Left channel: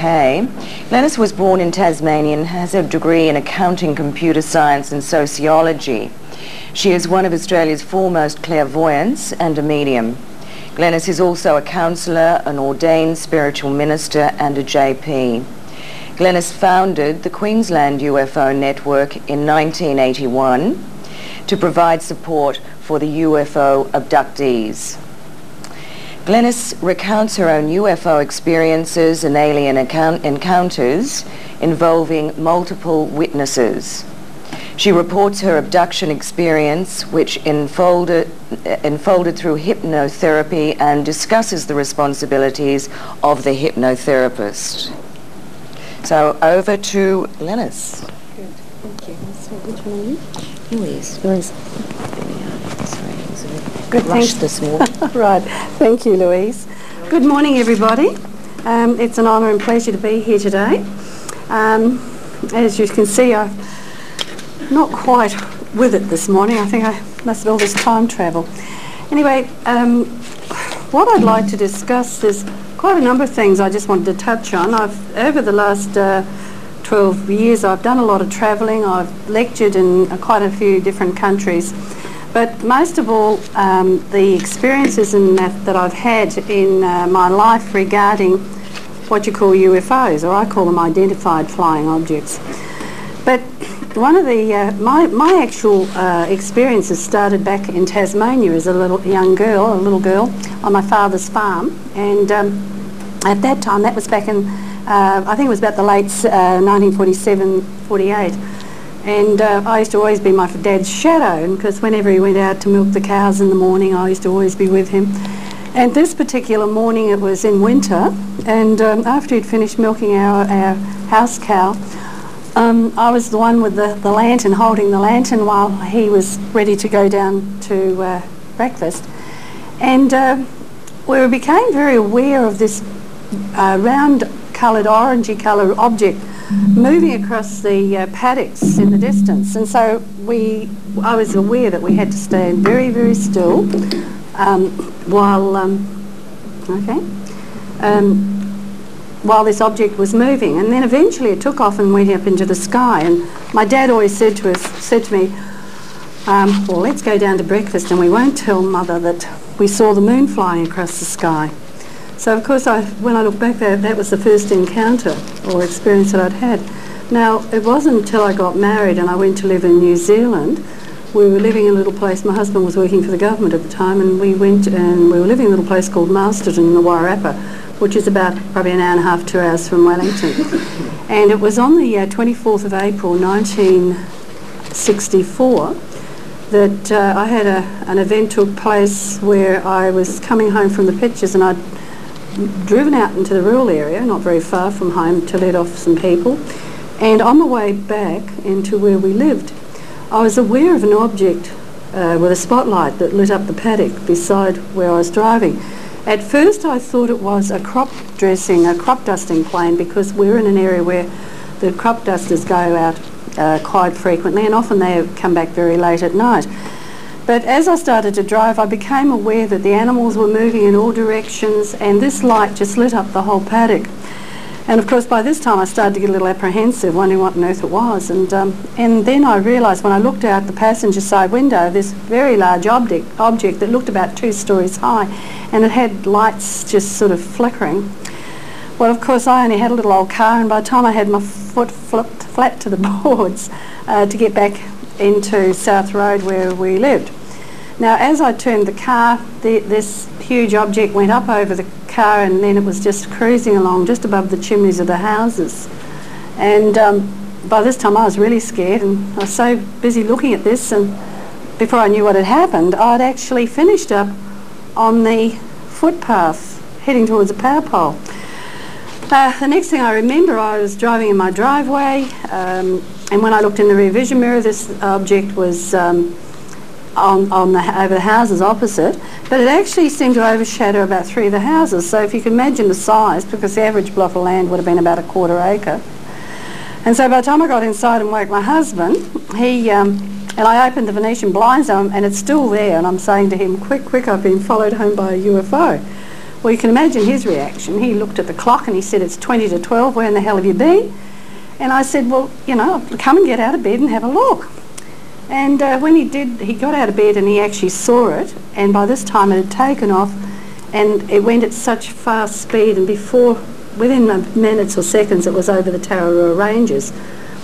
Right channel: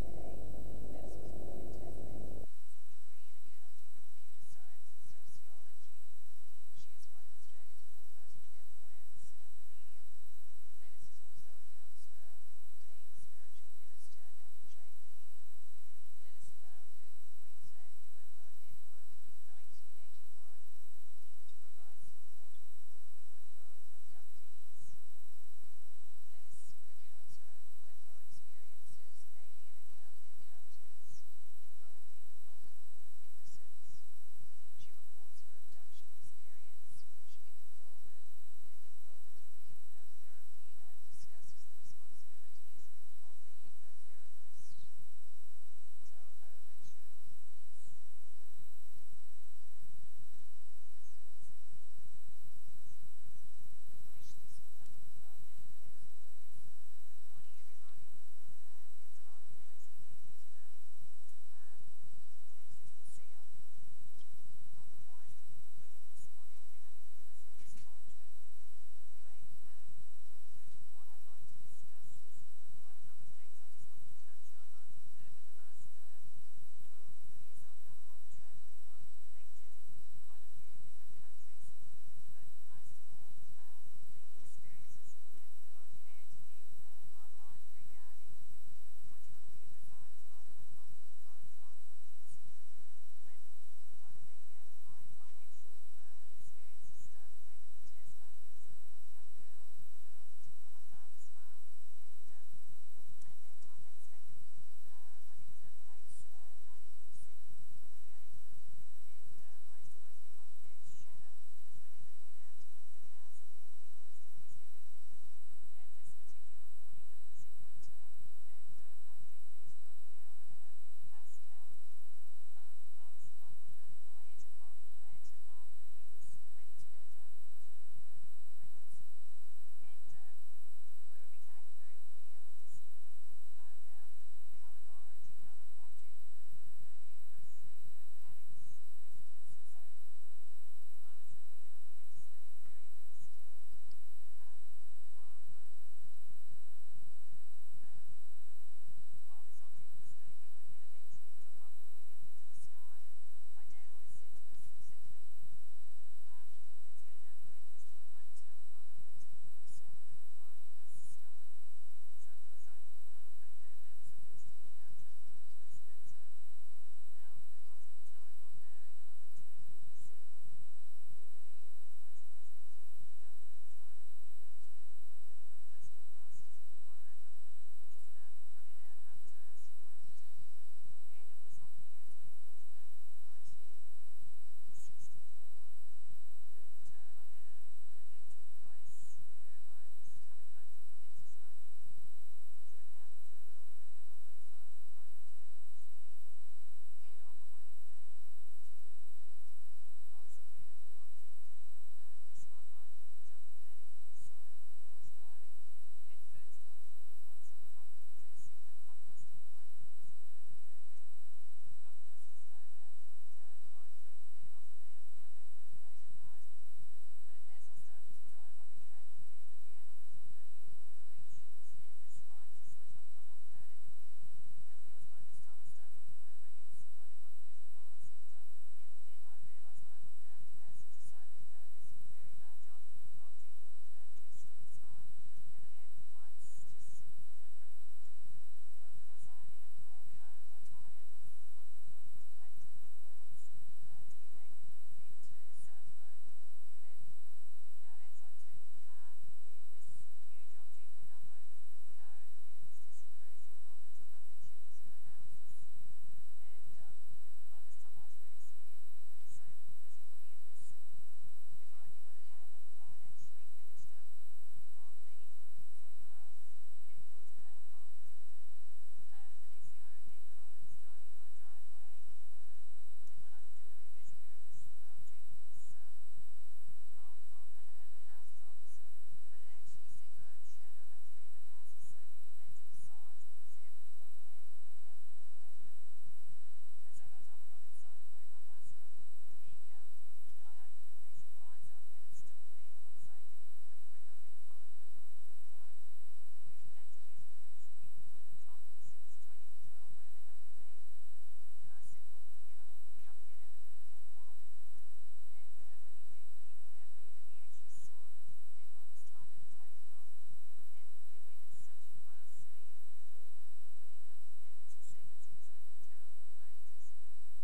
UK. Glenys was born in Tasmania and has a degree in accounting, computer science and sociology. She is one of Australia's foremost clairvoyants and a medium. Glenys is also a counsellor, an ordained spiritual minister and a JP. Glenys founded the Queensland UFO Network in 1981 to provide support for the UFO abductees. Glenys recounts her own UFO experiences and alien encounters involving multiple witnesses. She reports her abduction experience, which unfolded through hypnotherapy, and discusses the responsibilities of the hypnotherapist. So over to Glenys. Good, thank you. So which one are you? Louise. Louise. There we are. Sorry, I was a bit Good, rushed this morning. Right, thank you, Louise. Good morning, everybody. It's an honour and pleasure to be here today. As you can see, I'm not quite with it this morning. I think I must have all this time travel. Anyway, what I'd like to discuss, there's quite a number of things I just wanted to touch on. Over the last 12 years, I've done a lot of travelling. I've lectured in quite a few different countries. But most of all, the experiences in that I've had in my life regarding what you call UFOs, or I call them identified flying objects. But one of the, my actual experiences started back in Tasmania as a little girl on my father's farm. And at that time, that was back in, I think it was about the late 1947, 48. And I used to always be my dad's shadow, because whenever he went out to milk the cows in the morning, I used to always be with him. And this particular morning, it was in winter, and after he'd finished milking our house cow, I was the one with the lantern, holding the lantern while he was ready to go down to breakfast. And we became very aware of this round-coloured, orangey-coloured object moving across the paddocks in the distance. And so I was aware that we had to stand very, very still while this object was moving. And then eventually it took off and went up into the sky. And my dad always said to me, well, let's go down to breakfast and we won't tell Mother that we saw the moon flying across the sky. So of course, when I look back, that was the first encounter or experience that I'd had. Now, it wasn't until I got married and I went to live in New Zealand. We were living in a little place, my husband was working for the government at the time, and we went and we were living in a little place called Masterton in the Wairarapa, which is about probably an hour and a half, 2 hours from Wellington. And it was on the 24th of April 1964 that I had an event took place where I was coming home from the pictures, and I'd driven out into the rural area, not very far from home, to let off some people. And on the way back into where we lived, I was aware of an object with a spotlight that lit up the paddock beside where I was driving. At first I thought it was a crop dusting plane, because we're in an area where the crop dusters go out quite frequently, and often they come back very late at night. But as I started to drive, I became aware that the animals were moving in all directions, and this light just lit up the whole paddock. And of course, by this time I started to get a little apprehensive, wondering what on earth it was. And then I realised, when I looked out the passenger side window, this very large object that looked about 2 stories high, and it had lights just sort of flickering. Well, of course, I only had a little old car, and by the time I had my foot flipped flat to the boards to get back into South Road where we lived. Now, as I turned the car, this huge object went up over the car, and then it was just cruising along just above the chimneys of the houses. And by this time I was really scared, and I was so busy looking at this, and before I knew what had happened, I'd actually finished up on the footpath heading towards a power pole. The next thing I remember, I was driving in my driveway, and when I looked in the rear vision mirror, this object was over the houses opposite, but it actually seemed to overshadow about 3 of the houses. So if you can imagine the size, because the average block of land would have been about a 1/4 acre. And so by the time I got inside and woke my husband, and I opened the Venetian blinds, and it's still there, and I'm saying to him, quick, quick, I've been followed home by a UFO. Well, you can imagine his reaction. He looked at the clock and he said, "It's 20 to 12, where in the hell have you been?" And I said, "Well, you know, come and get out of bed and have a look." And when he did, he got out of bed and he actually saw it, and by this time it had taken off, and it went at such fast speed, and within minutes or seconds it was over the Tararua Ranges,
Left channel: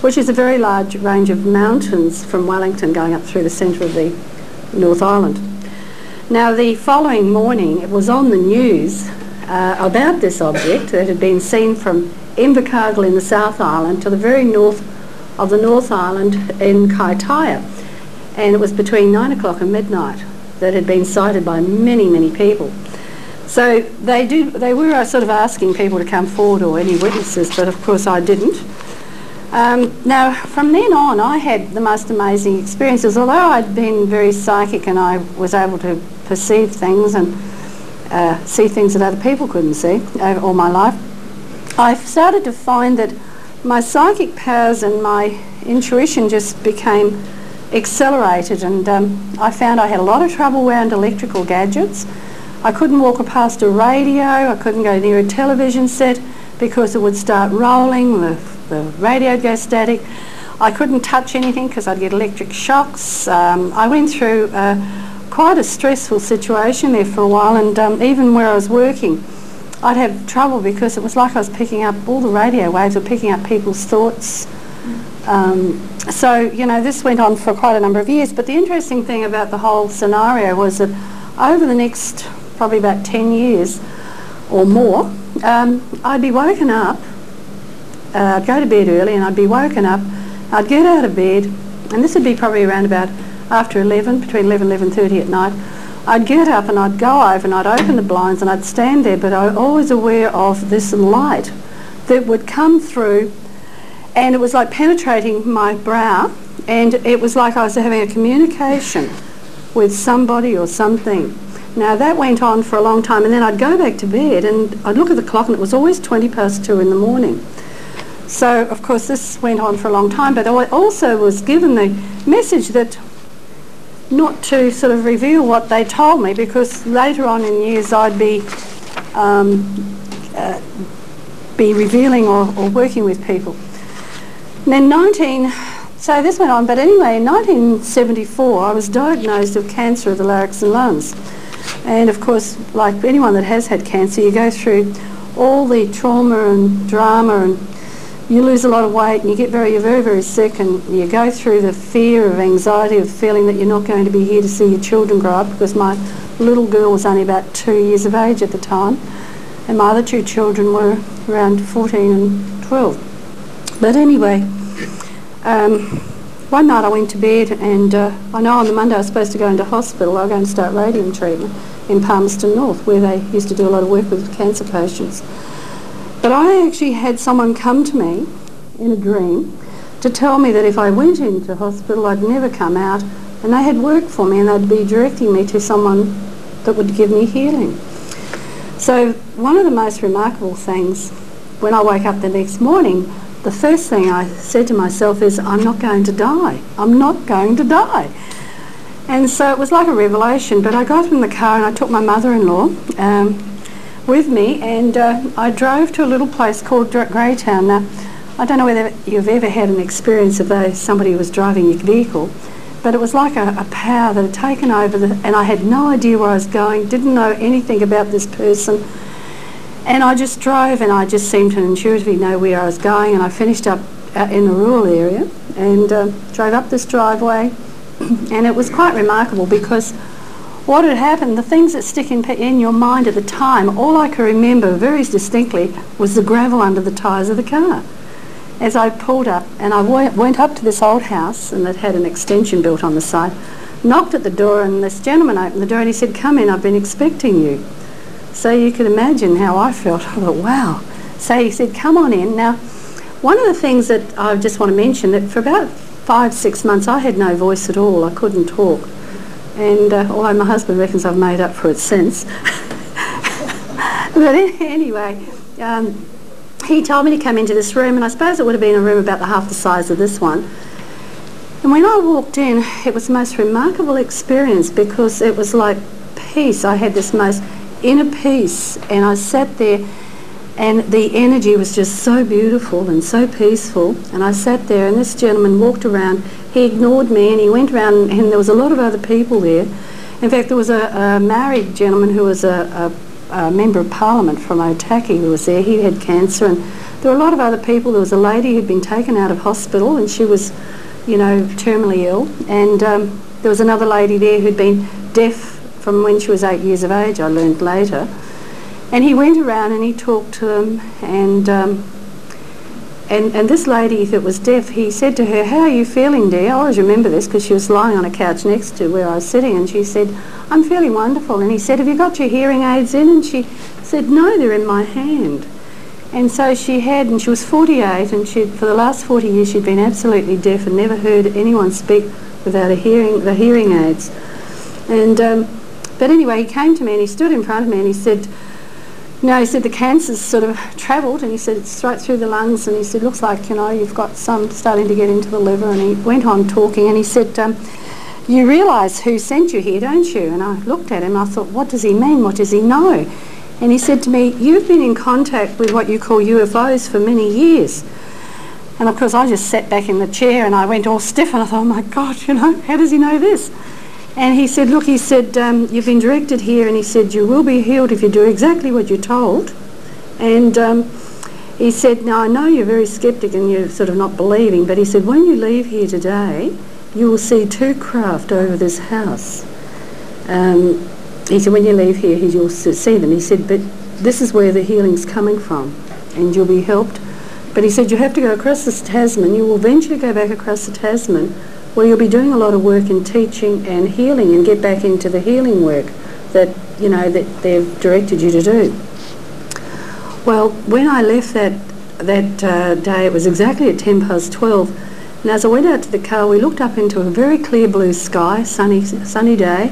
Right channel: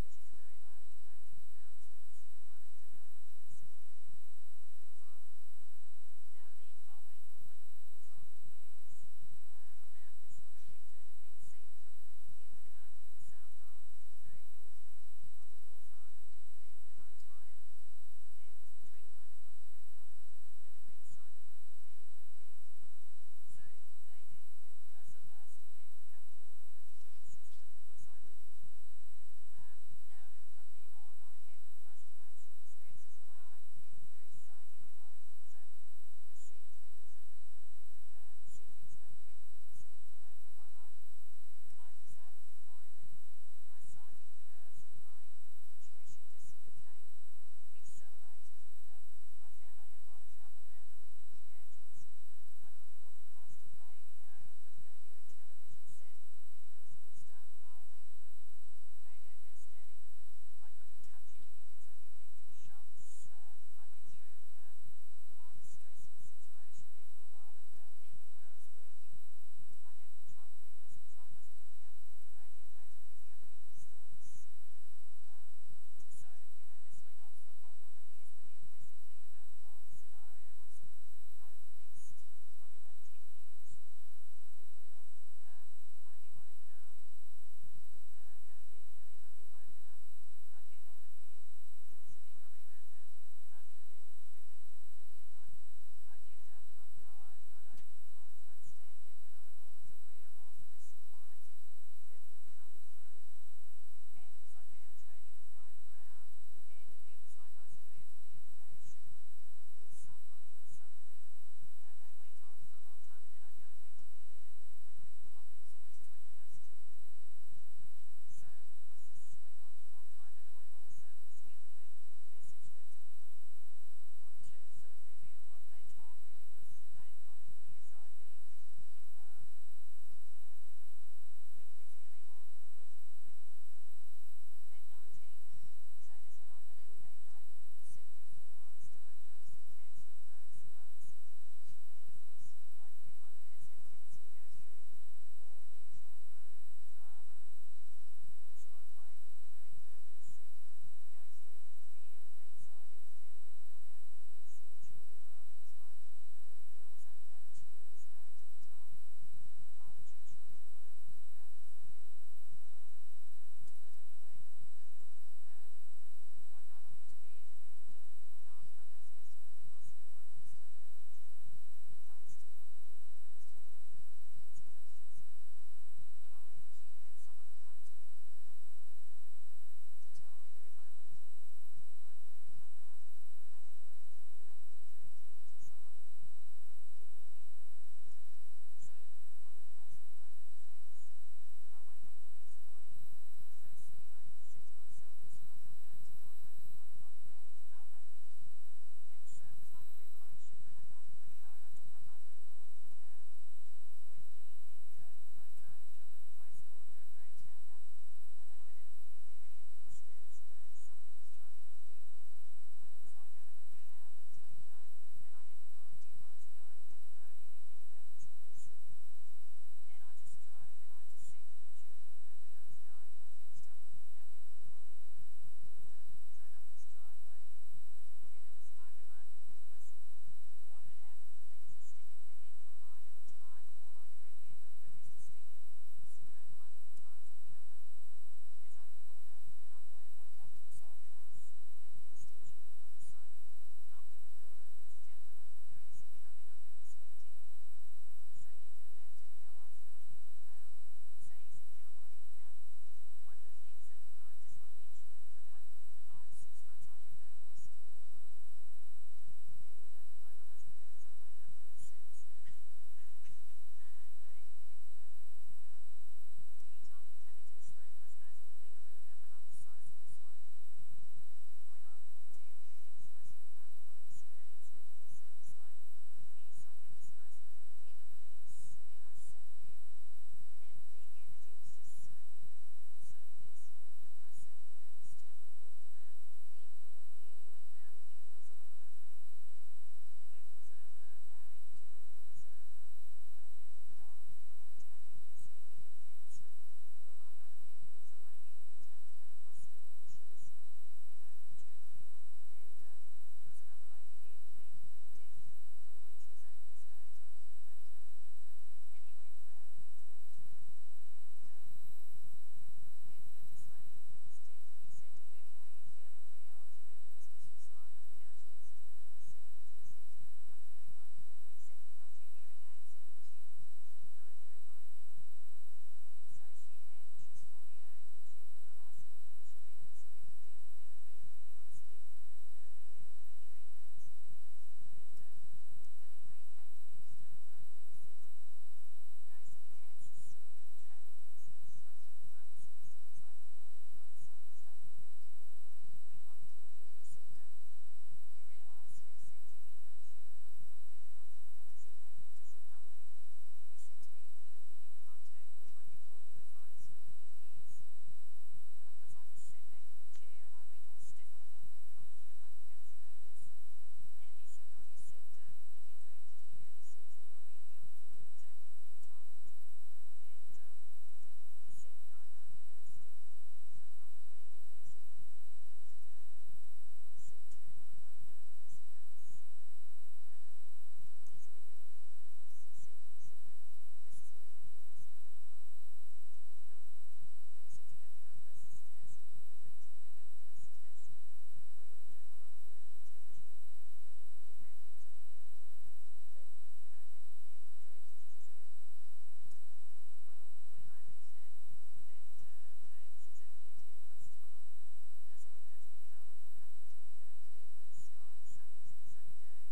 which is a very large range of mountains from Wellington going up through the centre of the North Island. Now, the following morning it was on the news about this object that had been seen from Invercargill in the South Island to the very north of the North Island in Kaitaia, and it was between 9 o'clock and midnight that had been sighted by many, many people. So they were sort of asking people to come forward or any witnesses, but of course I didn't. Now, from then on, I had the most amazing experiences. Although I'd been very psychic and I was able to perceive things and see things that other people couldn't see all my life, I started to find that my psychic powers and my intuition just became accelerated, and I found I had a lot of trouble around electrical gadgets. I couldn't walk past a radio, I couldn't go near a television set because it would start rolling, the radio would go static. I couldn't touch anything because I'd get electric shocks. I went through quite a stressful situation there for a while, and even where I was working I'd have trouble because it was like I was picking up, all the radio waves were picking up people's thoughts. So, you know, this went on for quite a number of years, but the interesting thing about the whole scenario was that over the next probably about 10 years or more, I'd be woken up, I'd go to bed early and I'd be woken up, I'd get out of bed, and this would be probably around about after 11, between 11 and 11:30 at night. I'd get up and I'd go over and I'd open the blinds and I'd stand there, but I was always aware of this light that would come through, and it was like penetrating my brow, and it was like I was having a communication with somebody or something. Now, that went on for a long time, and then I'd go back to bed and I'd look at the clock and it was always 2:20 in the morning. So, of course, this went on for a long time, but I also was given the message that not to sort of reveal what they told me, because later on in years I'd be revealing or working with people. And then so this went on, but anyway, in 1974 I was diagnosed with cancer of the larynx and lungs. And of course, like anyone that has had cancer, you go through all the trauma and drama, and you lose a lot of weight and you're very, very sick, and you go through the fear of anxiety of feeling that you're not going to be here to see your children grow up, because my little girl was only about 2 years of age at the time, and my other two children were around 14 and 12. But anyway, one night I went to bed, and I know on the Monday I was supposed to go into hospital. I was going to start radium treatment in Palmerston North, where they used to do a lot of work with cancer patients. But I actually had someone come to me in a dream to tell me that if I went into hospital I'd never come out, and they had worked for me and they'd be directing me to someone that would give me healing. So one of the most remarkable things, when I woke up the next morning, the first thing I said to myself is, I'm not going to die. I'm not going to die. And so it was like a revelation, but I got in the car and I took my mother-in-law with me, and I drove to a little place called Greytown. Now, I don't know whether you've ever had an experience of somebody who was driving your vehicle, but it was like a power that had taken over, and I had no idea where I was going, didn't know anything about this person, and I just drove, and I just seemed to intuitively know where I was going, and I finished up in the rural area and drove up this driveway, and it was quite remarkable because what had happened, the things that stick in your mind at the time, all I could remember very distinctly was the gravel under the tyres of the car. As I pulled up, and I went up to this old house, and it had an extension built on the side, knocked at the door, and this gentleman opened the door and he said, "Come in, I've been expecting you." So you can imagine how I felt. I thought, wow. So he said, "Come on in." Now, one of the things that I just want to mention, that for about 5-6 months I had no voice at all. I couldn't talk. And although my husband reckons I've made up for it since. But anyway, he told me to come into this room, and I suppose it would have been a room about half the size of this one. And when I walked in, it was the most remarkable experience, because it was like peace. I had this most inner peace, and I sat there, and the energy was just so beautiful and so peaceful, and I sat there, and this gentleman walked around. He ignored me, and he went around, and there was a lot of other people there. In fact, there was a married gentleman who was a member of Parliament from Otaki who was there. He had cancer, and there were a lot of other people. There was a lady who'd been taken out of hospital, and she was, you know, terminally ill, and there was another lady there who'd been deaf from when she was 8 years of age, I learned later. And he went around and he talked to them, and this lady that was deaf, he said to her, "How are you feeling, dear?" I always remember this because she was lying on a couch next to where I was sitting, and she said, "I'm feeling wonderful." And he said, "Have you got your hearing aids in?" And she said, "No, they're in my hand." And so she had, and she was 48, and for the last 40 years she'd been absolutely deaf and never heard anyone speak without the hearing aids. And but anyway, he came to me and he stood in front of me and he said, "No," he said, "the cancer's sort of travelled," and he said, "It's right through the lungs," and he said, "Looks like, you know, you've got some starting to get into the liver." And he went on talking, and he said, "You realise who sent you here, don't you?" And I looked at him and I thought, what does he mean? What does he know? And he said to me, "You've been in contact with what you call UFOs for many years." And of course I just sat back in the chair and I went all stiff, and I thought, oh my God, you know, how does he know this? And he said, "Look," he said, "you've been directed here," and he said, "you will be healed if you do exactly what you're told." And he said, "Now I know you're very sceptic and you're sort of not believing, but he said, when you leave here today, you will see 2 craft over this house." He said, "When you leave here, you'll see them." He said, "But this is where the healing's coming from, and you'll be helped." But he said, "You have to go across this Tasman. You will eventually go back across the Tasman, where you'll be doing a lot of work in teaching and healing, and get back into the healing work that, you know, that they've directed you to do." Well, when I left that day, it was exactly at 12:10, and as I went out to the car, we looked up into a very clear blue sky, sunny day,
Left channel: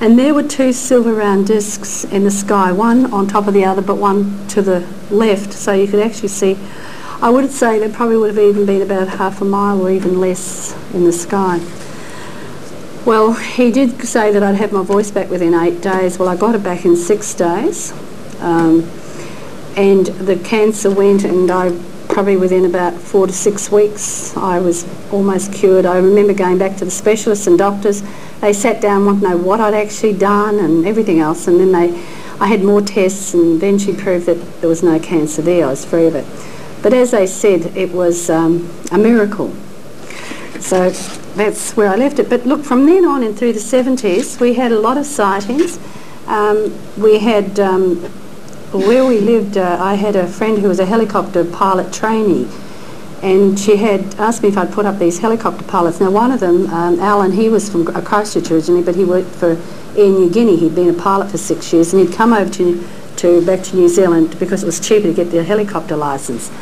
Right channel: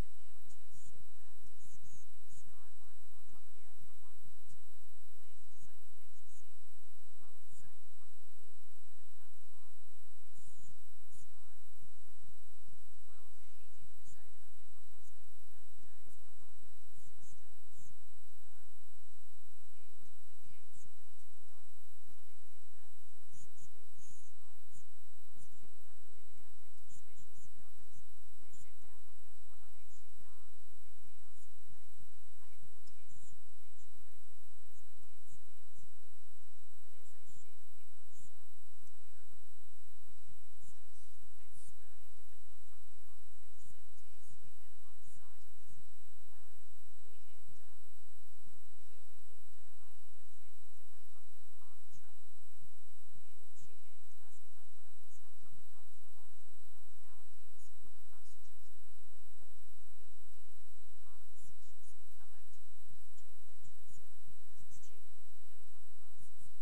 and there were 2 silver round discs in the sky, one on top of the other, but one to the left, so you could actually see. I would say there probably would have even been about half a mile or even less in the sky. Well, he did say that I'd have my voice back within 8 days. Well, I got it back in 6 days. And the cancer went, and I probably within about 4 to 6 weeks, I was almost cured. I remember going back to the specialists and doctors. They sat down, wanted to know what I'd actually done and everything else, and then I had more tests, and eventually proved that there was no cancer there. I was free of it. But as they said, it was a miracle. So that's where I left it. But look, from then on and through the 70s, we had a lot of sightings. We had, where we lived, I had a friend who was a helicopter pilot trainee, and she had asked me if I'd put up these helicopter pilots. Now, one of them, Alan, he was from Christchurch originally, but he worked for Air New Guinea. He'd been a pilot for 6 years, and he'd come over back to New Zealand because it was cheaper to get the helicopter licence.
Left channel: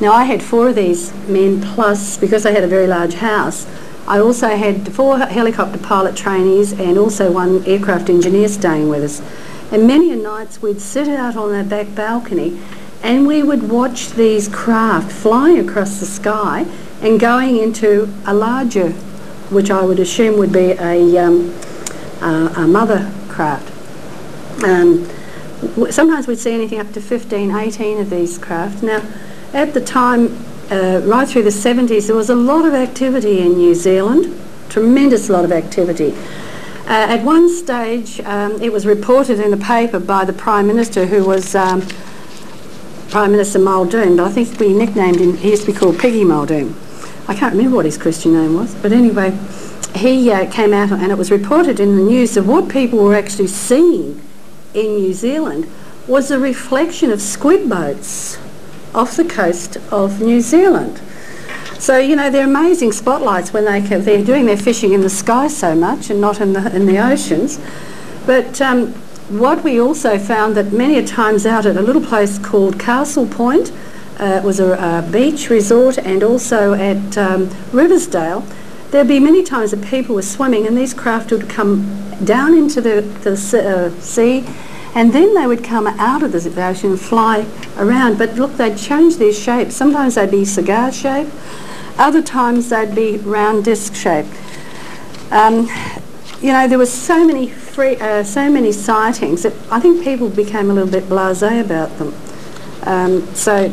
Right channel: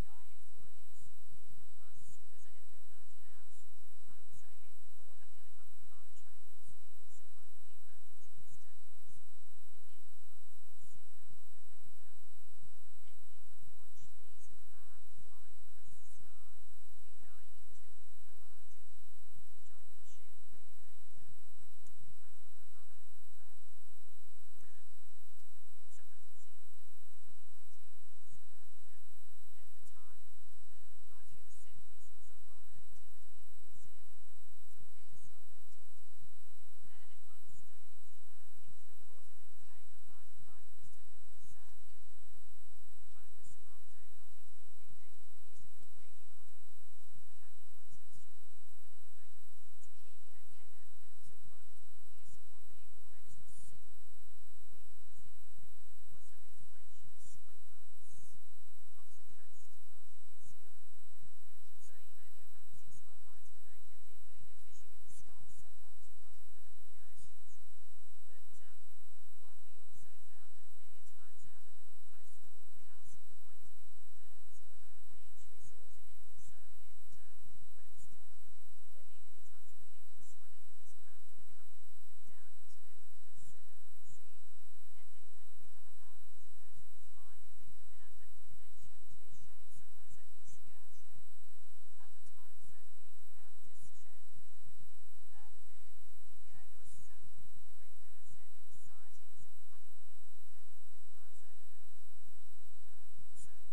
Now, I had 4 of these men, plus, because I had a very large house, I also had 4 helicopter pilot trainees and also 1 aircraft engineer staying with us. And many a nights we'd sit out on that back balcony and we would watch these craft flying across the sky and going into a larger, which I would assume would be a mother craft. Sometimes we'd see anything up to 15, 18 of these craft. Now, at the time, right through the 70s, there was a lot of activity in New Zealand, tremendous lot of activity. At one stage, it was reported in the paper by the Prime Minister, who was Prime Minister Muldoon, but I think we nicknamed him, he used to be called Piggy Muldoon. I can't remember what his Christian name was, but anyway, he came out and it was reported in the news that what people were actually seeing in New Zealand was a reflection of squid boats off the coast of New Zealand. So, you know, they're amazing spotlights when they're doing their fishing in the sky so much and not in the oceans. But what we also found that many a times out at a little place called Castle Point, it was a beach resort, and also at Riversdale, there'd be many times that people were swimming and these craft would come down into the sea, and then they would come out of the ocean and fly around. But look, they'd change their shape. Sometimes they'd be cigar shape, other times they'd be round disc shape. You know, there were so many so many sightings that I think people became a little bit blasé about them. So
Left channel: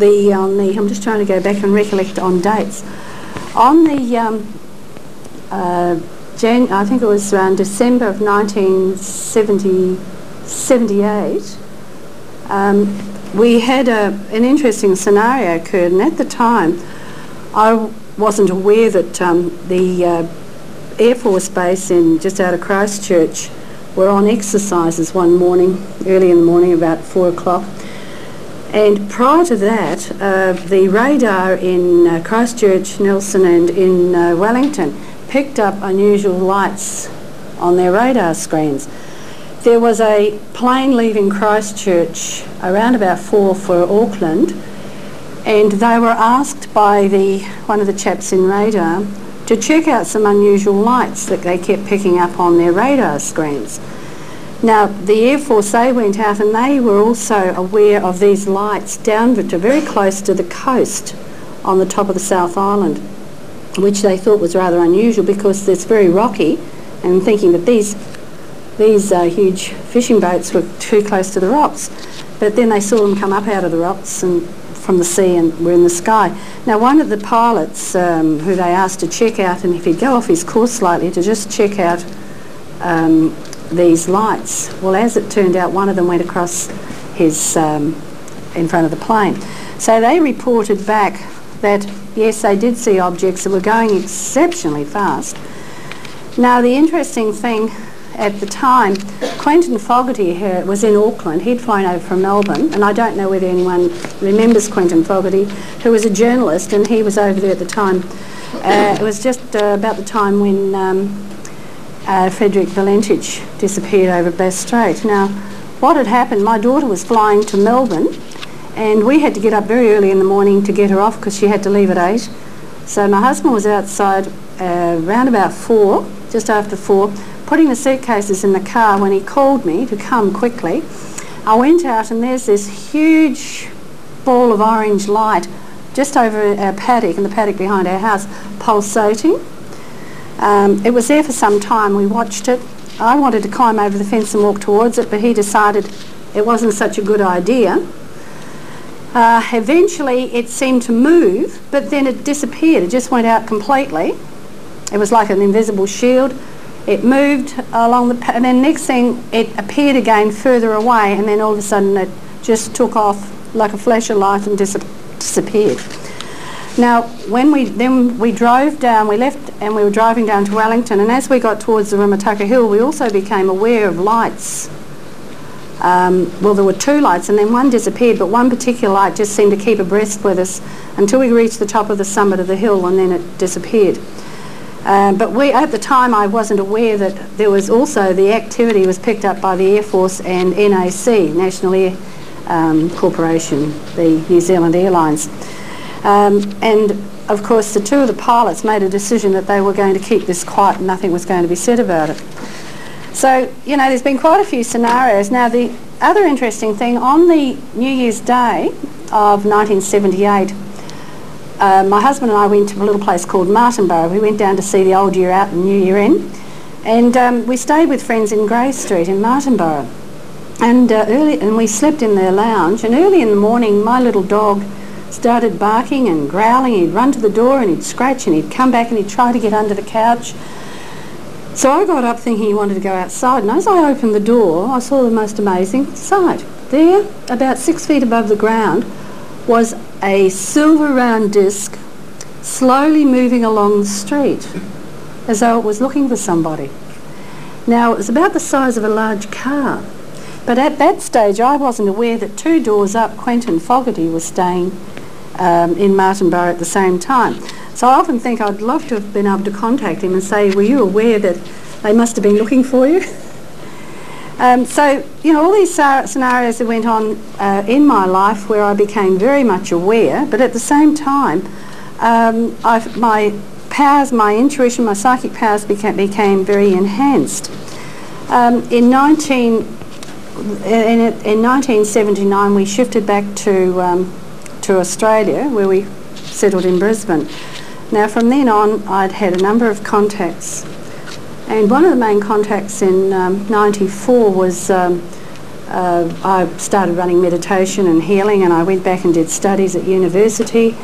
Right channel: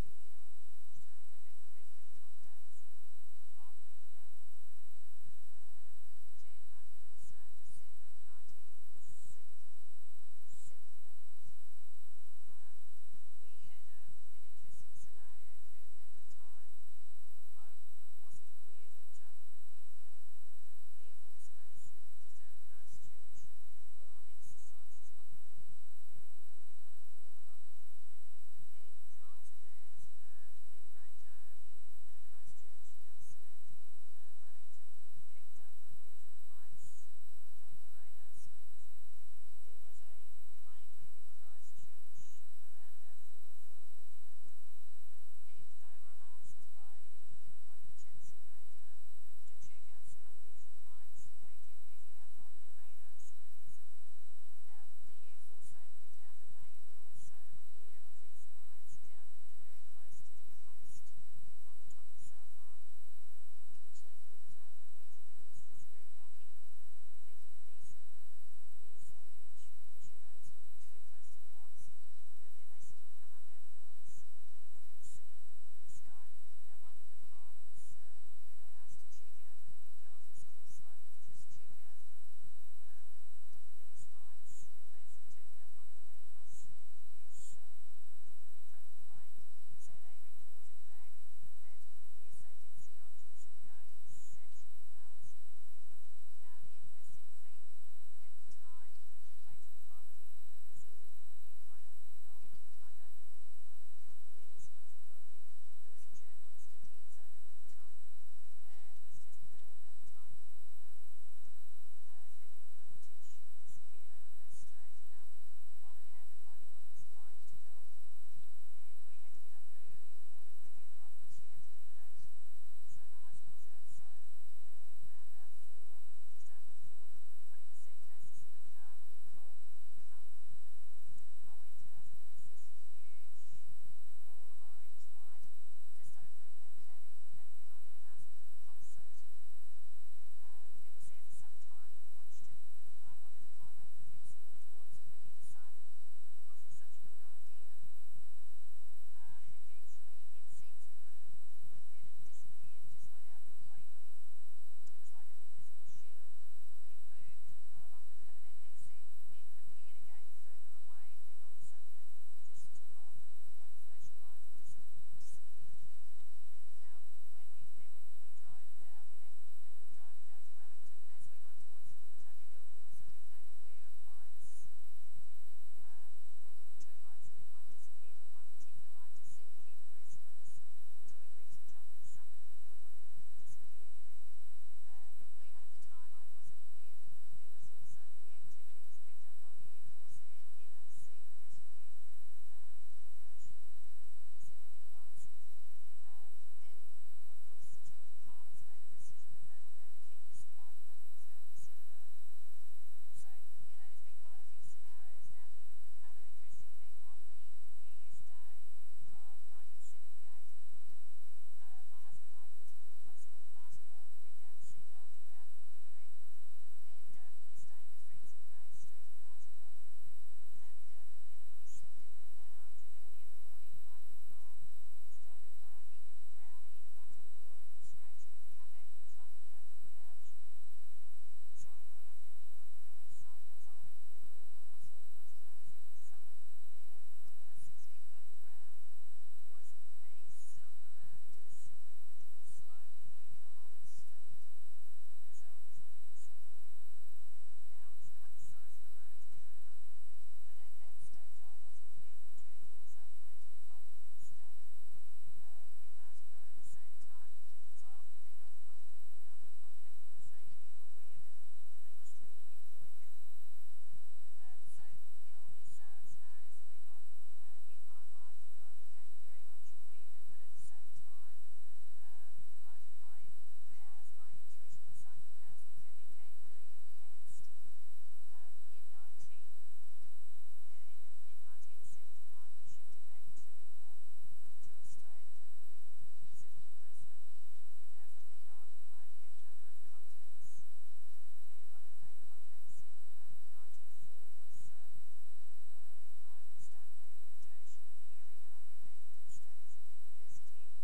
I'm just trying to go back and recollect on dates. On the I think it was around December of 1978, we had an interesting scenario occurred, and at the time I wasn't aware that the Air Force Base just out of Christchurch were on exercises one morning, early in the morning, about 4 o'clock. And prior to that, the radar in Christchurch, Nelson and in Wellington picked up unusual lights on their radar screens. There was a plane leaving Christchurch around about 4 for Auckland, and they were asked by one of the chaps in radar to check out some unusual lights that they kept picking up on their radar screens. Now, the Air Force, they went out and they were also aware of these lights down to very close to the coast on the top of the South Island, which they thought was rather unusual because it's very rocky, and thinking that these huge fishing boats were too close to the rocks. But then they saw them come up out of the rocks and from the sea and were in the sky. Now, one of the pilots who they asked to check out, and if he'd go off his course slightly, to just check out these lights. Well, as it turned out, one of them went across his in front of the plane. So they reported back that, yes, they did see objects that were going exceptionally fast. Now, the interesting thing at the time, Quentin Fogarty was in Auckland. He'd flown over from Melbourne, and I don't know whether anyone remembers Quentin Fogarty, who was a journalist, and he was over there at the time. It was just about the time when Frederick Valentich disappeared over Bass Strait. Now, what had happened, my daughter was flying to Melbourne, and we had to get up very early in the morning to get her off because she had to leave at 8. So my husband was outside around about 4, just after 4, putting the suitcases in the car when he called me to come quickly. I went out and there's this huge ball of orange light just over our paddock, in the paddock behind our house, pulsating. It was there for some time. We watched it. I wanted to climb over the fence and walk towards it, but he decided it wasn't such a good idea. Eventually it seemed to move, but then it disappeared. It just went out completely. It was like an invisible shield. It moved along and then next thing it appeared again further away, and then all of a sudden it just took off like a flash of light and disappeared. Now, when we drove down, we left and we were driving down to Wellington, and as we got towards the Rimataka Hill, we also became aware of lights. Well, there were 2 lights, and then one disappeared, but one particular light just seemed to keep abreast with us until we reached the top of the summit of the hill, and then it disappeared. But at the time, I wasn't aware that there was also the activity was picked up by the Air Force and NAC, National Air Corporation, the New Zealand Airlines. And of course, the 2 of the pilots made a decision that they were going to keep this quiet and nothing was going to be said about it. So, you know, there's been quite a few scenarios. Now, the other interesting thing, on the New Year's Day of 1978, my husband and I went to a little place called Martinborough. We went down to see the Old Year Out and New Year In, and we stayed with friends in Grey Street in Martinborough. And we slept in their lounge, and early in the morning my little dog started barking and growling. He'd run to the door and he'd scratch, and he'd come back and he'd try to get under the couch. So I got up thinking he wanted to go outside, and as I opened the door I saw the most amazing sight. There, about 6 feet above the ground, was a silver round disc slowly moving along the street as though it was looking for somebody. Now, it was about the size of a large car, but at that stage I wasn't aware that 2 doors up Quentin Fogarty was staying in Martinborough at the same time. So I often think I'd love to have been able to contact him and say, were you aware that they must have been looking for you? So, you know, all these scenarios that went on in my life where I became very much aware, but at the same time, my powers, my intuition, my psychic powers became very enhanced. In 1979, we shifted back to Australia, where we settled in Brisbane. Now, from then on, I'd had a number of contacts And one of the main contacts in '94 was I started running meditation and healing, and I went back and did studies at university.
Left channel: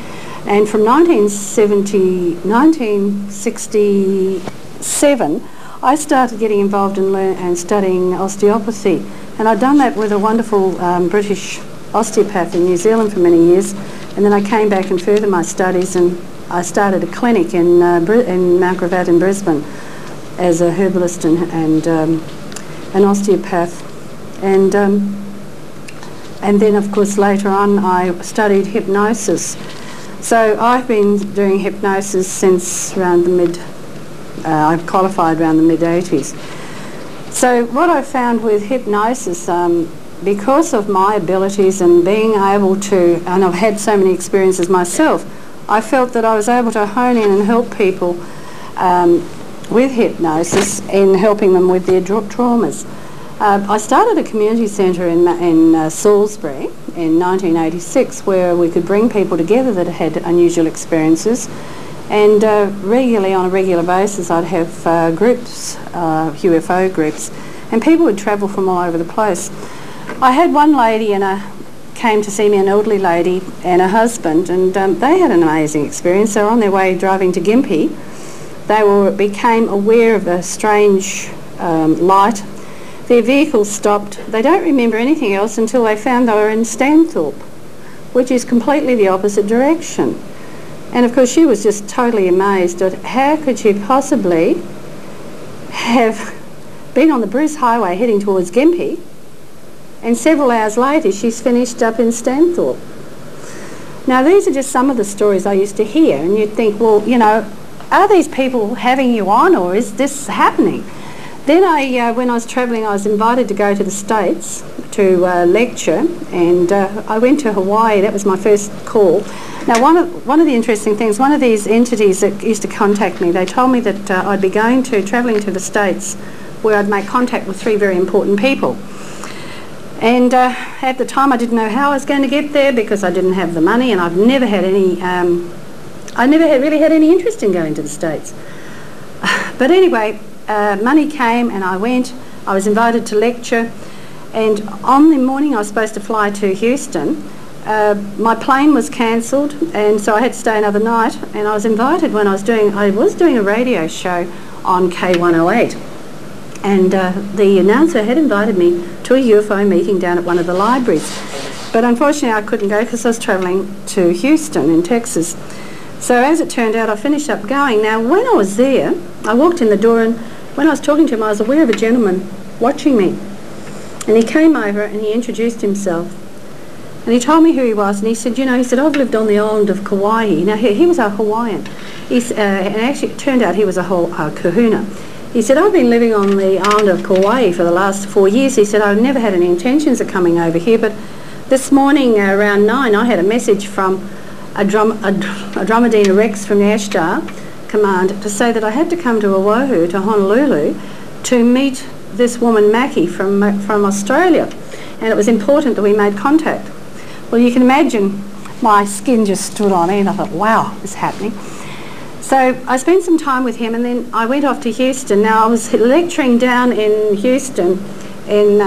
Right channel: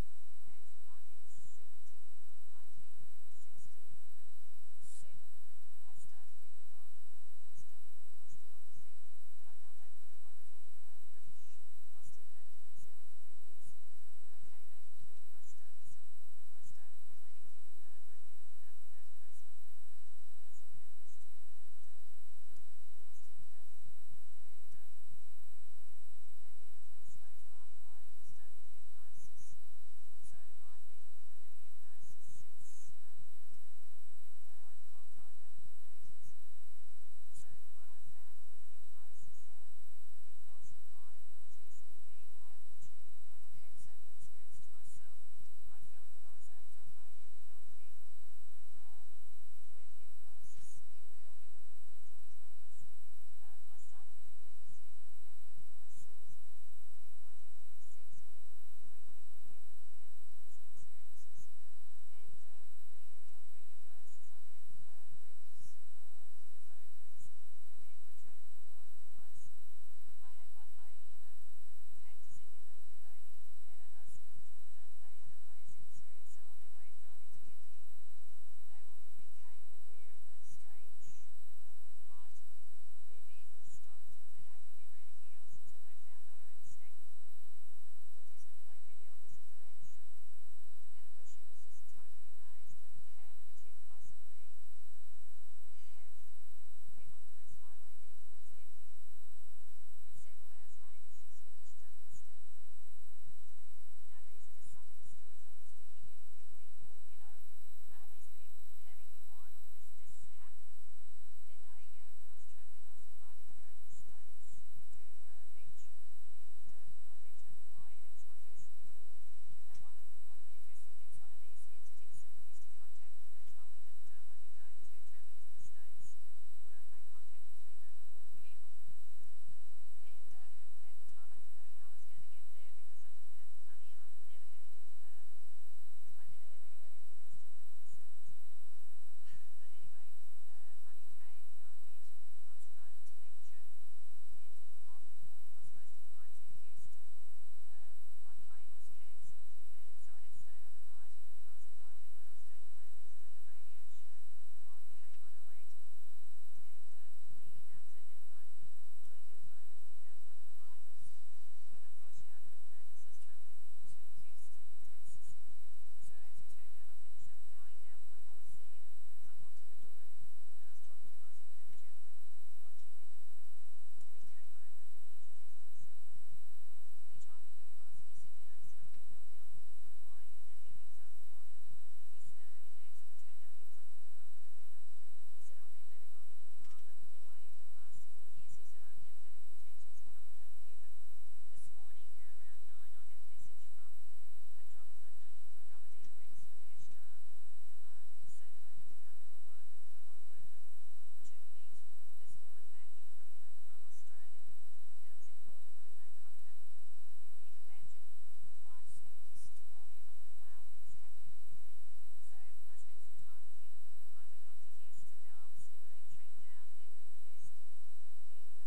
And from 1967, I started getting involved in studying osteopathy. And I'd done that with a wonderful British osteopath in New Zealand for many years. And then I came back and furthered my studies, and I started a clinic in Mount Gravatt in Brisbane as a herbalist and an osteopath. And then, of course, later on I studied hypnosis. So I've been doing hypnosis since around the I've qualified around the mid-80s. So what I found with hypnosis, because of my abilities and being able to, and I've had so many experiences myself, I felt that I was able to hone in and help people with hypnosis in helping them with their traumas. I started a community centre in Salisbury in 1986 where we could bring people together that had unusual experiences, and regularly, on a regular basis, I'd have groups, UFO groups, and people would travel from all over the place. I had one lady came to see me, an elderly lady and a husband, and they had an amazing experience. They were on their way driving to Gympie. They became aware of a strange light. Their vehicle stopped. They don't remember anything else until they found they were in Stanthorpe, which is completely the opposite direction. And of course she was just totally amazed at how could she possibly have been on the Bruce Highway heading towards Gympie, and several hours later she's finished up in Stanthorpe. Now these are just some of the stories I used to hear, and you'd think, well, you know, are these people having you on, or is this happening? Then when I was travelling, I was invited to go to the States to lecture, and I went to Hawaii. That was my first call. Now one of the interesting things, one of these entities that used to contact me, they told me that I'd be travelling to the States where I'd make contact with 3 very important people. And at the time I didn't know how I was going to get there because I didn't have the money, and I've never had any, really had any interest in going to the States. But anyway, money came and I went. I was invited to lecture, and on the morning I was supposed to fly to Houston, my plane was cancelled, and so I had to stay another night, and I was invited when I was doing a radio show on K108, and the announcer had invited me to a UFO meeting down at one of the libraries, but unfortunately I couldn't go because I was travelling to Houston in Texas. So as it turned out, I finished up going. Now when I was there, I walked in the door, and when I was talking to him I was aware of a gentleman watching me, and he came over and he introduced himself, and he told me who he was, and he said, you know, he said, I've lived on the island of Kauai. Now he was a Hawaiian, and actually it turned out he was a kahuna. He said, I've been living on the island of Kauai for the last 4 years. He said, I've never had any intentions of coming over here, but this morning around 9 I had a message from a Dromedina Rex from the Ashtar Command to say that I had to come to Oahu, to Honolulu, to meet this woman Mackie from Australia, and it was important that we made contact. Well, you can imagine my skin just stood on end. I thought, wow, this is happening. So I spent some time with him, and then I went off to Houston. Now I was lecturing down in Houston in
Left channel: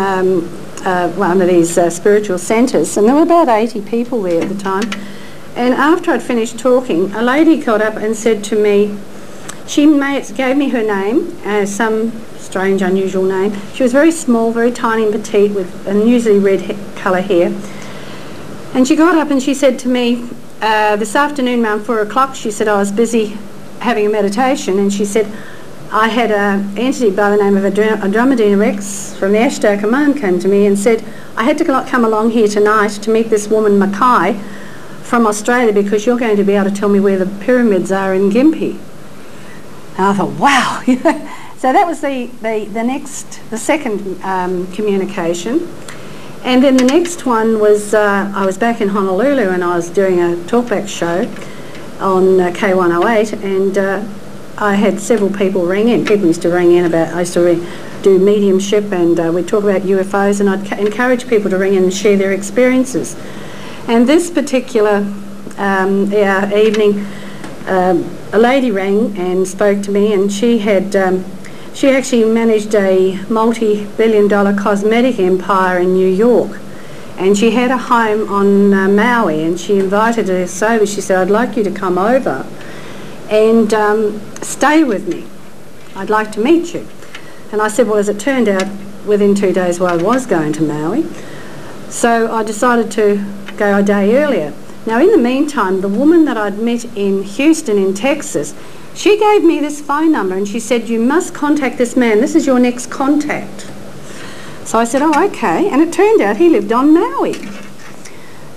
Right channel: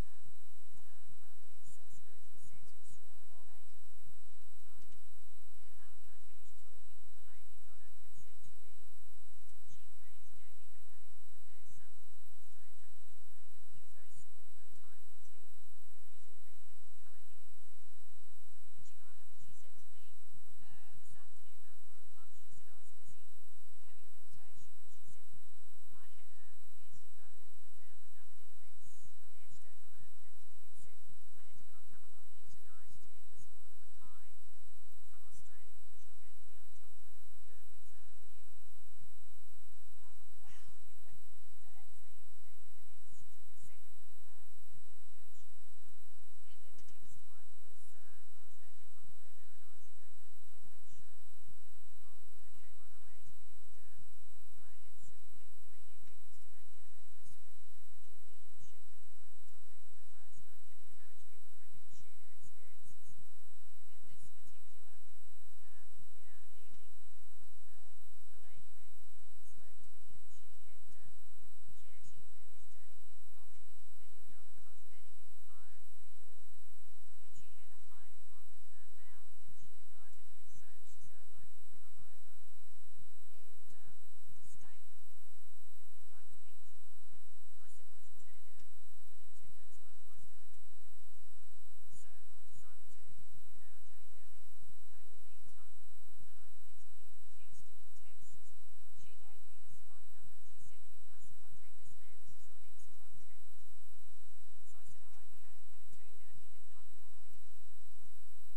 one of these spiritual centres, and there were about 80 people there at the time. And after I'd finished talking, a lady got up and said to me, she gave me her name, some strange, unusual name. She was very small, very tiny and petite, with unusually red colour hair. And she got up and she said to me, this afternoon around 4 o'clock, she said, I was busy having a meditation, and she said, I had an entity by the name of Andromedina Rex from the Ashtar Command came to me and said, I had to come along here tonight to meet this woman Mackay from Australia because you're going to be able to tell me where the pyramids are in Gympie. And I thought, wow. So that was the second communication. And then the next one was, I was back in Honolulu and I was doing a talkback show on K108, and I had several people ring in. People used to ring in about, I used to do mediumship, and we'd talk about UFOs, and I'd encourage people to ring in and share their experiences. And this particular evening, a lady rang and spoke to me, and she had She actually managed a multi-billion-dollar cosmetic empire in New York, and she had a home on Maui, and she invited us over. She said, I'd like you to come over and stay with me. I'd like to meet you. And I said, well, as it turned out, within 2 days I was going to Maui. So I decided to go a day earlier. Now, in the meantime, the woman that I'd met in Houston in Texas, she gave me this phone number and she said, you must contact this man. This is your next contact. So I said, oh, okay. And it turned out he lived on Maui.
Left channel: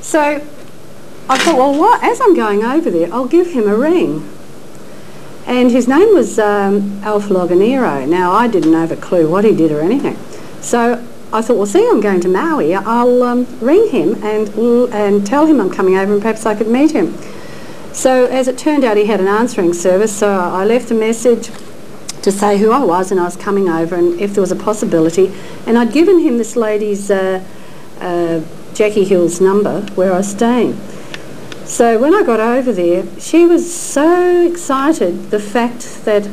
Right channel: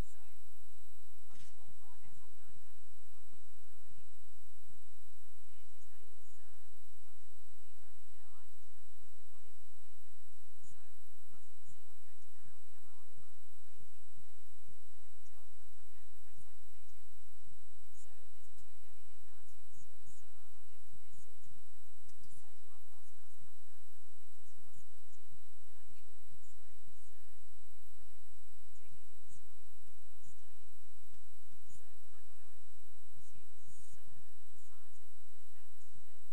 So I thought, well, as I'm going over there, I'll give him a ring. And his name was Alf Loganero. Now, I didn't have a clue what he did or anything. So I thought, well, see, I'm going to Maui. I'll ring him and tell him I'm coming over and perhaps I could meet him. So as it turned out, he had an answering service, so I left a message to say who I was and I was coming over and if there was a possibility. And I'd given him this lady's Jackie Hill's number where I was staying. So when I got over there, she was so excited, the fact that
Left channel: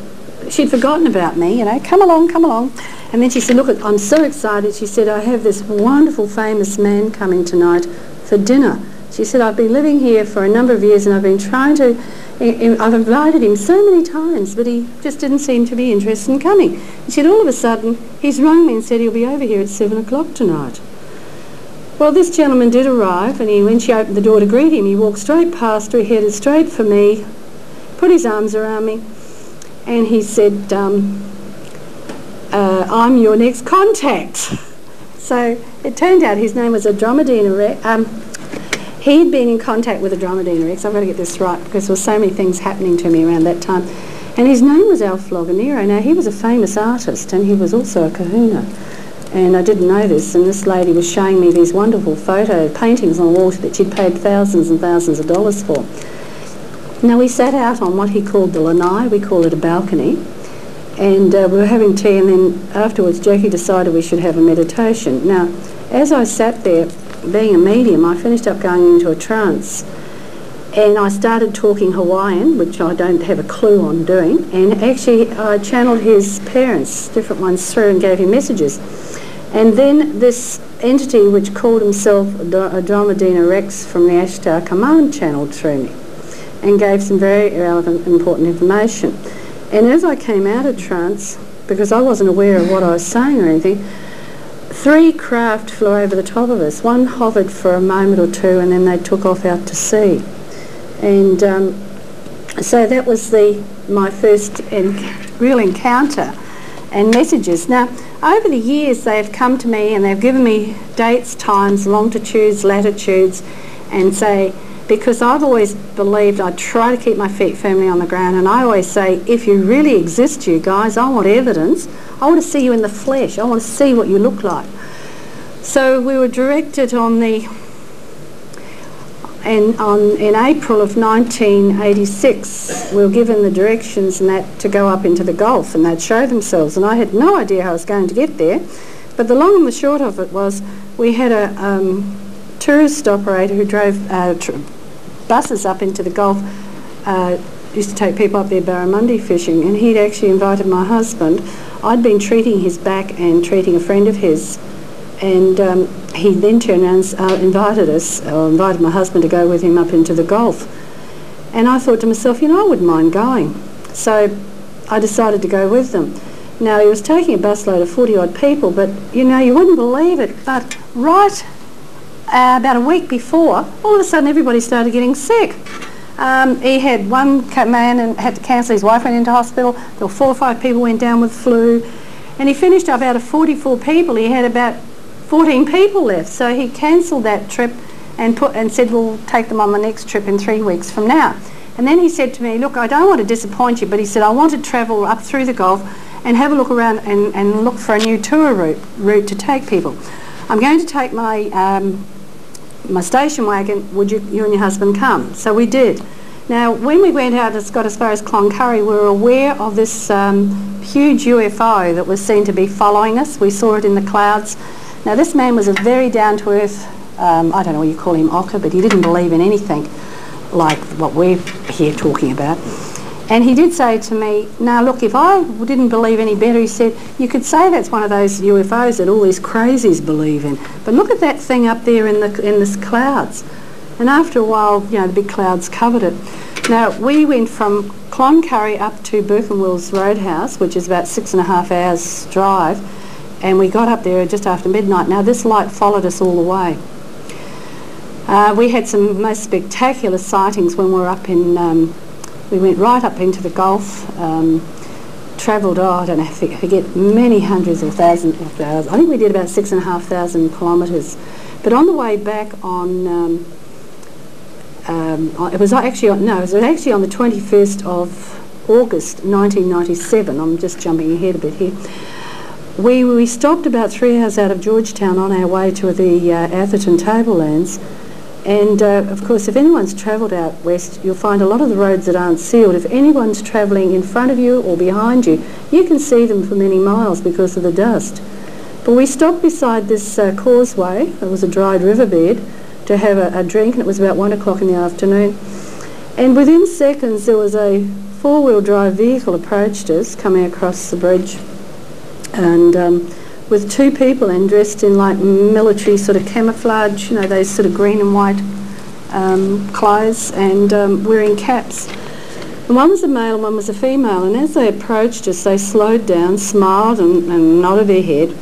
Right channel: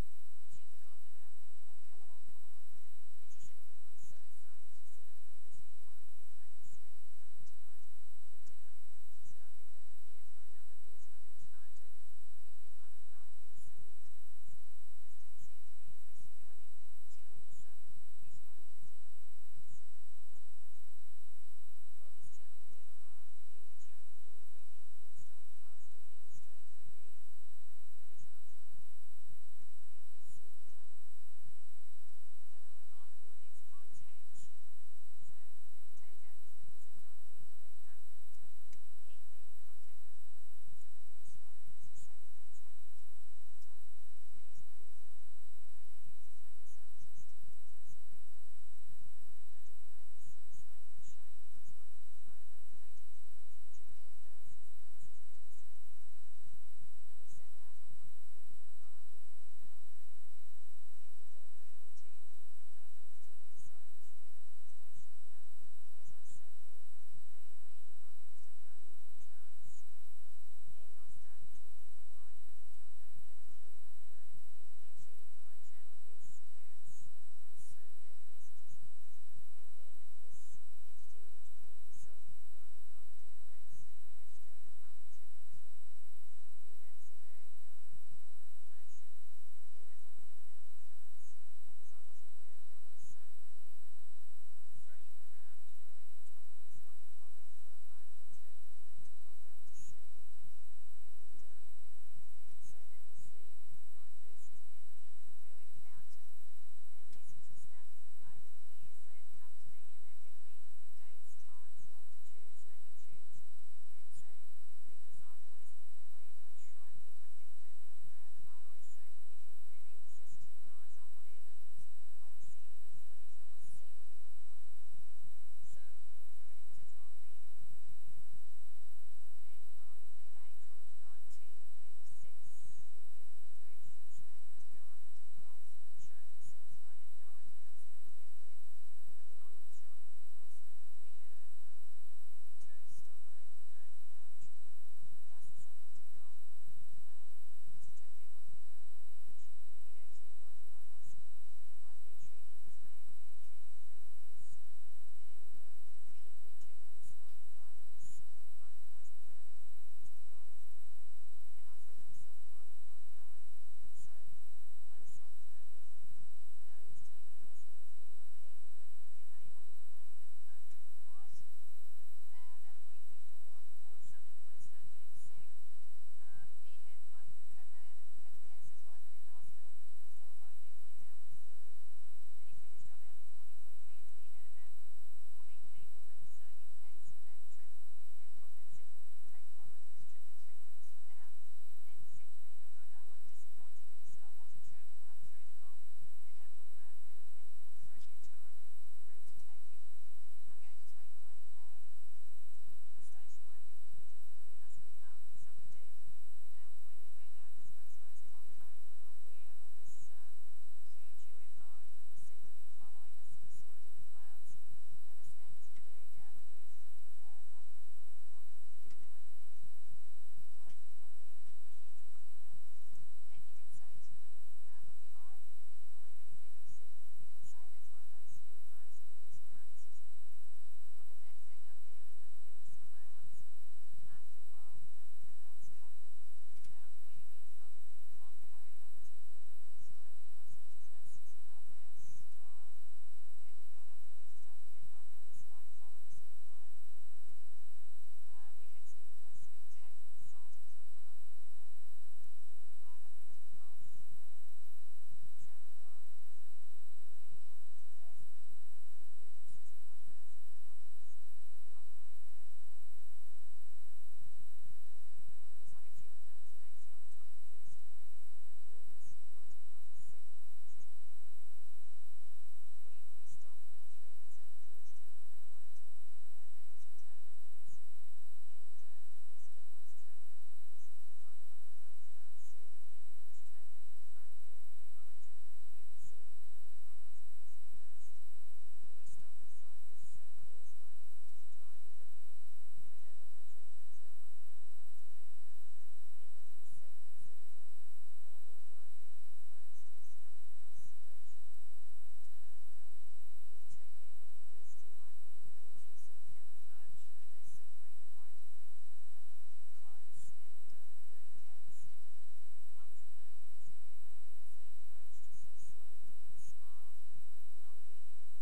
she'd forgotten about me, you know, come along, come along. And then she said, look, I'm so excited. She said, I have this wonderful famous man coming tonight for dinner. She said, I've been living here for a number of years and I've been trying to, I've invited him so many times, but he just didn't seem to be interested in coming. She said, all of a sudden, he's rung me and said he'll be over here at 7 o'clock tonight. Well, this gentleman did arrive, and when she opened the door to greet him, he walked straight past her, he headed straight for me, put his arms around me, and he said, I'm your next contact. So it turned out his name was Andromedina Rex. He'd been in contact with Andromedina Rex. I've got to get this right because there were so many things happening to me around that time. And his name was Alf Loganero. Now, he was a famous artist and he was also a kahuna. And I didn't know this, and this lady was showing me these wonderful paintings on the wall that she'd paid thousands and thousands of dollars for. Now, we sat out on what he called the lanai, we call it a balcony, and we were having tea, and then afterwards Jackie decided we should have a meditation. Now, as I sat there, being a medium, I finished up going into a trance, and I started talking Hawaiian, which I don't have a clue on doing, and actually I channeled his parents, different ones, through and gave him messages. And then this entity which called himself Andromedina Rex from the Ashtar Command channeled through me and gave some very relevant, important information. And as I came out of trance, because I wasn't aware of what I was saying or anything, 3 craft flew over the top of us. One hovered for a moment or two and then they took off out to sea. And so that was my first real encounter and messages. Now, over the years they've come to me and they've given me dates, times, longitudes, latitudes, and say, because I've always believed, I try to keep my feet firmly on the ground, and I always say, if you really exist, you guys, I want evidence. I want to see you in the flesh. I want to see what you look like. So we were directed in April of 1986, we were given the directions and that to go up into the Gulf and they'd show themselves, and I had no idea how I was going to get there. But the long and the short of it was we had a tourist operator who drove buses up into the Gulf, used to take people up there barramundi fishing, and he'd actually invited my husband. I'd been treating his back and treating a friend of his, and he then turned around and invited my husband to go with him up into the Gulf. And I thought to myself, you know, I wouldn't mind going. So I decided to go with them. Now, he was taking a busload of 40-odd people, but, you know, you wouldn't believe it, but right about a week before, all of a sudden everybody started getting sick. He had one man and had to cancel, his wife went into hospital, there were 4 or 5 people went down with flu, and he finished up out of 44 people, he had about 14 people left, so he cancelled that trip and said, we'll take them on the next trip in 3 weeks from now. And then he said to me, look, I don't want to disappoint you, but he said, I want to travel up through the Gulf and have a look around and look for a new tour route to take people. I'm going to take my my station wagon, would you and your husband come? So we did. Now, when we went out and got as far as Cloncurry, we were aware of this huge UFO that was seen to be following us. We saw it in the clouds. Now, this man was a very down-to-earth, I don't know what you call him, ocker, but he didn't believe in anything like what we're here talking about. And he did say to me, now look, if I didn't believe any better, he said, you could say that's one of those UFOs that all these crazies believe in. But look at that thing up there in the clouds. And after a while, you know, the big clouds covered it. Now, we went from Cloncurry up to Birkenwell's Roadhouse, which is about 6.5 hours drive, and we got up there just after midnight. Now, this light followed us all the way. We had some most spectacular sightings when we were up in... we went right up into the Gulf, travelled, I don't know, I forget, many hundreds of thousands of hours. I think we did about 6,500 kilometres. But on the way back on... it was actually on the 21st of August 1997. I'm just jumping ahead a bit here. We stopped about 3 hours out of Georgetown on our way to the Atherton Tablelands, and of course, if anyone's travelled out west, you'll find a lot of the roads that aren't sealed. If anyone's travelling in front of you or behind you, you can see them for many miles because of the dust. But we stopped beside this causeway. It was a dried riverbed, to have a drink, and it was about 1 o'clock in the afternoon. And within seconds there was a four-wheel drive vehicle approached us coming across the bridge, and with two people in dressed in like military sort of camouflage, you know, those sort of green and white clothes, and wearing caps. And one was a male and one was a female, and as they approached us they slowed down, smiled and nodded their head.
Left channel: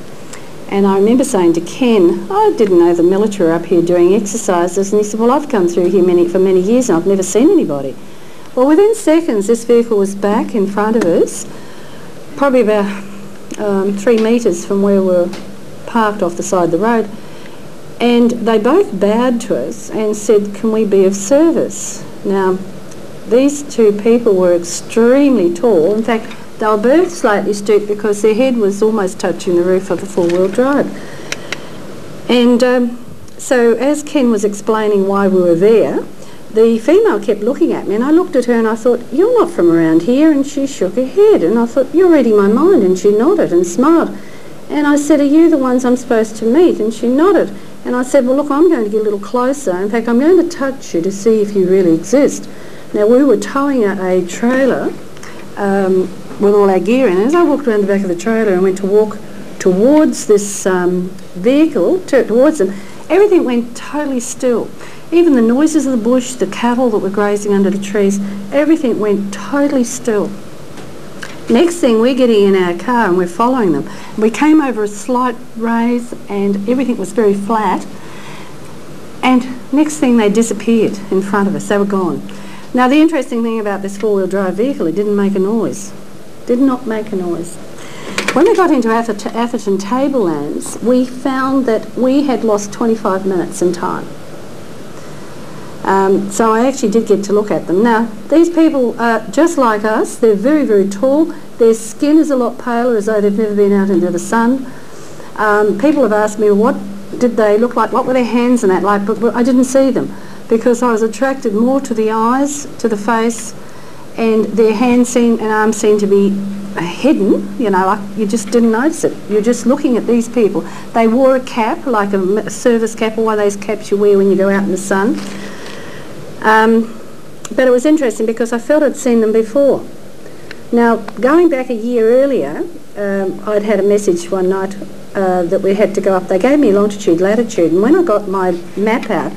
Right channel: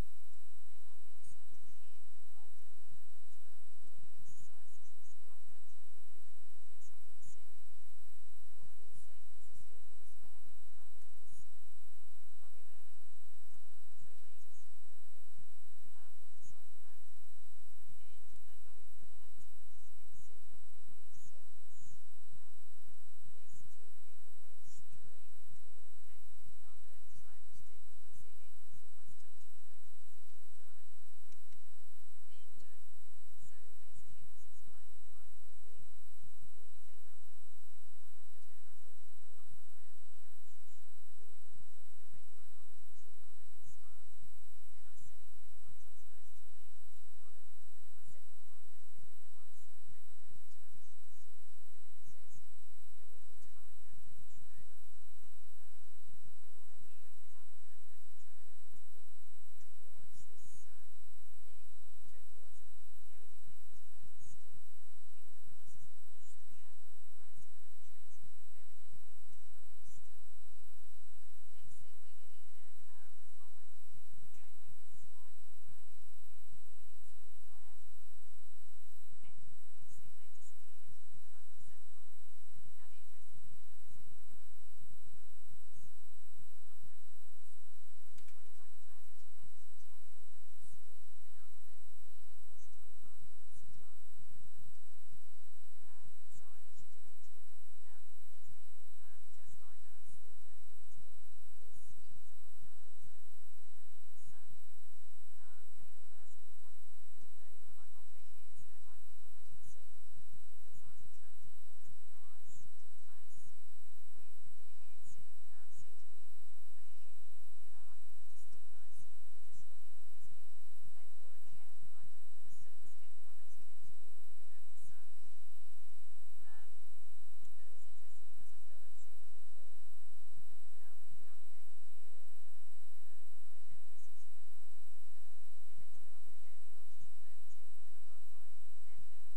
And I remember saying to Ken, I didn't know the military were up here doing exercises. And he said, well, I've come through here for many years and I've never seen anybody. Well, within seconds, this vehicle was back in front of us, probably about 3 metres from where we were parked off the side of the road. And they both bowed to us and said, can we be of service? Now, these two people were extremely tall. In fact, they were both slightly stooped because their head was almost touching the roof of the four-wheel drive. And so as Ken was explaining why we were there, the female kept looking at me, and I looked at her and I thought, you're not from around here, and she shook her head, and I thought, you're reading my mind, and she nodded and smiled. And I said, are you the ones I'm supposed to meet? And she nodded. And I said, well, look, I'm going to get a little closer. In fact, I'm going to touch you to see if you really exist. Now, we were towing a trailer with all our gear in. And as I walked around the back of the trailer and went to walk towards this vehicle, towards them, everything went totally still. Even the noises of the bush, the cattle that were grazing under the trees, everything went totally still. Next thing, we're getting in our car and we're following them. We came over a slight raise and everything was very flat. And next thing, they disappeared in front of us. They were gone. Now, the interesting thing about this four-wheel drive vehicle, it didn't make a noise. Did not make a noise. When we got into Atherton Tablelands, we found that we had lost 25 minutes in time. So I actually did get to look at them. Now, these people are just like us. They're very, very tall. Their skin is a lot paler, as though they've never been out into the sun. People have asked me, what did they look like? What were their hands and that like? But I didn't see them because I was attracted more to the eyes, to the face, and their hands and arms seemed to be hidden, you know, like you just didn't notice it. You're just looking at these people. They wore a cap, like a service cap, or one of those caps you wear when you go out in the sun. But it was interesting because I felt I'd seen them before. Now, going back a year earlier, I'd had a message one night that we had to go up. They gave me longitude, latitude, and when I got my map out,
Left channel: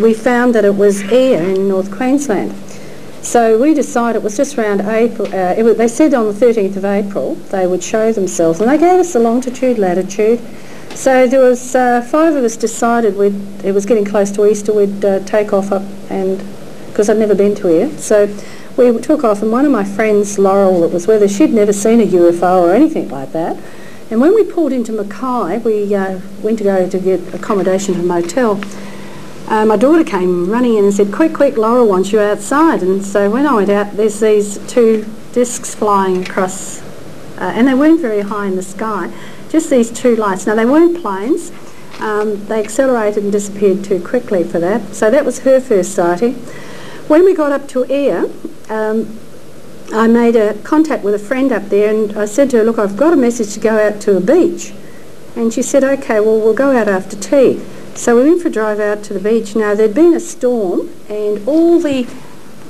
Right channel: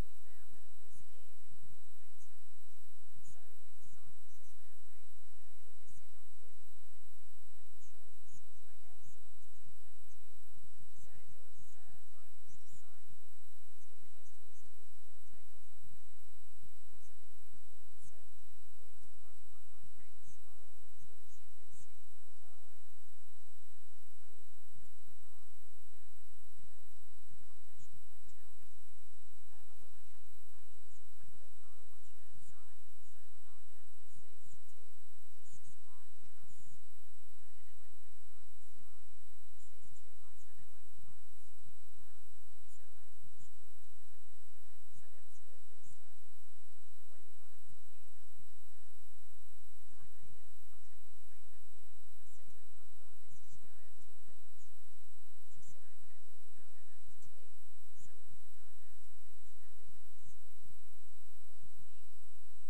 we found that it was Ayr in North Queensland. So we decided it was just around April. They said on the 13th of April they would show themselves, and they gave us the longitude, latitude. So there was 5 of us decided it was getting close to Easter, we'd take off up, and because I'd never been to Ayr. So we took off, and one of my friends, Laurel, that was with us, she'd never seen a UFO or anything like that. And when we pulled into Mackay, we went to go to get accommodation at a motel. My daughter came running in and said, quick, quick, Laurel wants you outside. And so when I went out, there's these 2 discs flying across, and they weren't very high in the sky, just these 2 lights. Now, they weren't planes. They accelerated and disappeared too quickly for that. So that was her first sighting. When we got up to Ayr, I made a contact with a friend up there, and I said to her, look, I've got a message to go out to a beach. And she said, okay, well, we'll go out after tea. So we went for a drive out to the beach. Now, there'd been a storm, and all the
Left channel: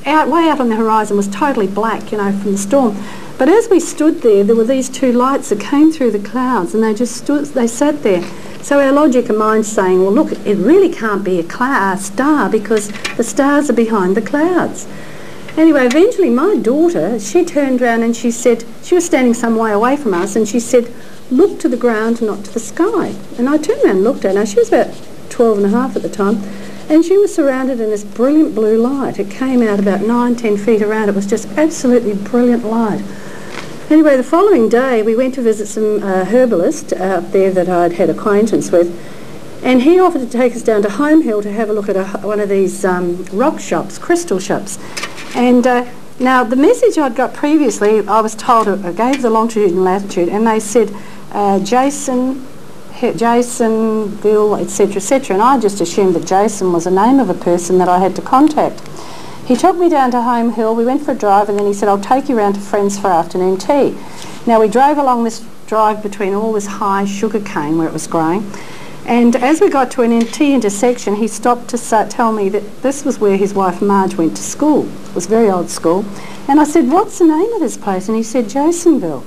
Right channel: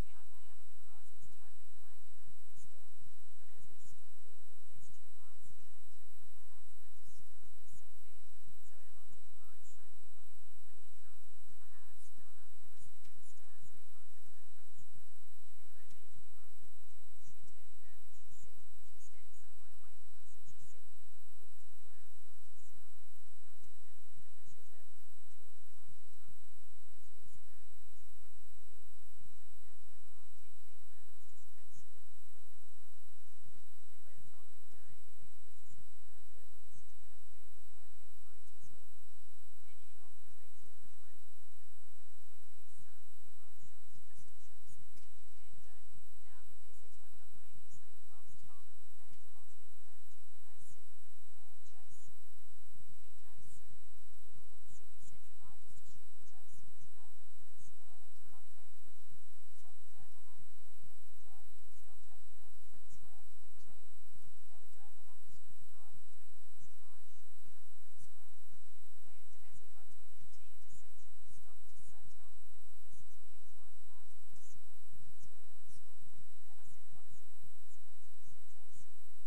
way out on the horizon was totally black, you know, from the storm. But as we stood there, there were these two lights that came through the clouds, and they sat there. So our logic and mind saying, well, look, it really can't be a star because the stars are behind the clouds. Anyway, eventually my daughter, she turned around and she said, she was standing some way away from us, and she said, look to the ground, not to the sky. And I turned around and looked at her. Now, she was about 12 and a half at the time, and she was surrounded in this brilliant blue light. It came out about 9-10 feet around. It was just absolutely brilliant light. Anyway, the following day we went to visit some herbalist out there that I'd had acquaintance with, and he offered to take us down to Home Hill to have a look at one of these rock shops, crystal shops. And now the message I'd got previously, I was told, I gave the longitude and latitude, and they said Jasonville, etc., etc., and I just assumed that Jason was the name of a person that I had to contact. He took me down to Home Hill, we went for a drive, and then he said, I'll take you round to Friends for afternoon tea. Now we drove along this drive between all this high sugar cane where it was growing, and as we got to an T intersection, he stopped to tell me that this was where his wife Marge went to school. It was a very old school. And I said, what's the name of this place? And he said, Jasonville.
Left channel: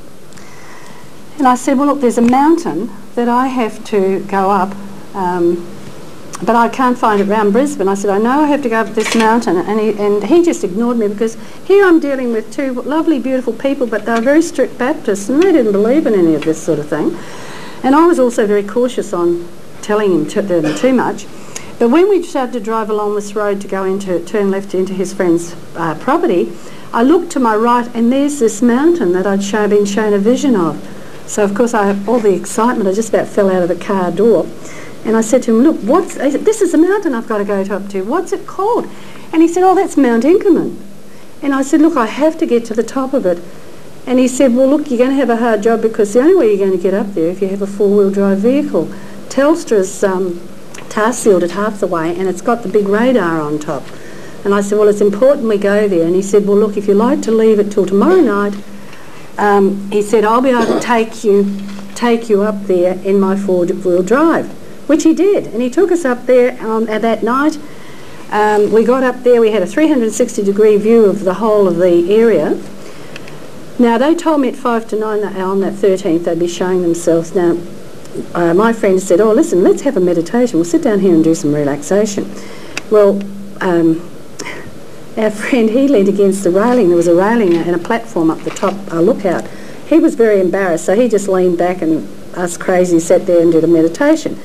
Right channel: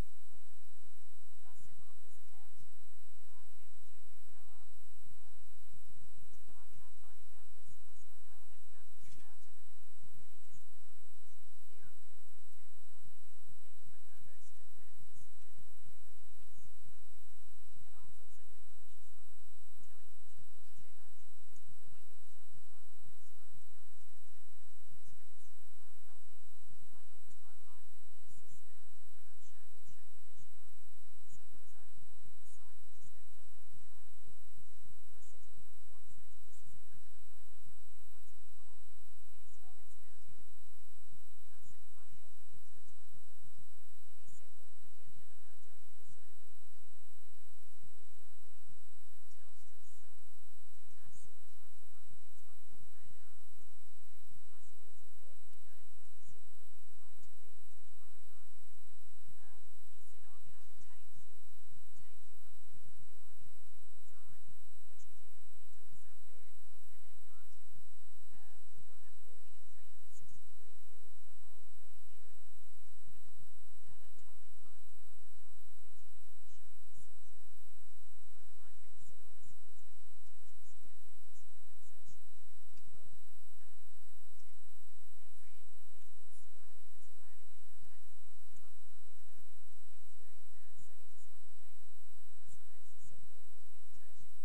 And I said, well, look, there's a mountain that I have to go up, but I can't find it round Brisbane. I said, I know I have to go up this mountain. And he just ignored me, because here I'm dealing with two lovely, beautiful people, but they were very strict Baptists, and they didn't believe in any of this sort of thing. And I was also very cautious on telling him too much. But when we started to drive along this road to turn left into his friend's property, I looked to my right, and there's this mountain that I'd been shown a vision of. So of course all the excitement, I just about fell out of the car door. And I said to him, look, this is a mountain I've got to go up to. What's it called? And he said, oh, that's Mount Inkerman. And I said, look, I have to get to the top of it. And he said, well, look, you're going to have a hard job, because the only way you're going to get up there if you have a four-wheel drive vehicle. Telstra's tar sealed it half the way, and it's got the big radar on top. And I said, well, it's important we go there. And he said, well, look, if you like to leave it till tomorrow night, he said, I'll be able to take you up there in my four-wheel drive. Which he did, and he took us up there that night. We got up there, we had a 360-degree view of the whole of the area. Now, they told me at 5 to 9 on that 13th they'd be showing themselves. Now, my friend said, oh, listen, let's have a meditation. We'll sit down here and do some relaxation. Well, our friend, he leaned against the railing. There was a railing and a platform up the top, a lookout. He was very embarrassed, so he just leaned back, and us crazy sat there and did a meditation.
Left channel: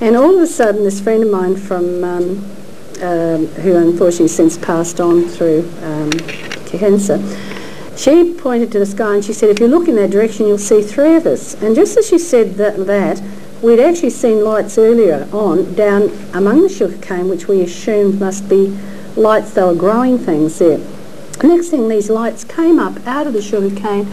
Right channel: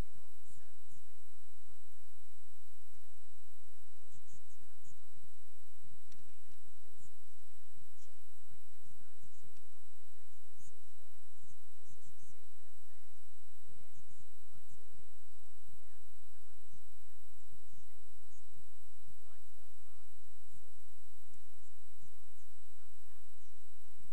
And all of a sudden, this friend of mine from, who unfortunately since passed on through cancer, she pointed to the sky and she said, if you look in that direction, you'll see three of us. And just as she said that, we'd actually seen lights earlier on down among the sugarcane, which we assumed must be lights. They were growing things there. Next thing, these lights came up out of the sugarcane.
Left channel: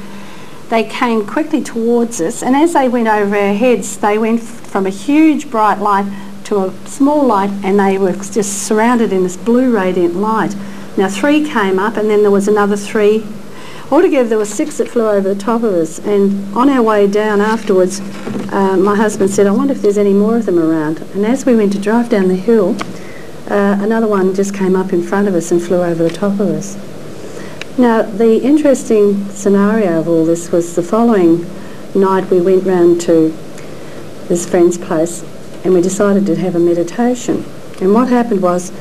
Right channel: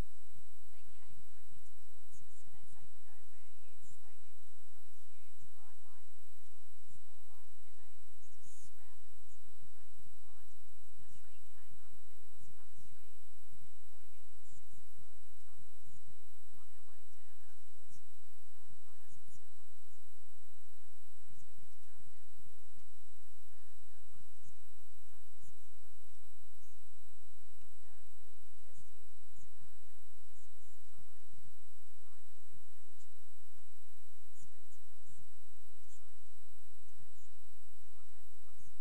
They came quickly towards us, and as they went over our heads, they went from a huge bright light to a small light, and they were just surrounded in this blue radiant light. Now, three came up, and then there was another three. Altogether, there were six that flew over the top of us, and on our way down afterwards, my husband said, I wonder if there's any more of them around. And as we went to drive down the hill, another one just came up in front of us and flew over the top of us. Now, the interesting scenario of all this was the following night we went round to this friend's place, and we decided to have a meditation. And what happened was,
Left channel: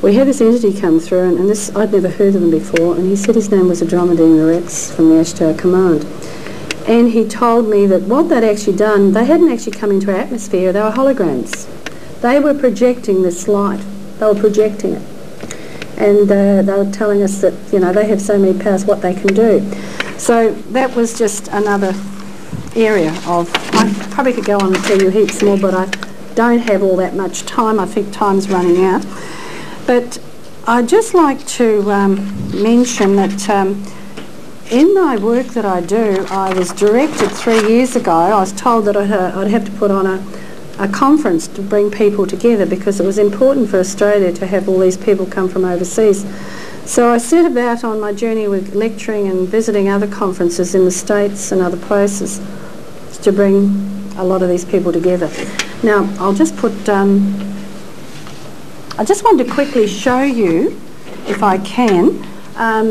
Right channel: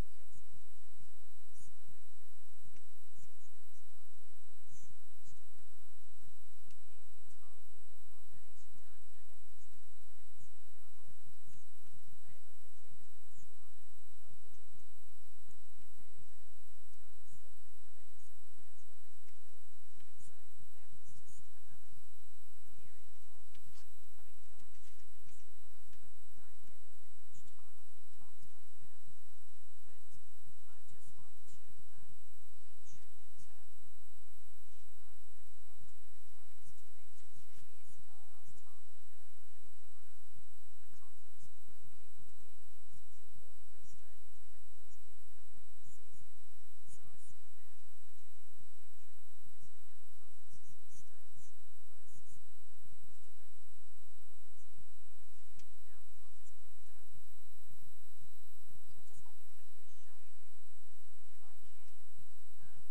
we had this entity come through, and this, I'd never heard of him before, and he said his name was Adromedine Rex from the Ashtar Command. And he told me that what they'd actually done, they hadn't actually come into our atmosphere, they were holograms. They were projecting this light. They were projecting it. And they were telling us that, you know, they have so many powers, what they can do. So that was just another area of, I probably could go on and tell you heaps more, but I don't have all that much time. I think time's running out. But I'd just like to mention that in my work that I do, I was directed 3 years ago. I was told that I'd have to put on a conference to bring people together, because it was important for Australia to have all these people come from overseas. So I set about on my journey with lecturing and visiting other conferences in the States and other places to bring a lot of these people together. Now, I'll just put, I just wanted to quickly show you if I can,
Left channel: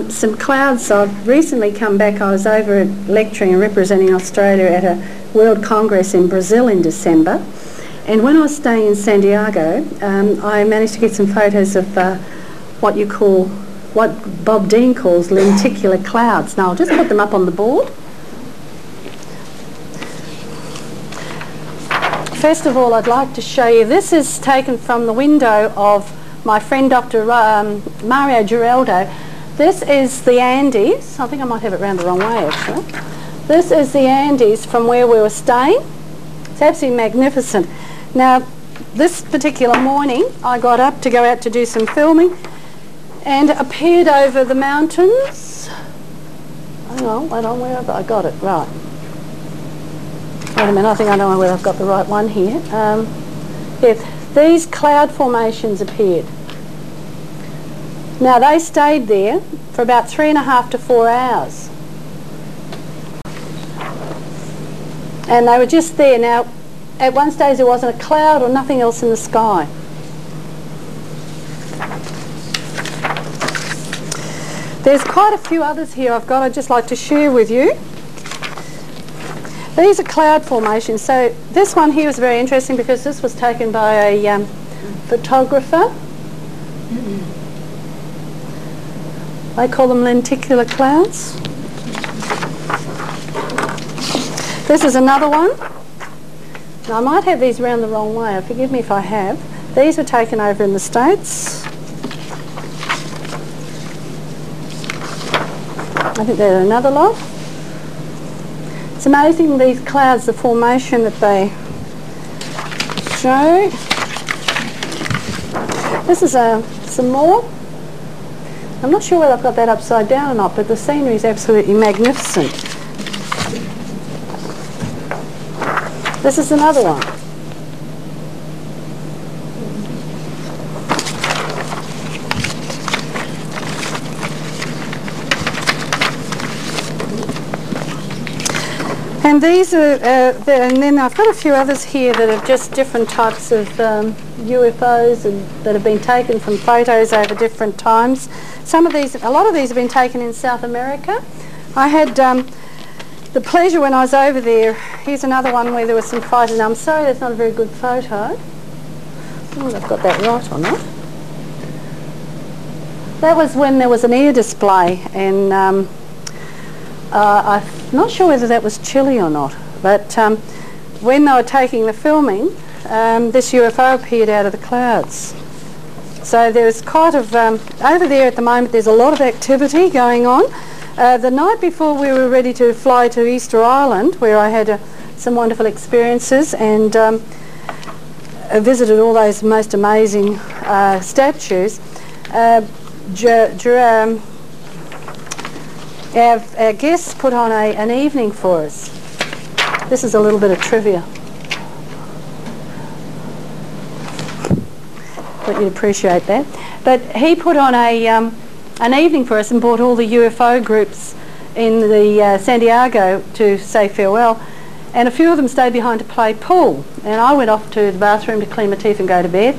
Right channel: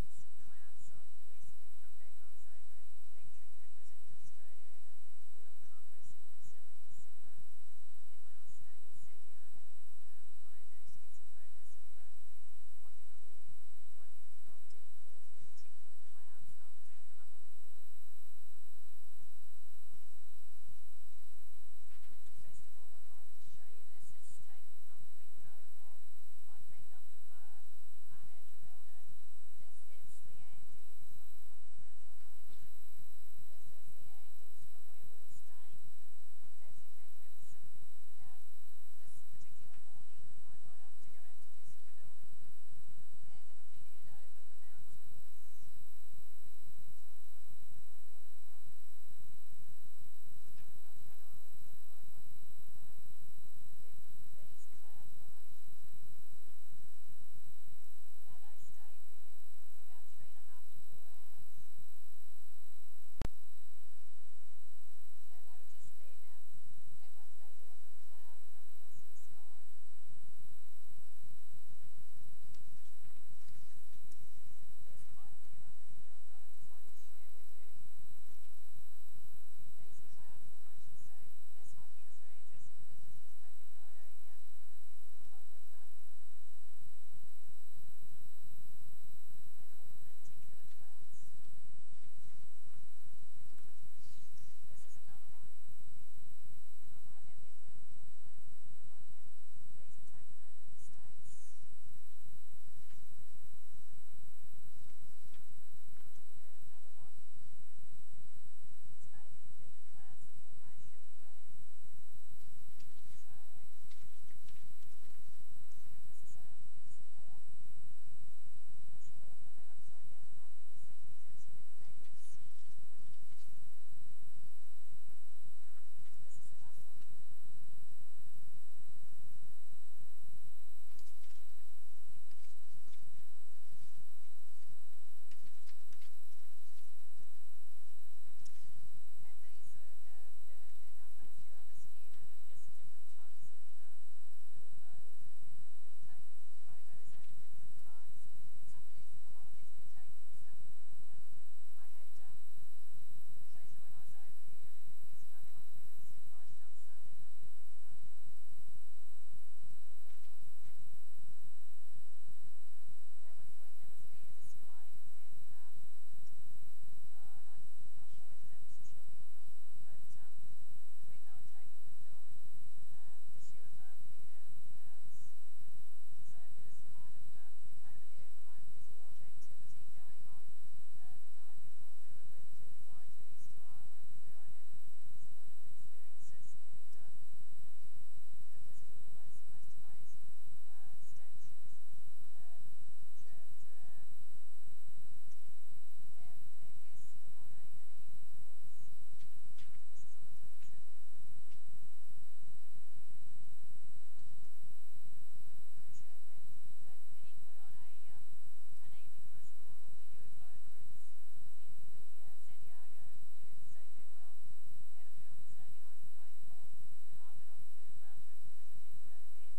some clouds. I've recently come back. I was over lecturing and representing Australia at a World Congress in Brazil in December. And when I was staying in Santiago, I managed to get some photos of what Bob Dean calls lenticular clouds. Now I'll just put them up on the board. First of all, I'd like to show you, this is taken from the window of my friend Dr. Mario Giraldo. This is the Andes. I think I might have it round the wrong way actually. This is the Andes from where we were staying. It's absolutely magnificent. Now, this particular morning, I got up to go out to do some filming and appeared over the mountains. Hang on, where have I got it? Right. Wait a minute, I think I know whether I've got the right one here. Yes, these cloud formations appeared. Now, they stayed there for about 3.5 to 4 hours. And they were just there. Now, at one stage there wasn't a cloud or nothing else in the sky. There's quite a few others here I'd just like to share with you. These are cloud formations. So this one here was very interesting because this was taken by a photographer. They call them lenticular clouds. This is another one. Now I might have these around the wrong way. Forgive me if I have. These were taken over in the States. I think there's another lot. It's amazing, these clouds, the formation that they show. This is some more. I'm not sure whether I've got that upside down or not, but the scenery is absolutely magnificent. This is another one. And these are, and then I've got a few others here that are just different types of UFOs that have been taken from photos over different times. A lot of these have been taken in South America. I had the pleasure when I was over there. Here's another one where there were some fighters. Now I'm sorry that's not a very good photo. I don't know if I've got that right or not. That was when there was an air display, and I'm not sure whether that was Chile or not, but when they were taking the filming, this UFO appeared out of the clouds. So there's quite of, over there at the moment there's a lot of activity going on. The night before we were ready to fly to Easter Island, where I had some wonderful experiences and visited all those most amazing statues, our guests put on an evening for us. This is a little bit of trivia. Thought you'd appreciate that. But he put on an evening for us and brought all the UFO groups in the Santiago to say farewell. And a few of them stayed behind to play pool. And I went off to the bathroom to clean my teeth and go to bed.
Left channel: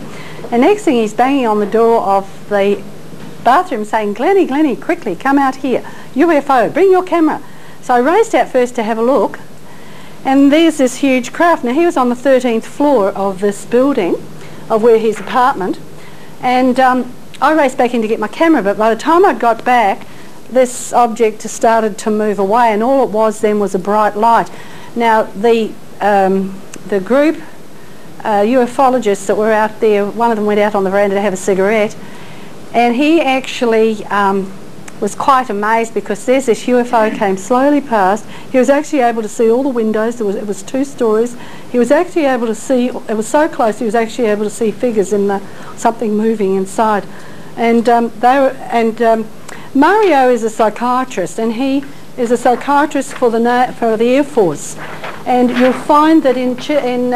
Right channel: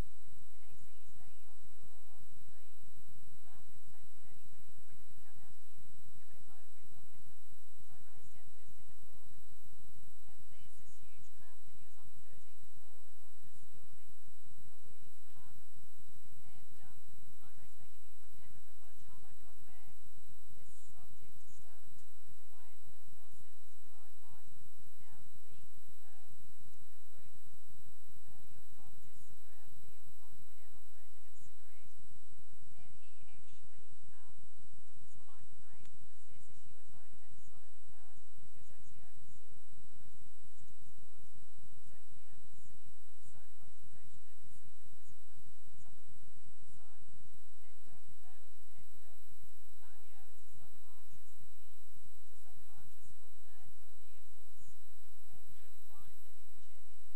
And next thing he's banging on the door of the bathroom saying, "Glennie, Glennie, quickly, come out here. UFO, bring your camera." So I raced out first to have a look. And there's this huge craft. Now he was on the 13th floor of this building, of where his apartment. And I raced back in to get my camera, but by the time I got back, this object started to move away, and all it was then was a bright light. Now the group ufologists that were out there, one of them went out on the veranda to have a cigarette, and he actually was quite amazed because there's this UFO came slowly past. He was actually able to see all the windows. It was 2 stories. He was actually able to see, it was so close, he was actually able to see figures in something moving inside. And Mario is a psychiatrist, and he is a psychiatrist for the Air Force. And you'll find that in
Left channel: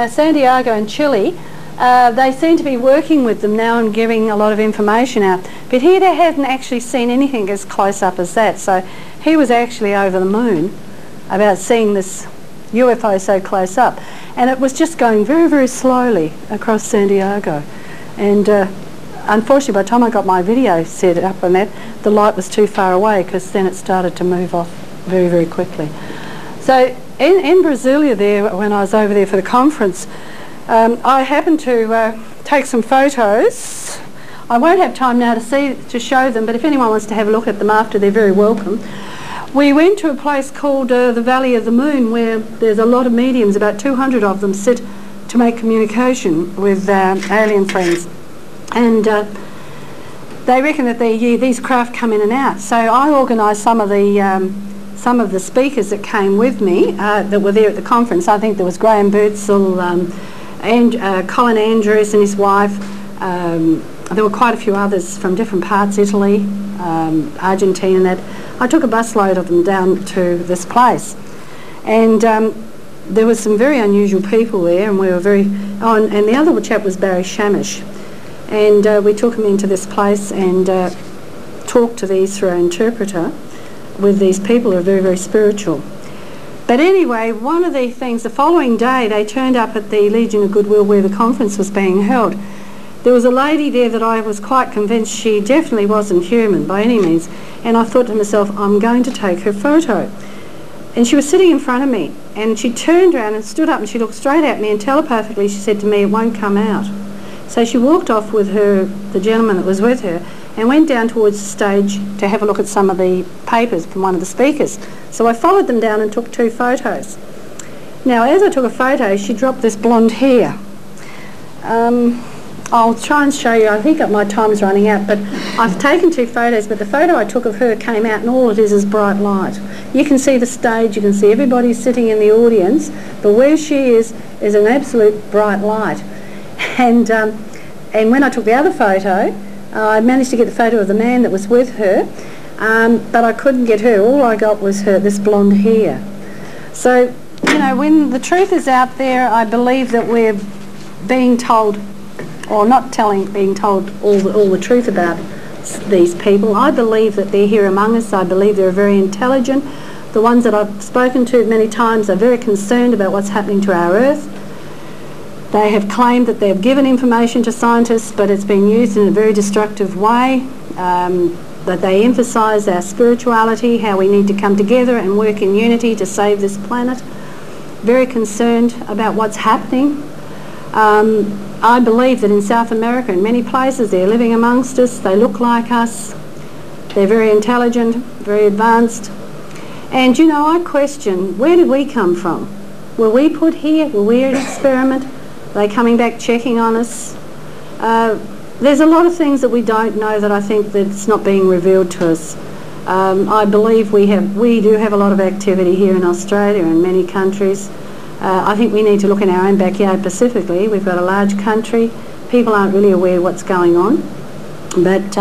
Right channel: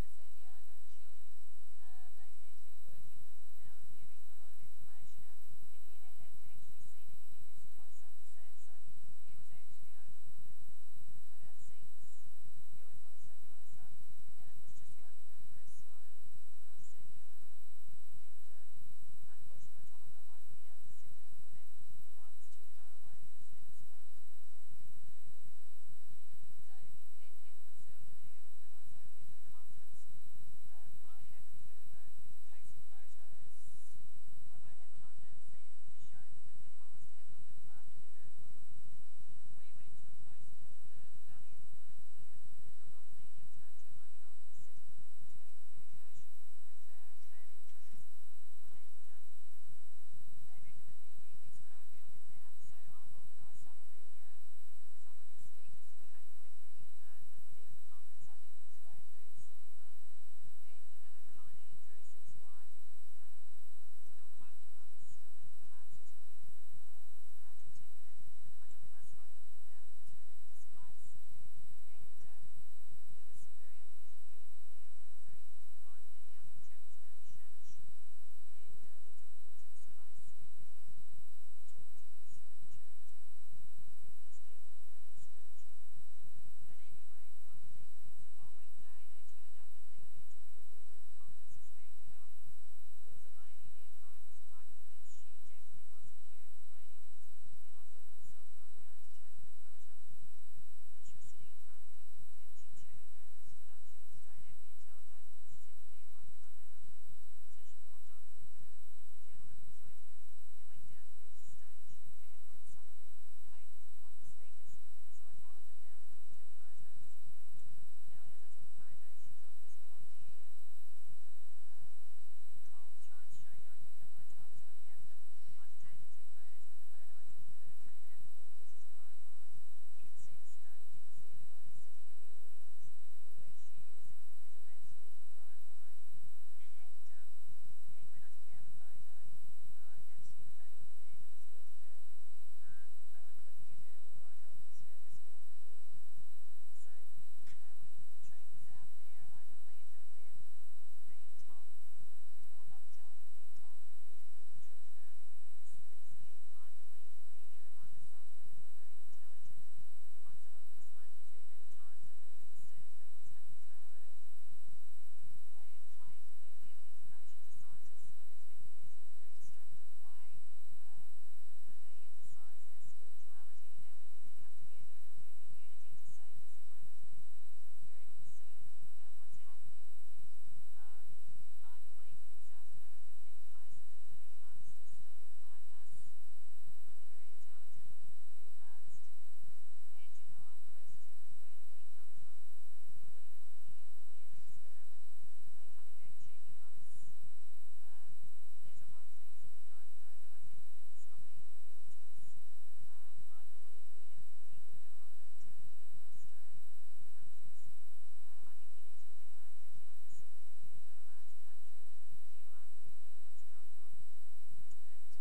Santiago and Chile, they seem to be working with them now and giving a lot of information out. But he hadn't actually seen anything as close up as that. So he was actually over the moon about seeing this UFO so close up. And it was just going very, very slowly across Santiago. And unfortunately, by the time I got my video set up on that, the light was too far away, because then it started to move off very, very quickly. So in Brasilia there, when I was over there for the conference, I happened to take some photos. I won't have time now to show them, but if anyone wants to have a look at them after, they're very welcome. We went to a place called the Valley of the Moon, where there's a lot of mediums, about 200 of them sit to make communication with alien friends. And they reckon that these craft come in and out. So I organised some of the speakers that came with me that were there at the conference. I think there was Graham Birdsall, and Colin Andrews and his wife. There were quite a few others from different parts, Italy, Argentina and that. I took a busload of them down to this place. And there was some very unusual people there, and we were very... Oh, and the other chap was Barry Shamish. And we took him into this place and talked to these through our interpreter with these people who are very, very spiritual. But anyway, one of the things, the following day, they turned up at the Legion of Goodwill where the conference was being held. There was a lady there that I was quite convinced she definitely wasn't human by any means, and I thought to myself, I'm going to take her photo. And she was sitting in front of me, and she turned around and stood up, and she looked straight at me, and telepathically she said to me, it won't come out. So she walked off with the gentleman that was with her, and went down towards the stage to have a look at some of the papers from one of the speakers. So I followed them down and took 2 photos. Now, as I took a photo, she dropped this blonde hair. I'll try and show you. I think my time's running out, but I've taken 2 photos, but the photo I took of her came out, and all it is bright light. You can see the stage, you can see everybody sitting in the audience, but where she is an absolute bright light. And when I took the other photo, I managed to get the photo of the man that was with her, but I couldn't get her. All I got was this blonde hair. So, you know, when the truth is out there, I believe that we're being told, or not being told all the truth about these people. I believe that they're here among us. I believe they're very intelligent. The ones that I've spoken to many times are very concerned about what's happening to our Earth. They have claimed that they've given information to scientists, but it's been used in a very destructive way, that they emphasise our spirituality, how we need to come together and work in unity to save this planet. Very concerned about what's happening. I believe that in South America, in many places, they're living amongst us, they look like us, they're very intelligent, very advanced. And, you know, I question, where did we come from? Were we put here? Were we an experiment? Are they coming back checking on us? There's a lot of things that we don't know that I think that's not being revealed to us. I believe we do have a lot of activity here in Australia and many countries. I think we need to look in our own backyard specifically. We've got a large country. People aren't really aware what's going on. But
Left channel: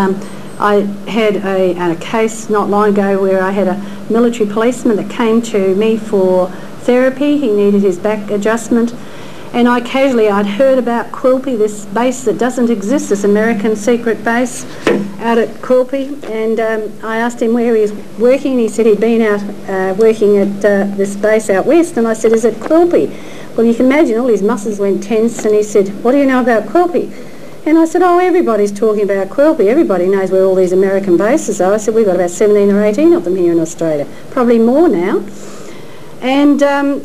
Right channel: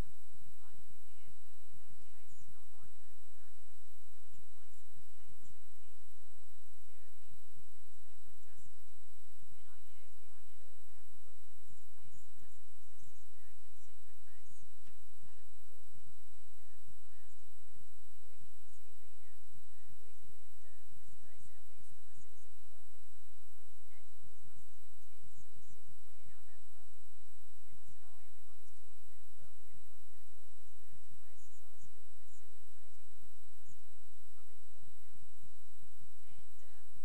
I had a case not long ago where I had a military policeman that came to me for therapy. He needed his back adjustment. And I'd heard about Quilpie, this base that doesn't exist, this American secret base out at Quilpie. And I asked him where he was working, and he said he'd been out working at this base out west. And I said, is it Quilpie? Well, you can imagine all his muscles went tense, and he said, what do you know about Quilpie? And I said, oh, everybody's talking about Quilpie. Everybody knows where all these American bases are. I said, we've got about 17 or 18 of them here in Australia, probably more now. And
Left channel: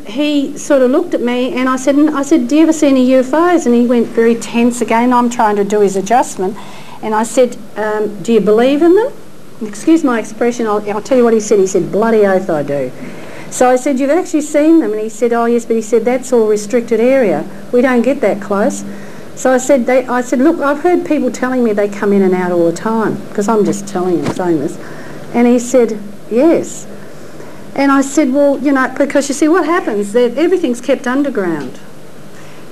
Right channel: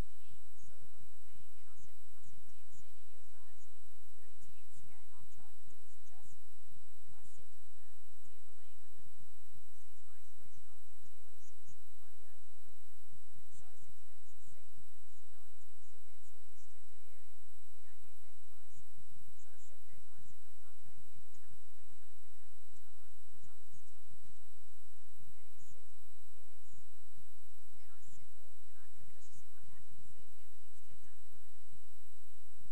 he sort of looked at me, and I said, do you ever see any UFOs? And he went very tense again. I'm trying to do his adjustment. And I said, do you believe in them? Excuse my expression, I'll tell you what he said. He said, bloody oath I do. So I said, you've actually seen them? And he said, oh yes, but he said, that's all restricted area. We don't get that close. So I said, look, I've heard people telling me they come in and out all the time, because I'm just saying this. And he said, yes. And I said, well, you know, because you see what happens, everything's kept underground.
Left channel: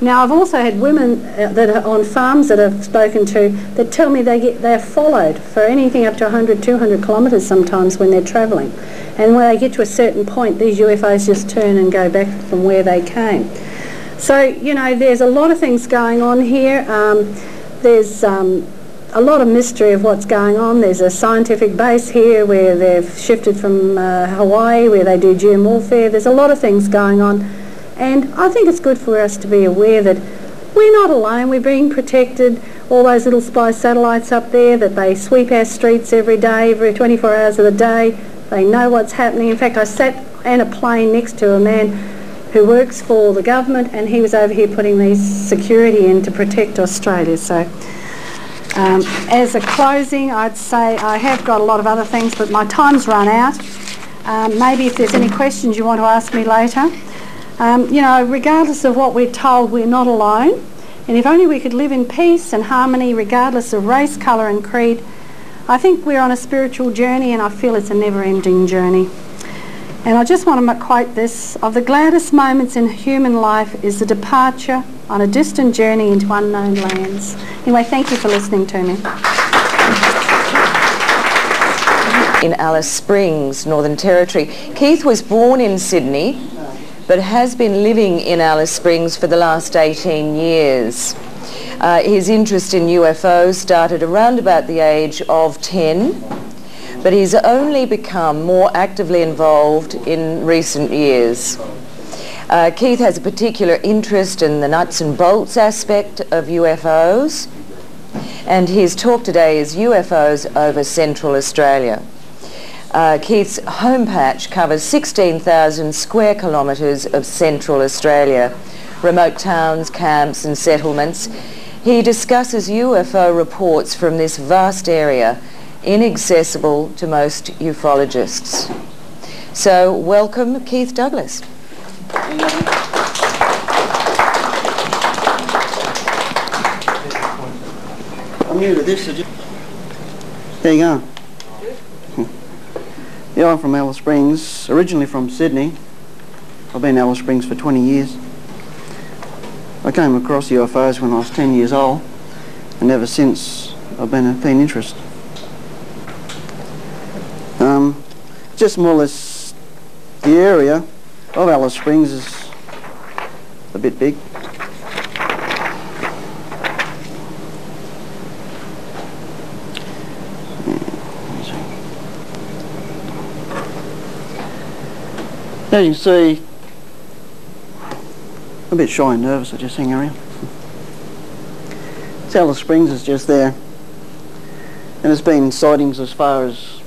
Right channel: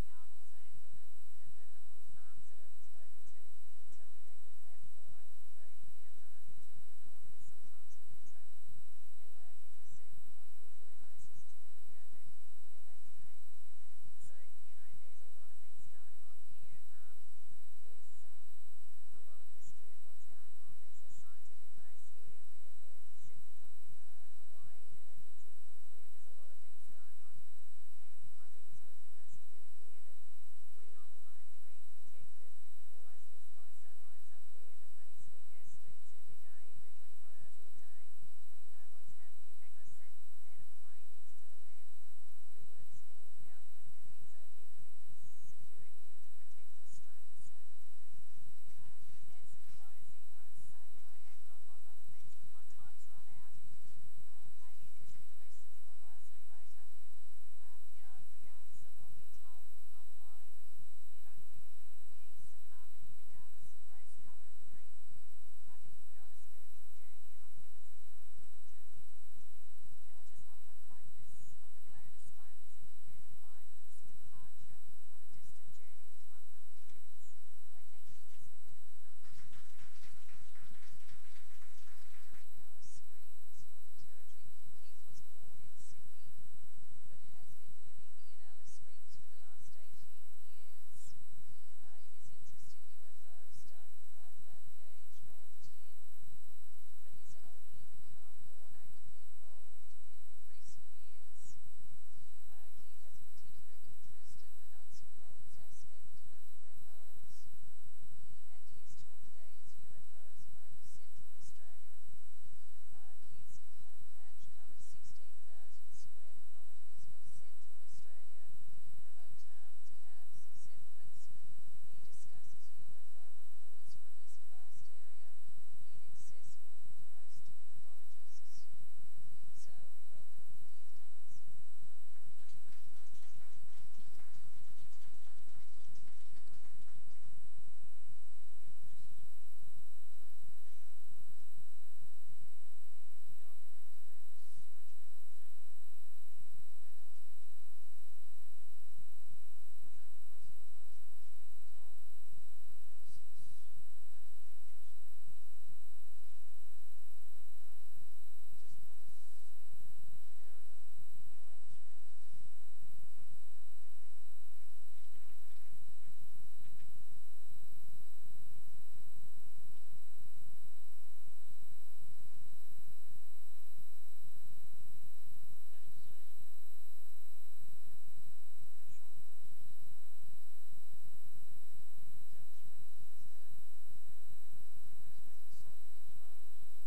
Now, I've also had women that are on farms that I've spoken to that tell me they're followed for anything up to 100, 200 kilometres sometimes when they're travelling. And when they get to a certain point, these UFOs just turn and go back from where they came. So, you know, there's a lot of things going on here. There's a lot of mystery of what's going on. There's a scientific base here where they've shifted from Hawaii, where they do geomorphia. There's a lot of things going on, and I think it's good for us to be aware that we're not alone. We're being protected. All those little spy satellites up there that they sweep our streets every day, every 24 hours of the day. They know what's happening. In fact, I sat in a plane next to a man who works for the government, and he was over here putting these security in to protect Australia. So as a closing, I'd say I have got a lot of other things, but my time's run out. Maybe if there's any questions you want to ask me later. You know, regardless of what we're told, we're not alone. And if only we could live in peace and harmony regardless of race, colour and creed, I think we're on a spiritual journey, and I feel it's a never-ending journey. And I just want to quote this: of the gladdest moments in human life is the departure on a distant journey into unknown lands. Anyway, thank you for listening to me. In Alice Springs, Northern Territory. Keith was born in Sydney, but has been living in Alice Springs for the last 18 years. His interest in UFOs started around about the age of 10, but he's only become more actively involved in recent years. Keith has a particular interest in the nuts and bolts aspect of UFOs, and his talk today is UFOs over Central Australia. Keith's home patch covers 16,000 square kilometres of Central Australia, remote towns, camps and settlements. He discusses UFO reports from this vast area, inaccessible to most ufologists. So welcome, Keith Douglas. I'm new to this. There you go. Yeah, I'm from Alice Springs, originally from Sydney. I've been in Alice Springs for 20 years. I came across UFOs when I was 10 years old, and ever since I've been a keen interest. Just more or less the area of Alice Springs is a bit big. As you can see, I'm a bit shy and nervous, I just hang around. Alice Springs is just there, and there's been sightings as far as,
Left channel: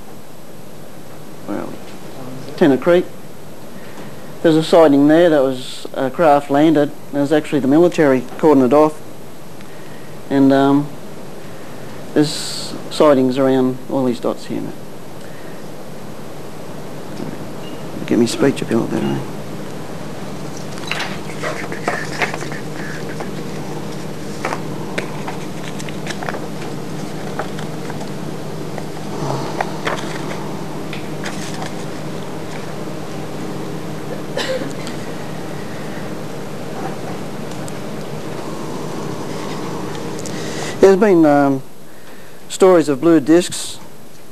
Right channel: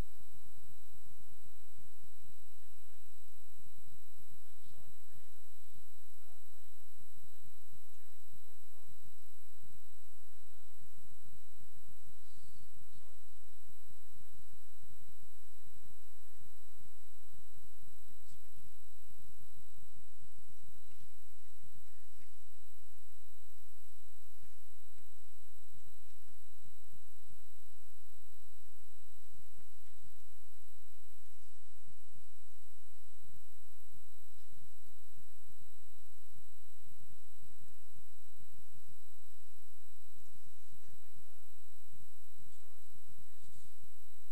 well, Tenner Creek. There's a sighting there that was a craft landed. It was actually the military cordoned it off, and there's sightings around all these dots here. Get me speech up a little better. Eh? There's been stories of blue discs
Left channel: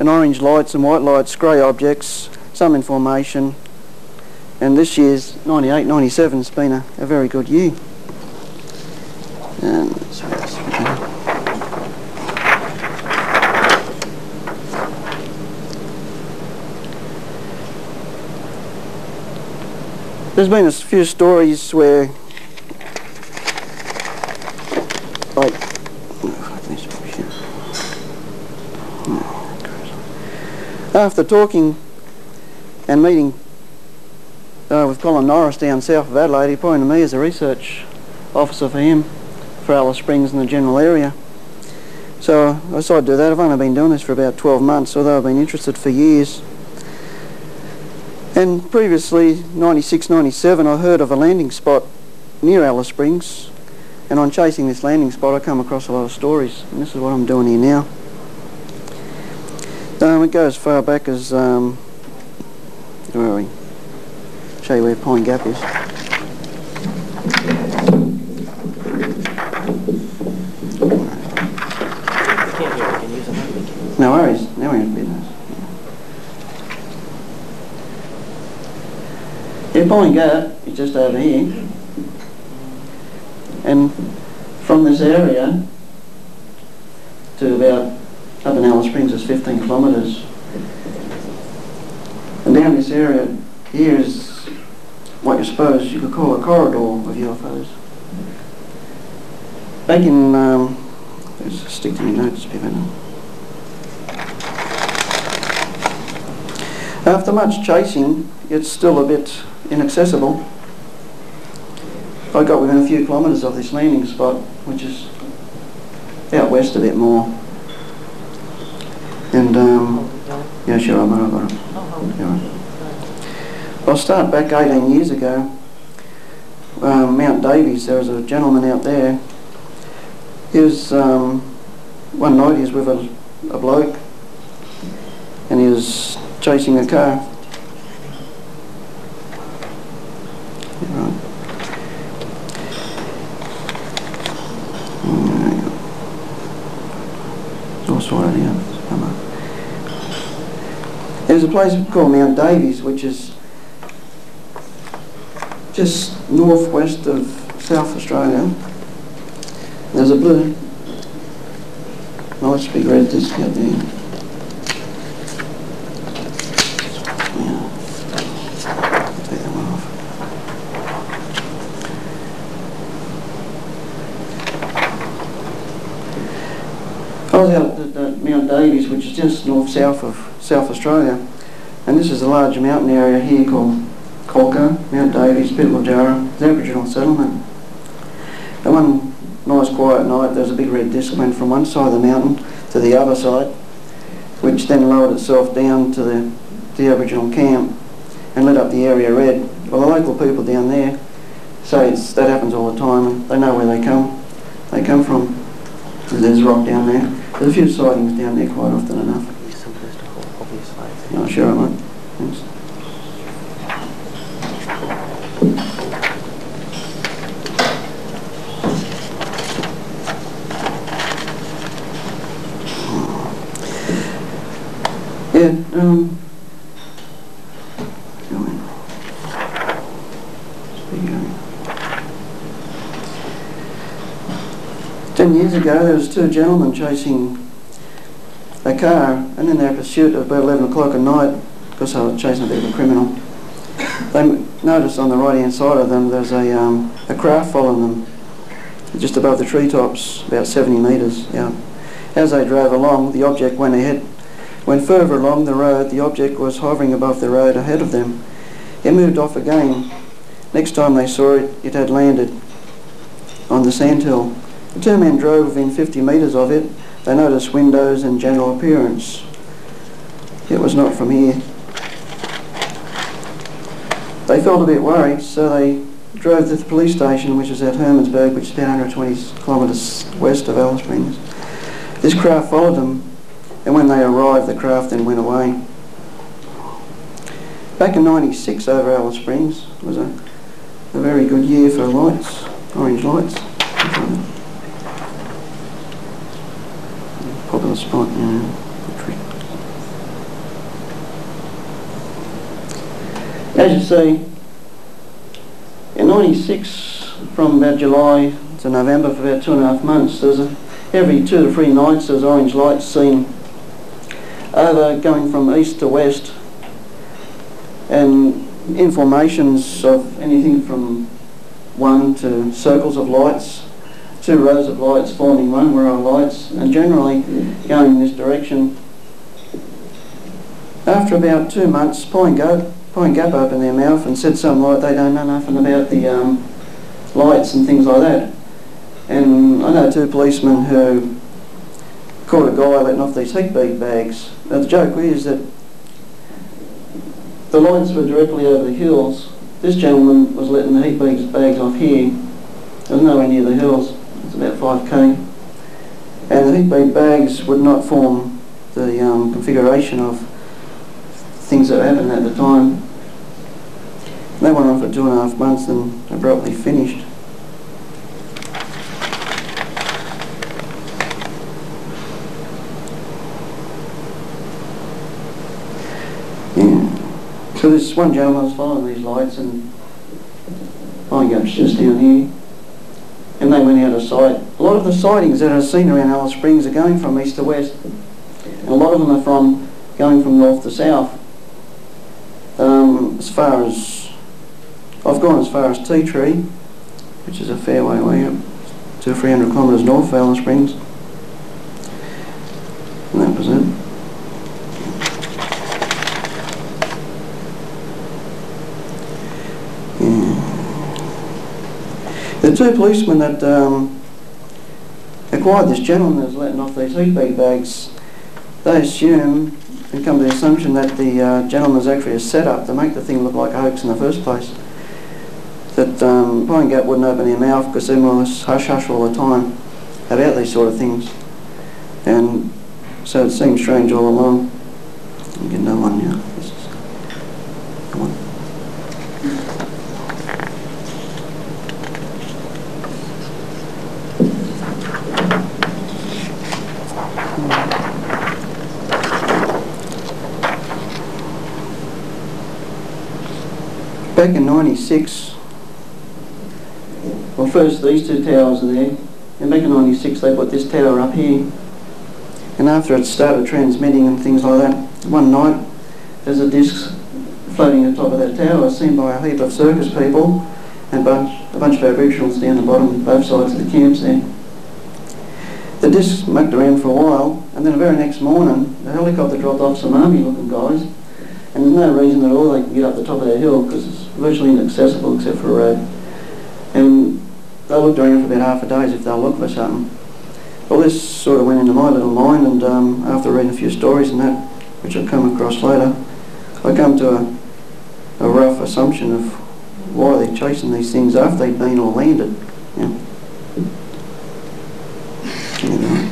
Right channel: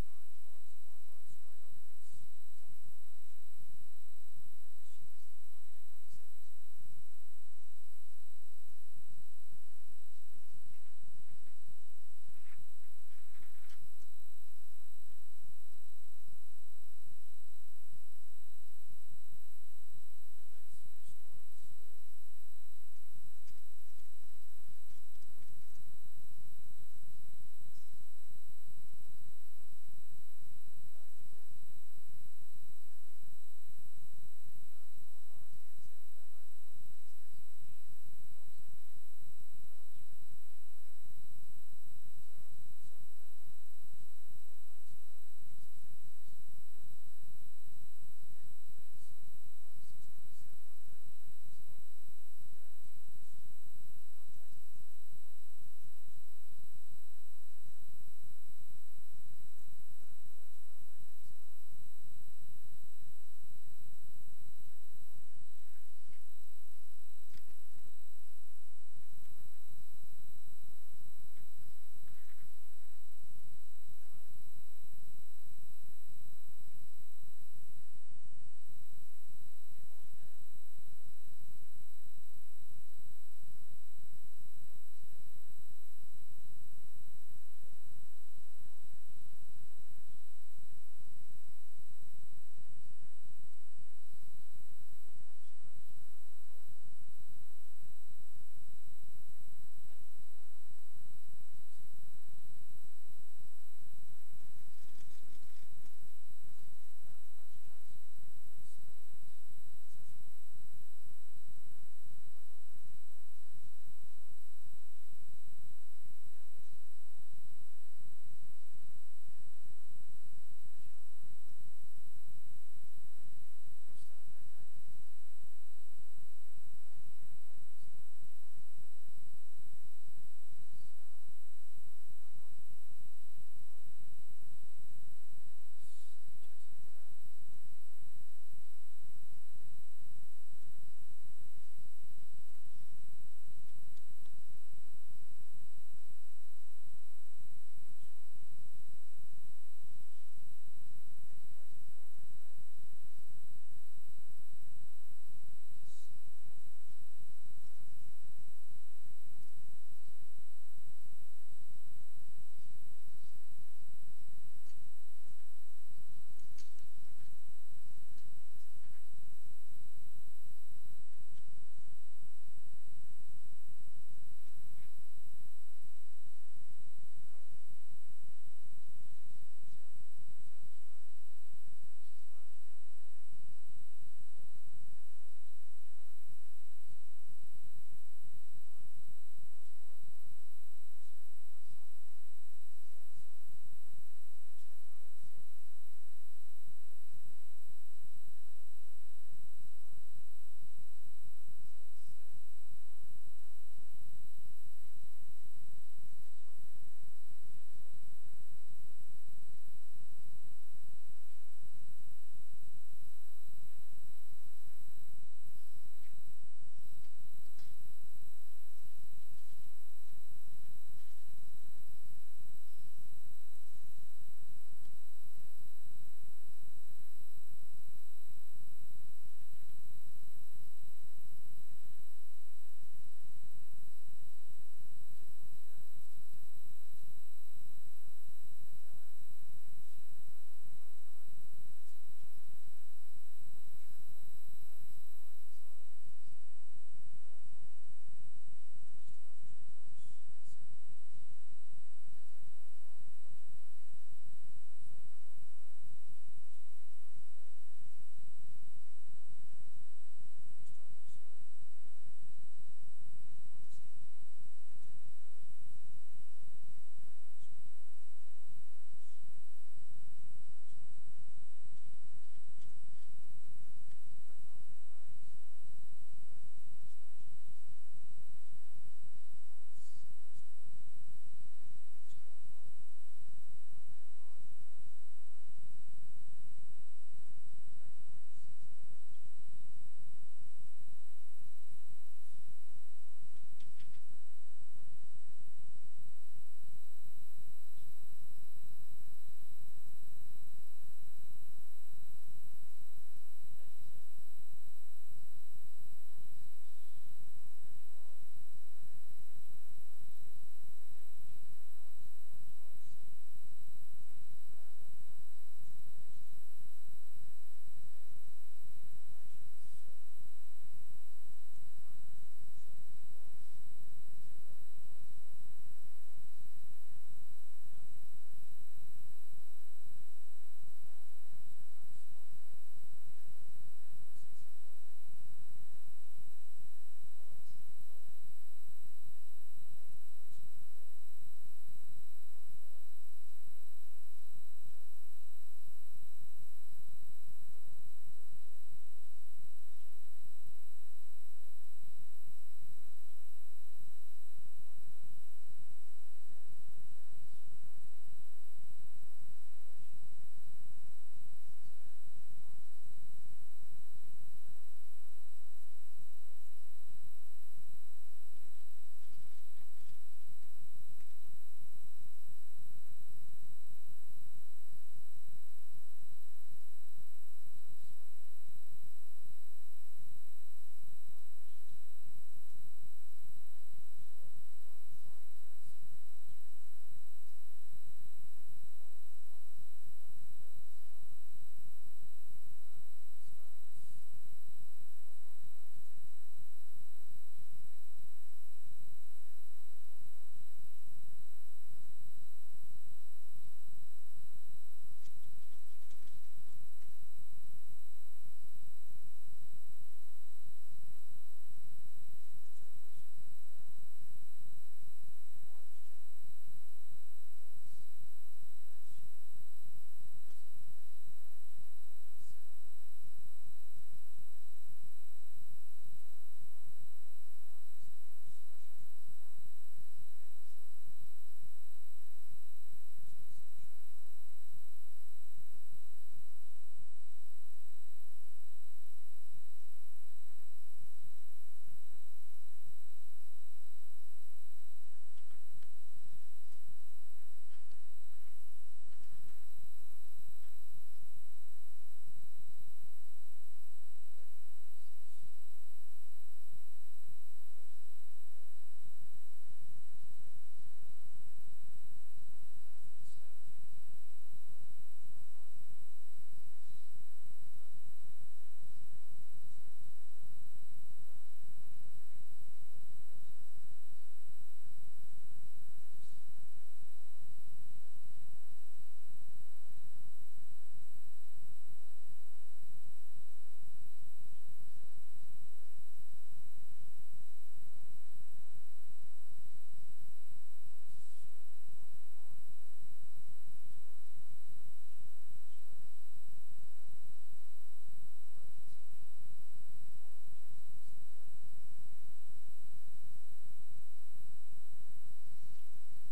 and orange lights and white lights, grey objects, some information, and this year's 98, 97's been a very good year. There's been a few stories where, like, after talking and meeting with Colin Norris down south of Adelaide, he appointed me as a research officer for him, for Alice Springs and the general area. So I decided to do that. I've only been doing this for about 12 months, although I've been interested for years. And previously, 96, 97, I heard of a landing spot near Alice Springs, and on chasing this landing spot I come across a lot of stories, and this is what I'm doing here now. It goes far back as, where are we? Show you where Pine Gap is. No worries, now we're in business. Yeah, Pine Gap is just over here, and from this area to about up in Alice Springs is 15 kilometres, and down this area here is what you suppose you could call a corridor of UFOs. Back in, let's stick to my notes a bit better. After much chasing, it's still a bit inaccessible. I got within a few kilometres of this landing spot, which is out west a bit more. And, yeah, sure, I got it. Yeah. I'll start back 18 years ago. Mount Davies, there was a gentleman out there. He was, one night he was with a bloke and he was chasing a car. Right. It's all sorted out. There's a place called Mount Davies, which is just northwest of South Australia. There's a blue, nice big red disc out there. Yeah. Take that one off. I was out at Mount Davies, which is just north-south of South Australia, and this is a large mountain area here called Colca, Mount Davies, Pitlojarra, the Aboriginal settlement. And one nice quiet night, there was a big red disc went from one side of the mountain to the other side, which then lowered itself down to the Aboriginal camp and lit up the area red. Well, the local people down there say that happens all the time, and they know where they come from. There's rock down there. There's a few sightings down there quite often enough. No, sure I might. Thanks. Yeah, 10 years ago there was two gentlemen chasing a car, and in their pursuit at about 11 o'clock at night, because they were chasing a bit of a criminal, they noticed on the right hand side of them there's a craft following them just above the treetops, about 70 metres out. As they drove along, the object went ahead. When further along the road, the object was hovering above the road ahead of them. It moved off again. Next time they saw it, it had landed on the sandhill. The two men drove within 50 metres of it. They noticed windows and general appearance. It was not from here. They felt a bit worried, so they drove to the police station, which is at Hermansburg, which is about 120 kilometres west of Alice Springs. This craft followed them, and when they arrived, the craft then went away. Back in '96 over Alice Springs was a very good year for lights, orange lights. Popular spot, yeah. As you see, in '96, from about July to November for about 2.5 months, there's every 2 to 3 nights there's orange lights seen over going from east to west, and in formations of anything from 1 to circles of lights, 2 rows of lights forming 1 row of lights, and generally going in this direction. After about 2 months, Pine Gap opened their mouth and said something like they don't know nothing about the lights and things like that. And I know 2 policemen who caught a guy letting off these heat bead bags. Now the joke is that the lights were directly over the hills. This gentleman was letting the heat bead bags off here. It was nowhere near the hills. It's about 5k. And the heat bead bags would not form the configuration of things that happened at the time. They went on for 2.5 months and abruptly finished. Yeah. So this one gentleman was following these lights, and Pine Gap's just down here, and they went out of sight. A lot of the sightings that are seen around Alice Springs are going from east to west, and a lot of them are going from north to south. I've gone as far as Tea Tree, which is a fair way up, 200 or 300 kilometres north of Alice Springs. And that was it. Yeah. The two policemen that acquired this gentleman that was letting off these heat bags, they assume and come to the assumption that the gentleman was actually a setup to make the thing look like a hoax in the first place. That Pine Gap wouldn't open their mouth because everyone was hush-hush all the time about these sort of things. And so it seemed strange all along. I'll get another one now. This is, come on. Back in '96, well, first these two towers are there, and back in '96 they put this tower up here, and after it started transmitting and things like that, one night there's a disc floating on top of that tower seen by a heap of circus people and a bunch of Aboriginals down the bottom, both sides of the camps there. The disc mucked around for a while, and then the very next morning a helicopter dropped off some army looking guys, and there's no reason at all they can get up the top of that hill because it's virtually inaccessible except for a road. And they looked around for about half a day as if they'll look for something. Well, this sort of went into my little mind, and after reading a few stories and that, which I'll come across later, I come to a rough assumption of why they're chasing these things after they've been or landed. Yeah. Anyway.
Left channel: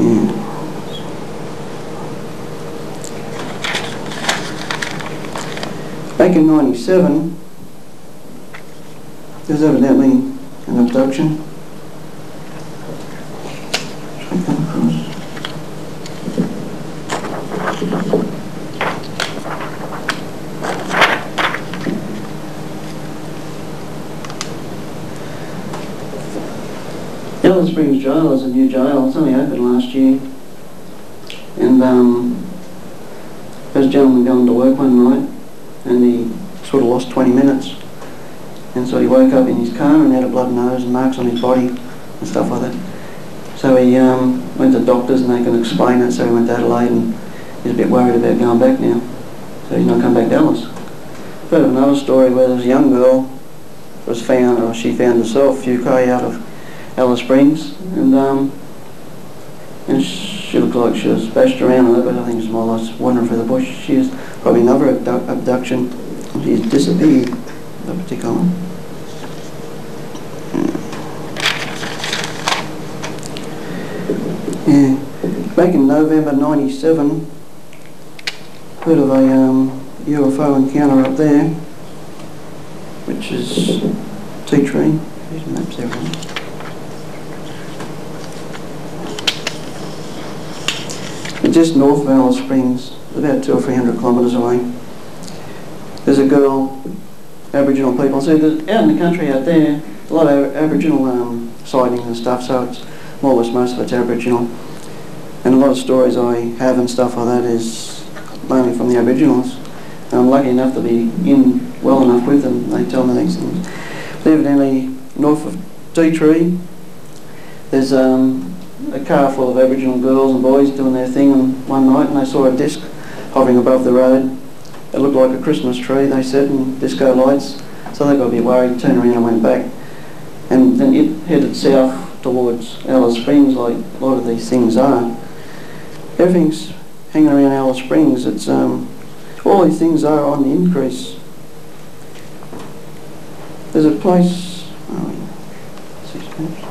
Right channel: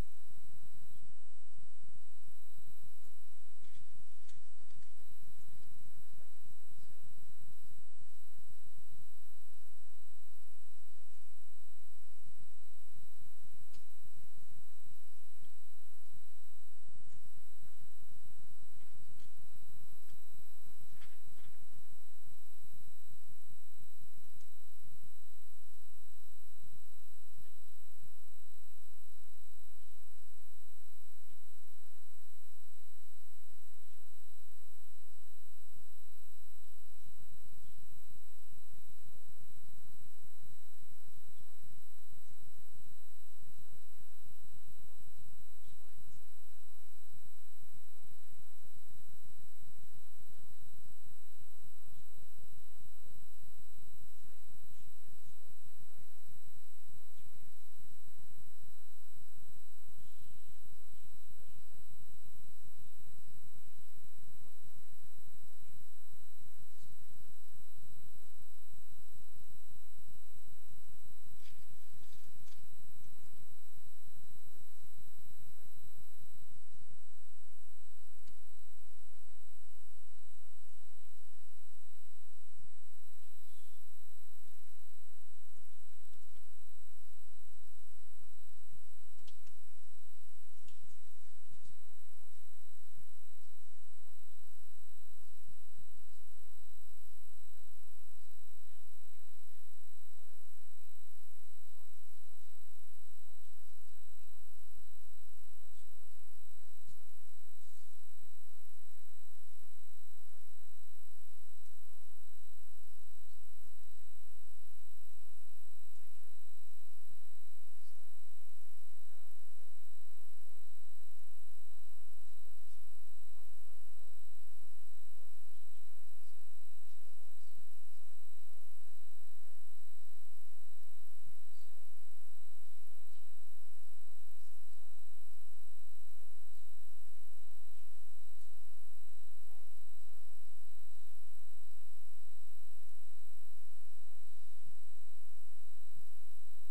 Yeah. Back in '97, there's evidently an abduction. Should I come across? Alice Springs Jail is a new jail. It's only opened last year. And there's a gentleman going to work one night, and he sort of lost 20 minutes. And so he woke up in his car and had a blood nose and marks on his body and stuff like that. So he went to doctors and they can explain it, so he went to Adelaide and he's a bit worried about going back now. So he's not come back to Alice. I've heard of another story where there's a young girl was found, or she found herself a few km out of Alice Springs, and she looked like she was bashed around a little bit. I think it's more or less wandering through the bush. She was probably another abduction. She's disappeared, that particular one. Yeah. Back in November '97, heard of a UFO encounter up there, which is Tea Tree. There's maps there. Just north of Alice Springs, about 200 or 300 kilometres away. There's a girl, Aboriginal people. See, out in the country out there, a lot of Aboriginal sightings and stuff, so it's more or less most of it's Aboriginal. And a lot of stories I have and stuff like that is mainly from the Aboriginals. And I'm lucky enough to be in well enough with them, they tell me these things. But evidently, north of Tea Tree, there's a car full of Aboriginal girls and boys doing their thing on one night, and they saw a disc hovering above the road. It looked like a Christmas tree, they said, and disco lights. So they got a bit worried, turned around and went back. And then it headed south towards Alice Springs, like a lot of these things are. Everything's hanging around Alice Springs. It's all these things are on the increase. There's a place. Oh, 6 minutes.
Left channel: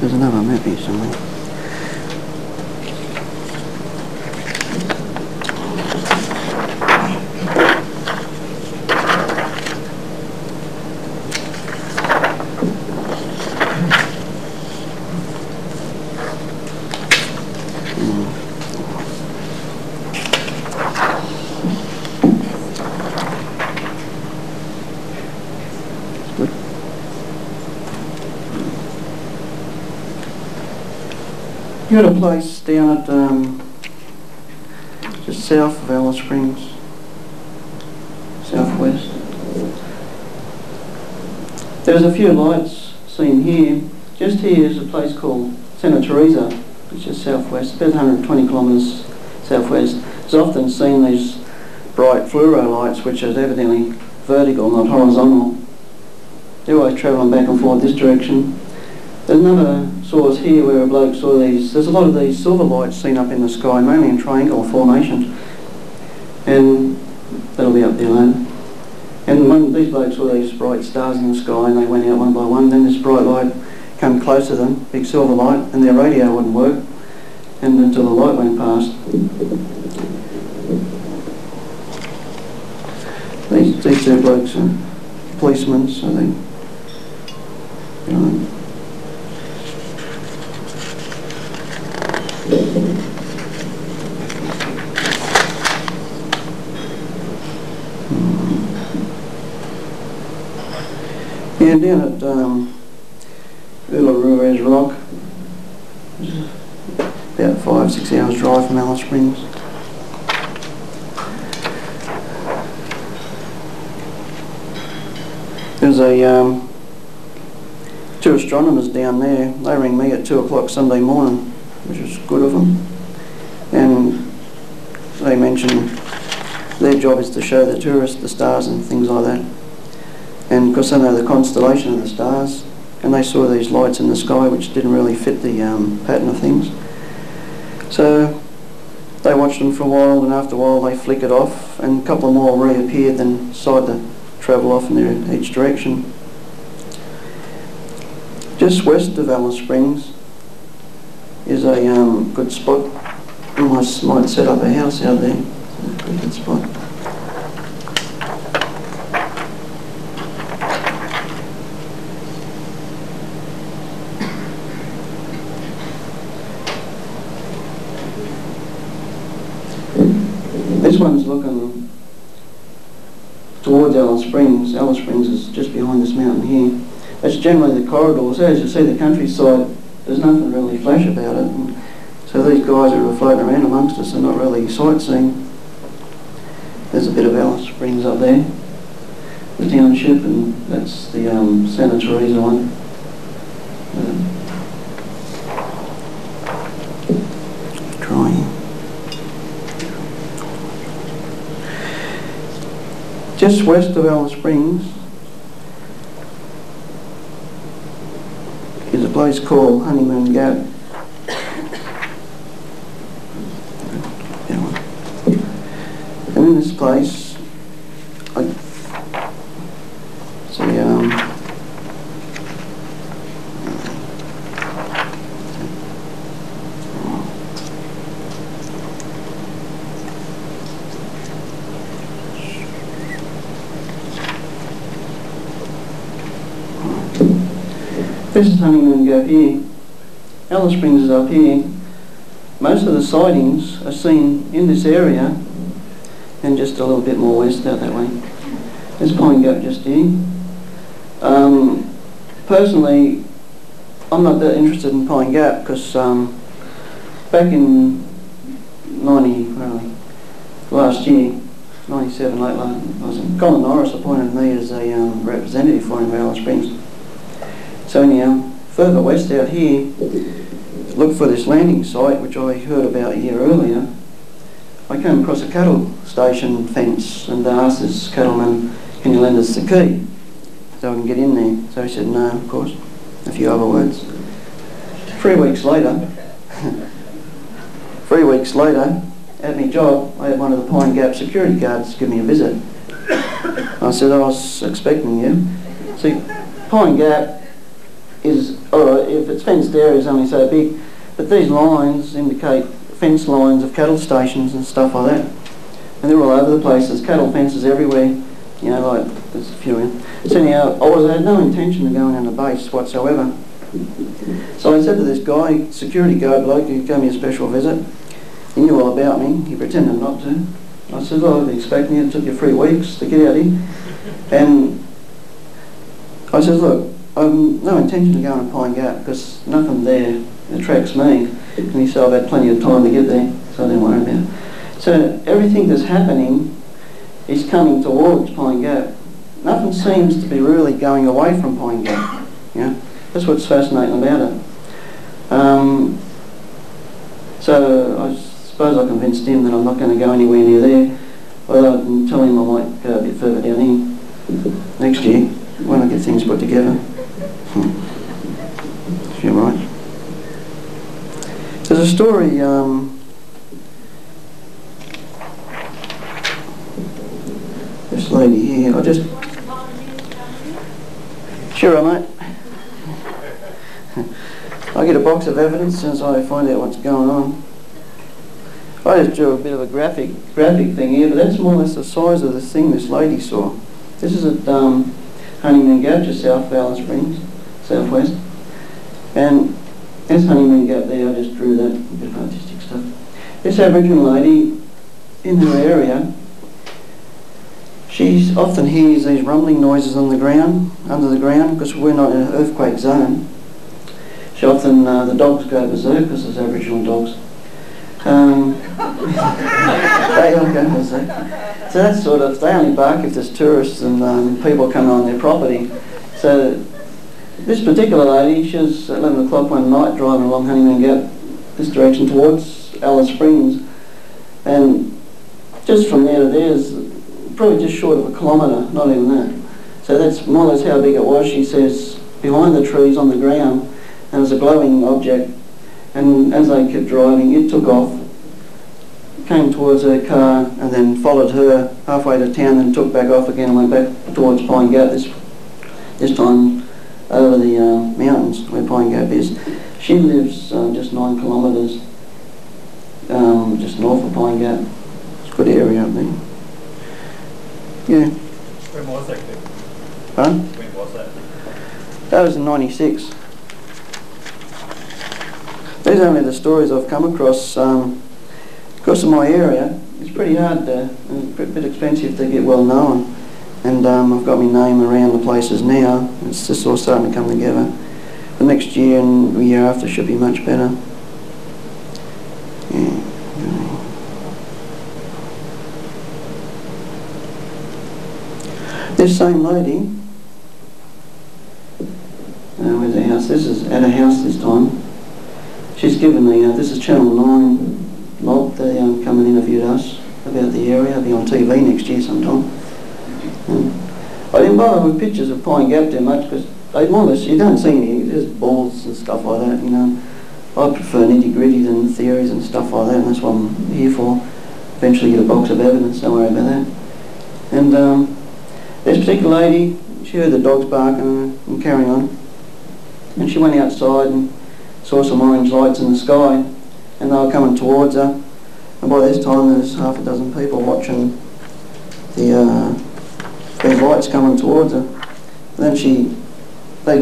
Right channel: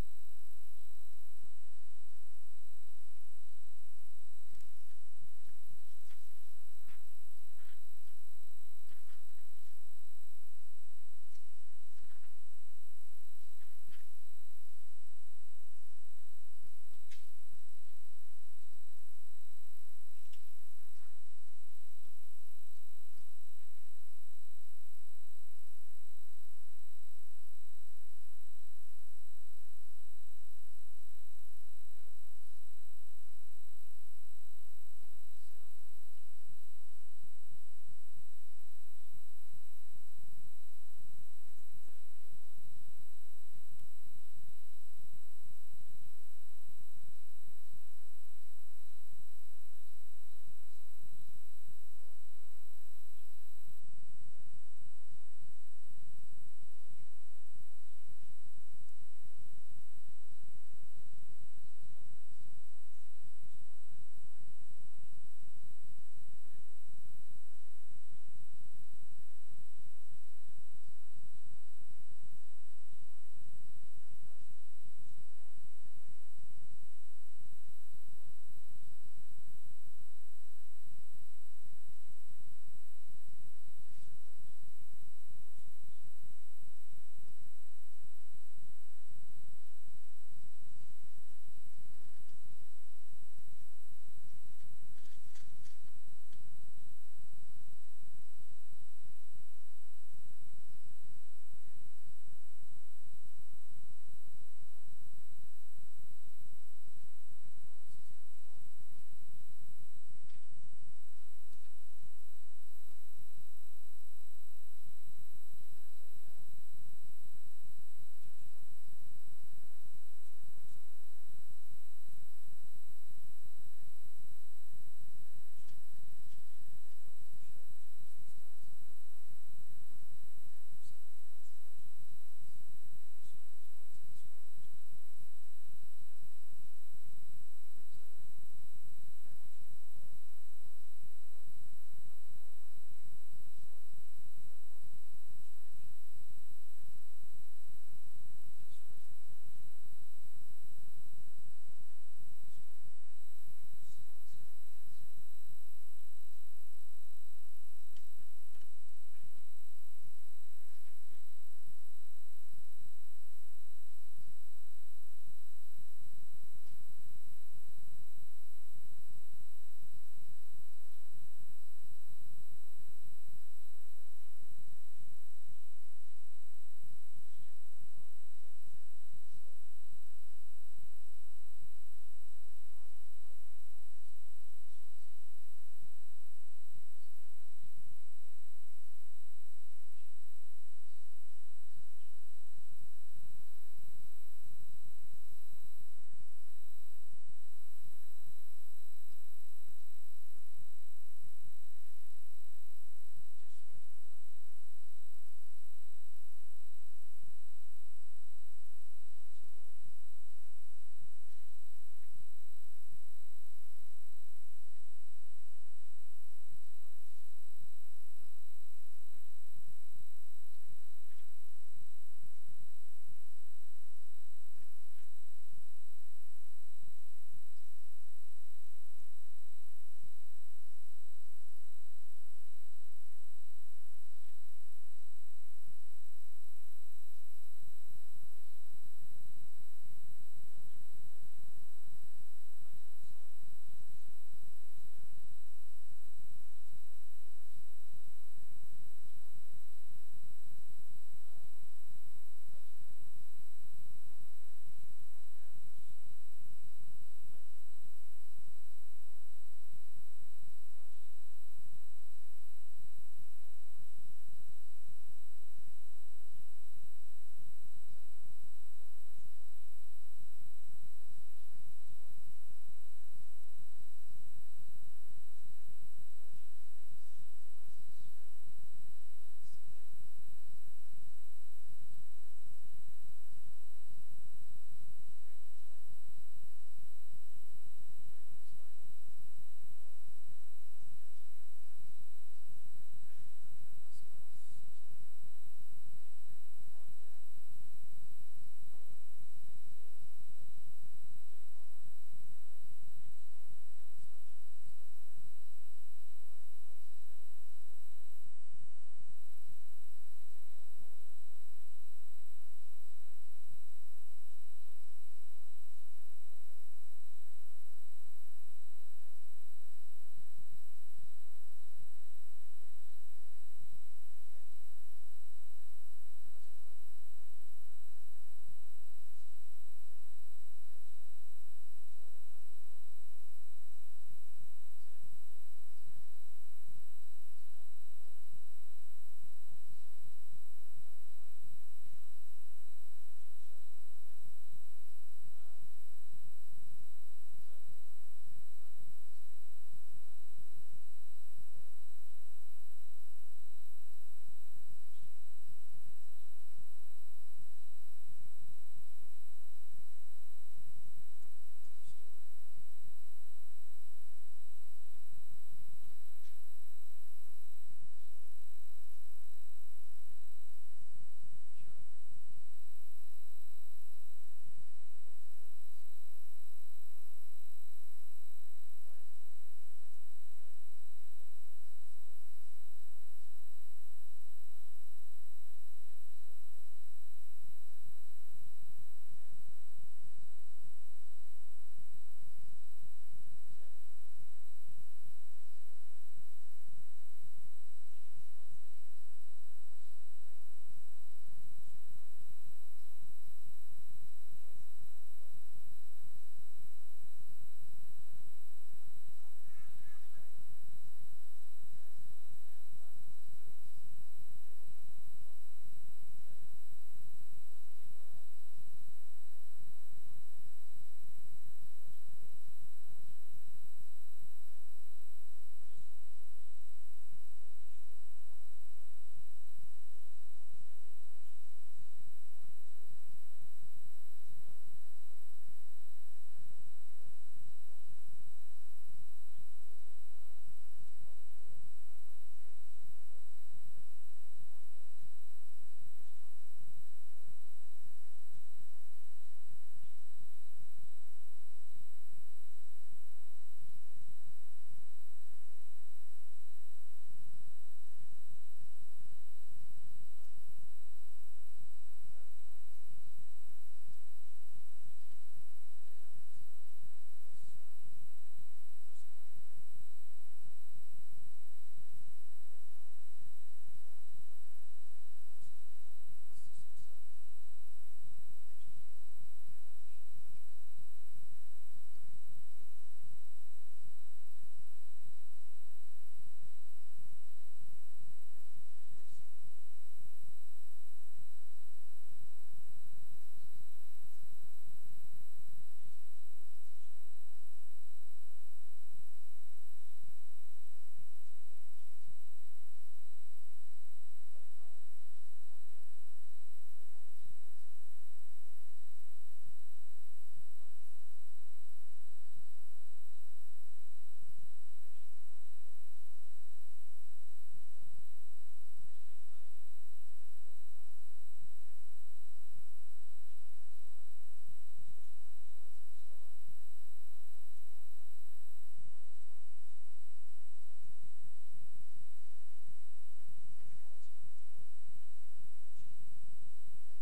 There's another map here somewhere. You've got a place down at just south of Alice Springs, southwest. There's a few lights seen here. Just here is a place called Santa Teresa, which is southwest, about 120 kilometres southwest. It's often seen these bright fluoro lights, which are evidently vertical, not horizontal. They're always travelling back and forth this direction. There's another source here where a bloke saw these. There's a lot of these silver lights seen up in the sky, mainly in triangular formations. And that'll be up there later. And these blokes saw these bright stars in the sky, and they went out one by one. Then this bright light came close to them, big silver light, and their radio wouldn't work, and until the light went past. These two blokes are policemen, so they, yeah, down at Uluru Rock, about 5-6 hours drive from Alice Springs. There's two astronomers down there. They rang me at 2 o'clock Sunday morning, which was good of them. And they mentioned their job is to show the tourists the stars and things like that. And because they know the constellation of the stars, and they saw these lights in the sky which didn't really fit the pattern of things. So they watched them for a while, and after a while they flickered off, and a couple more reappeared, then decided to travel off in each direction. Just west of Alice Springs is a good spot. I might set up a house out there. It's a pretty good spot. This one's looking towards Alice Springs. Alice Springs is just behind this mountain here. That's generally the corridor. So as you see the countryside, there's nothing really flash about it. And so these guys who are floating around amongst us are not really sightseeing. There's a bit of Alice Springs up there, the township, and that's the Santa Teresa one. Trying. Just west of Alice Springs is a place called Honeymoon Gap. And in this place, I see this is Honeymoon Gap here. Alice Springs is up here. Most of the sightings are seen in this area and just a little bit more west out that way. There's Pine Gap just here. Personally, I'm not that interested in Pine Gap because back in last year, 97, late last, Colin Norris appointed me as a representative for him at Alice Springs. So anyhow, further west out here, look for this landing site, which I heard about a year earlier. I came across a cattle station fence and asked this cattleman, can you lend us the key so I can get in there? So he said no, of course, a few other words. 3 weeks later, at my job, I had one of the Pine Gap security guards give me a visit. I said, I was expecting you. See, Pine Gap is, alright, if it's fenced area is only so big, but these lines indicate fence lines of cattle stations and stuff like that. And they're all over the place. There's cattle fences everywhere, you know, like there's a few in. So anyhow, I had no intention of going in the base whatsoever. So I said to this guy, security guard bloke who gave me a special visit, he knew all about me, he pretended not to. I said, well, I've been expecting you, it took you 3 weeks to get out here. And I said, look, I've no intention of going to Pine Gap because nothing there attracts me. And he said I've had plenty of time to get there, so I didn't worry about it. So everything that's happening is coming towards Pine Gap. Nothing seems to be really going away from Pine Gap. Yeah, that's what's fascinating about it. So I suppose I convinced him that I'm not going to go anywhere near there. Although I can tell him I might go a bit further down here next year when I get things put together. If you're right. There's a story. This lady here. I just. Sure, mate. I get a box of evidence as soon as I find out what's going on. I just drew a bit of a graphic thing here, but that's more or less the size of the thing this lady saw. This is at Honeymoon Gap, just south of Alice Springs, southwest. And there's Honeymoon Gap there, I just drew that, a bit of artistic stuff. This Aboriginal lady, in her area, she often hears these rumbling noises on the ground, under the ground, because we're not in an earthquake zone. She often, the dogs go berserk because there's Aboriginal dogs. They all go berserk. So that's sort of, they only bark if there's tourists and people coming on their property. So this particular lady, she was at 11 o'clock one night driving along Honeymoon Gap, this direction towards Alice Springs. And just from there to there is probably just short of a kilometre, not even that. So that's more or less how big it was. She says, behind the trees on the ground, and it was a glowing object. And as they kept driving, it took off, came towards her car, and then followed her halfway to town, and took back off again and went back towards Pine Gap, this time over the mountains where Pine Gap is. She lives just 9 kilometres just north of Pine Gap. It's a good area up there. Yeah. When was that? Pardon? When was that? That was in '96. These are only the stories I've come across. Because of my area, it's pretty hard and a bit expensive to get well known. And I've got my name around the places now. It's just all starting to come together. The next year and the year after should be much better. Yeah. This same lady, where's the house? This is at a house this time. She's given me, this is Channel 9 mob, they come and interviewed us about the area. I'll be on TV next year sometime. I didn't bother with pictures of Pine Gap too much because they more or less, you don't see any, there's balls and stuff like that, you know. I prefer nitty-gritty than theories and stuff like that, and that's what I'm here for. Eventually get a box of evidence, don't worry about that. And this particular lady, she heard the dogs barking and carrying on. And she went outside and saw some orange lights in the sky, and they were coming towards her. And by this time there's half a dozen people watching these lights coming towards her. And then they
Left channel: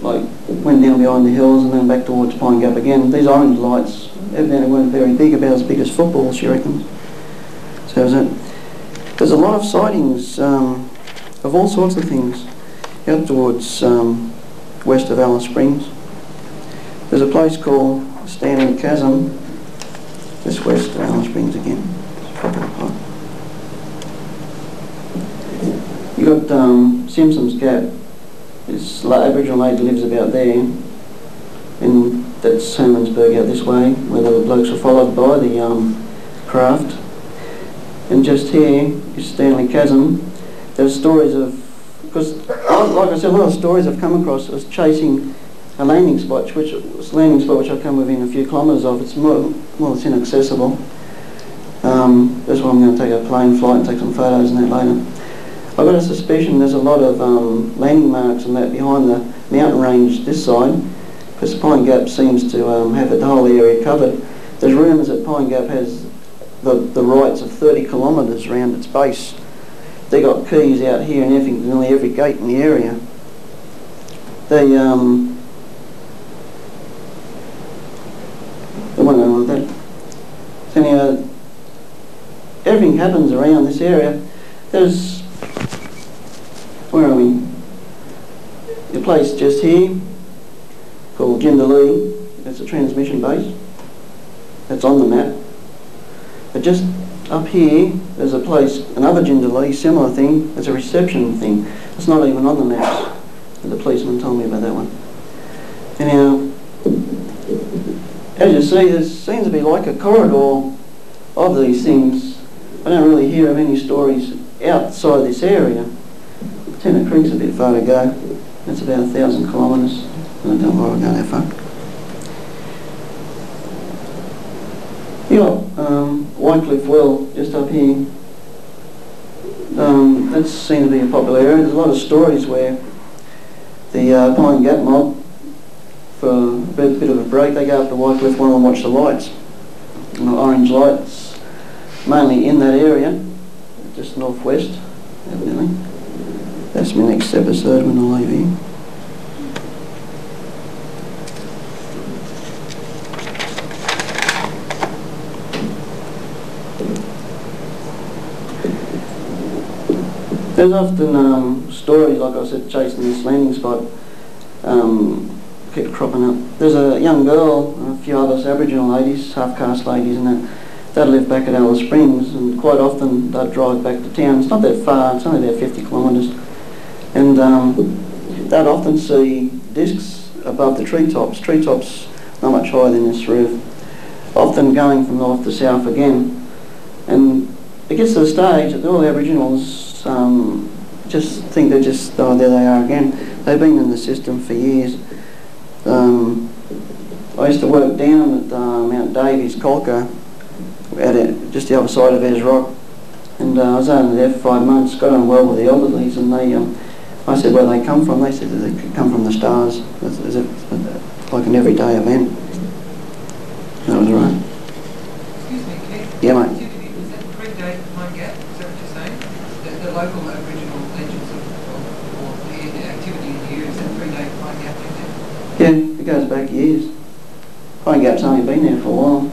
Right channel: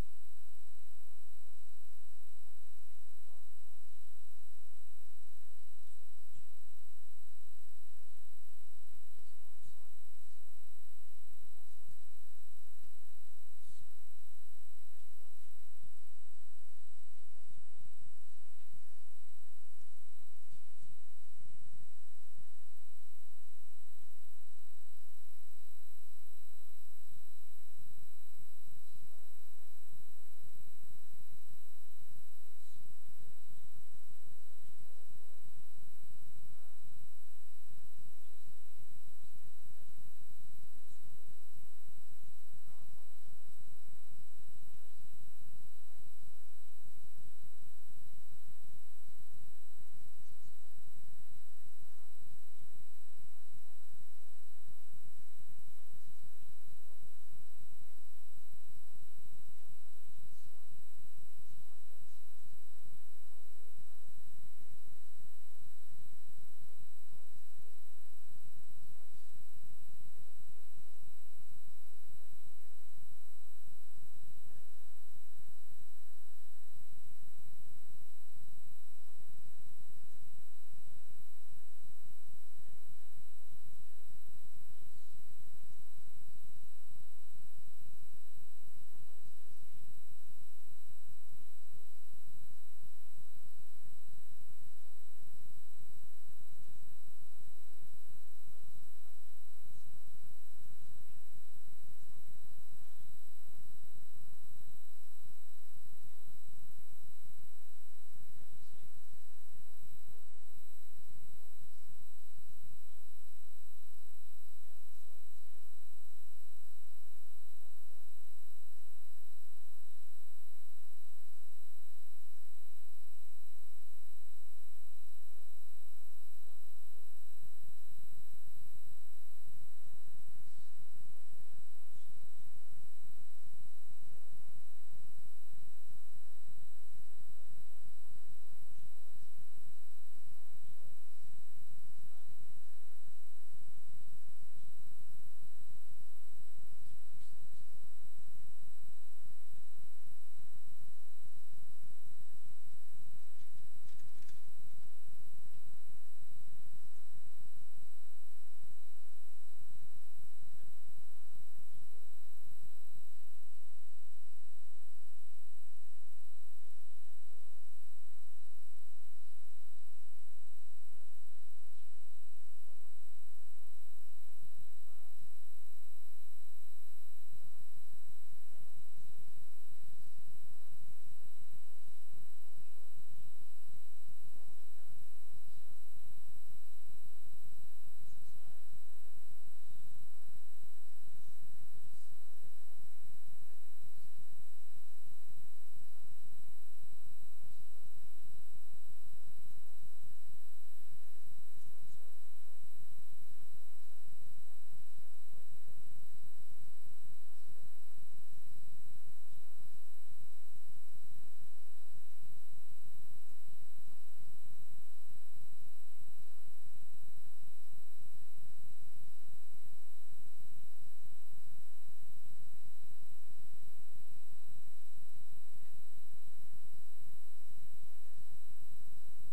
went down behind the hills and then back towards Pine Gap again. These orange lights evidently weren't very big, about as big as footballs, she reckons. So there's a lot of sightings of all sorts of things out towards west of Alice Springs. There's a place called Standing Chasm, just west of Alice Springs again. You got Simpson's Gap. This Aboriginal lady lives about there, and that's Hermansburg out this way, where the blokes were followed by the craft. And just here is Stanley Chasm. There's stories of, because like I said, a lot of stories I've come across was chasing a landing spot, which I've come within a few kilometres of. It's more or less inaccessible. That's why I'm going to take a plane flight and take some photos and that later. I've got a suspicion there's a lot of landing marks and that behind the mountain range this side, because Pine Gap seems to have the whole area covered. There's rumours that Pine Gap has the rights of 30 kilometres around its base. They got keys out here and everything, nearly every gate in the area. They won't know like that. So anyhow, everything happens around this area. There's, where are we? A place just here called Jindalee. it's a transmission base. It's on the map. But just up here, there's a place, another Jindalee, similar thing. It's a reception thing. It's not even on the maps. The policeman told me about that one. Anyhow, as you see, there seems to be like a corridor of these things. I don't really hear of any stories outside this area. Tennant Creek's a bit far to go. That's about 1,000 kilometres. I don't know why we're going that far. You got Wycliffe Well just up here. That seems to be a popular area. There's a lot of stories where the Pine Gap mob, for a bit of a break, they go up to Wycliffe Well and watch the lights. And the orange lights, mainly in that area, just northwest, evidently. That's my next episode when I leave here. There's often stories, like I said, chasing this landing spot, keep cropping up. There's a young girl, a few other Aboriginal ladies, half-caste ladies and that live back at Alice Springs, and quite often they'd drive back to town. It's not that far, it's only about 50 kilometres. And they'd often see discs above the treetops. Treetops not much higher than this roof, often going from north to south again. And it gets to the stage that all the Aboriginals just think they're just, oh, there they are again. They've been in the system for years. I used to work down at Mount Davies, Colca, just the other side of Ayers Rock, and I was only there for 5 months, got on well with the elderlies, and I said where they come from. They said that they could come from the stars. Is it like an everyday event? That was right. Excuse me, Keith. Yeah, mate. Does that predate Pine Gap? Is that what you're saying? The local Aboriginal legends or the activity in the area, does that predate Pine Gap? Yeah, it goes back years. Pine Gap's only been there for a while,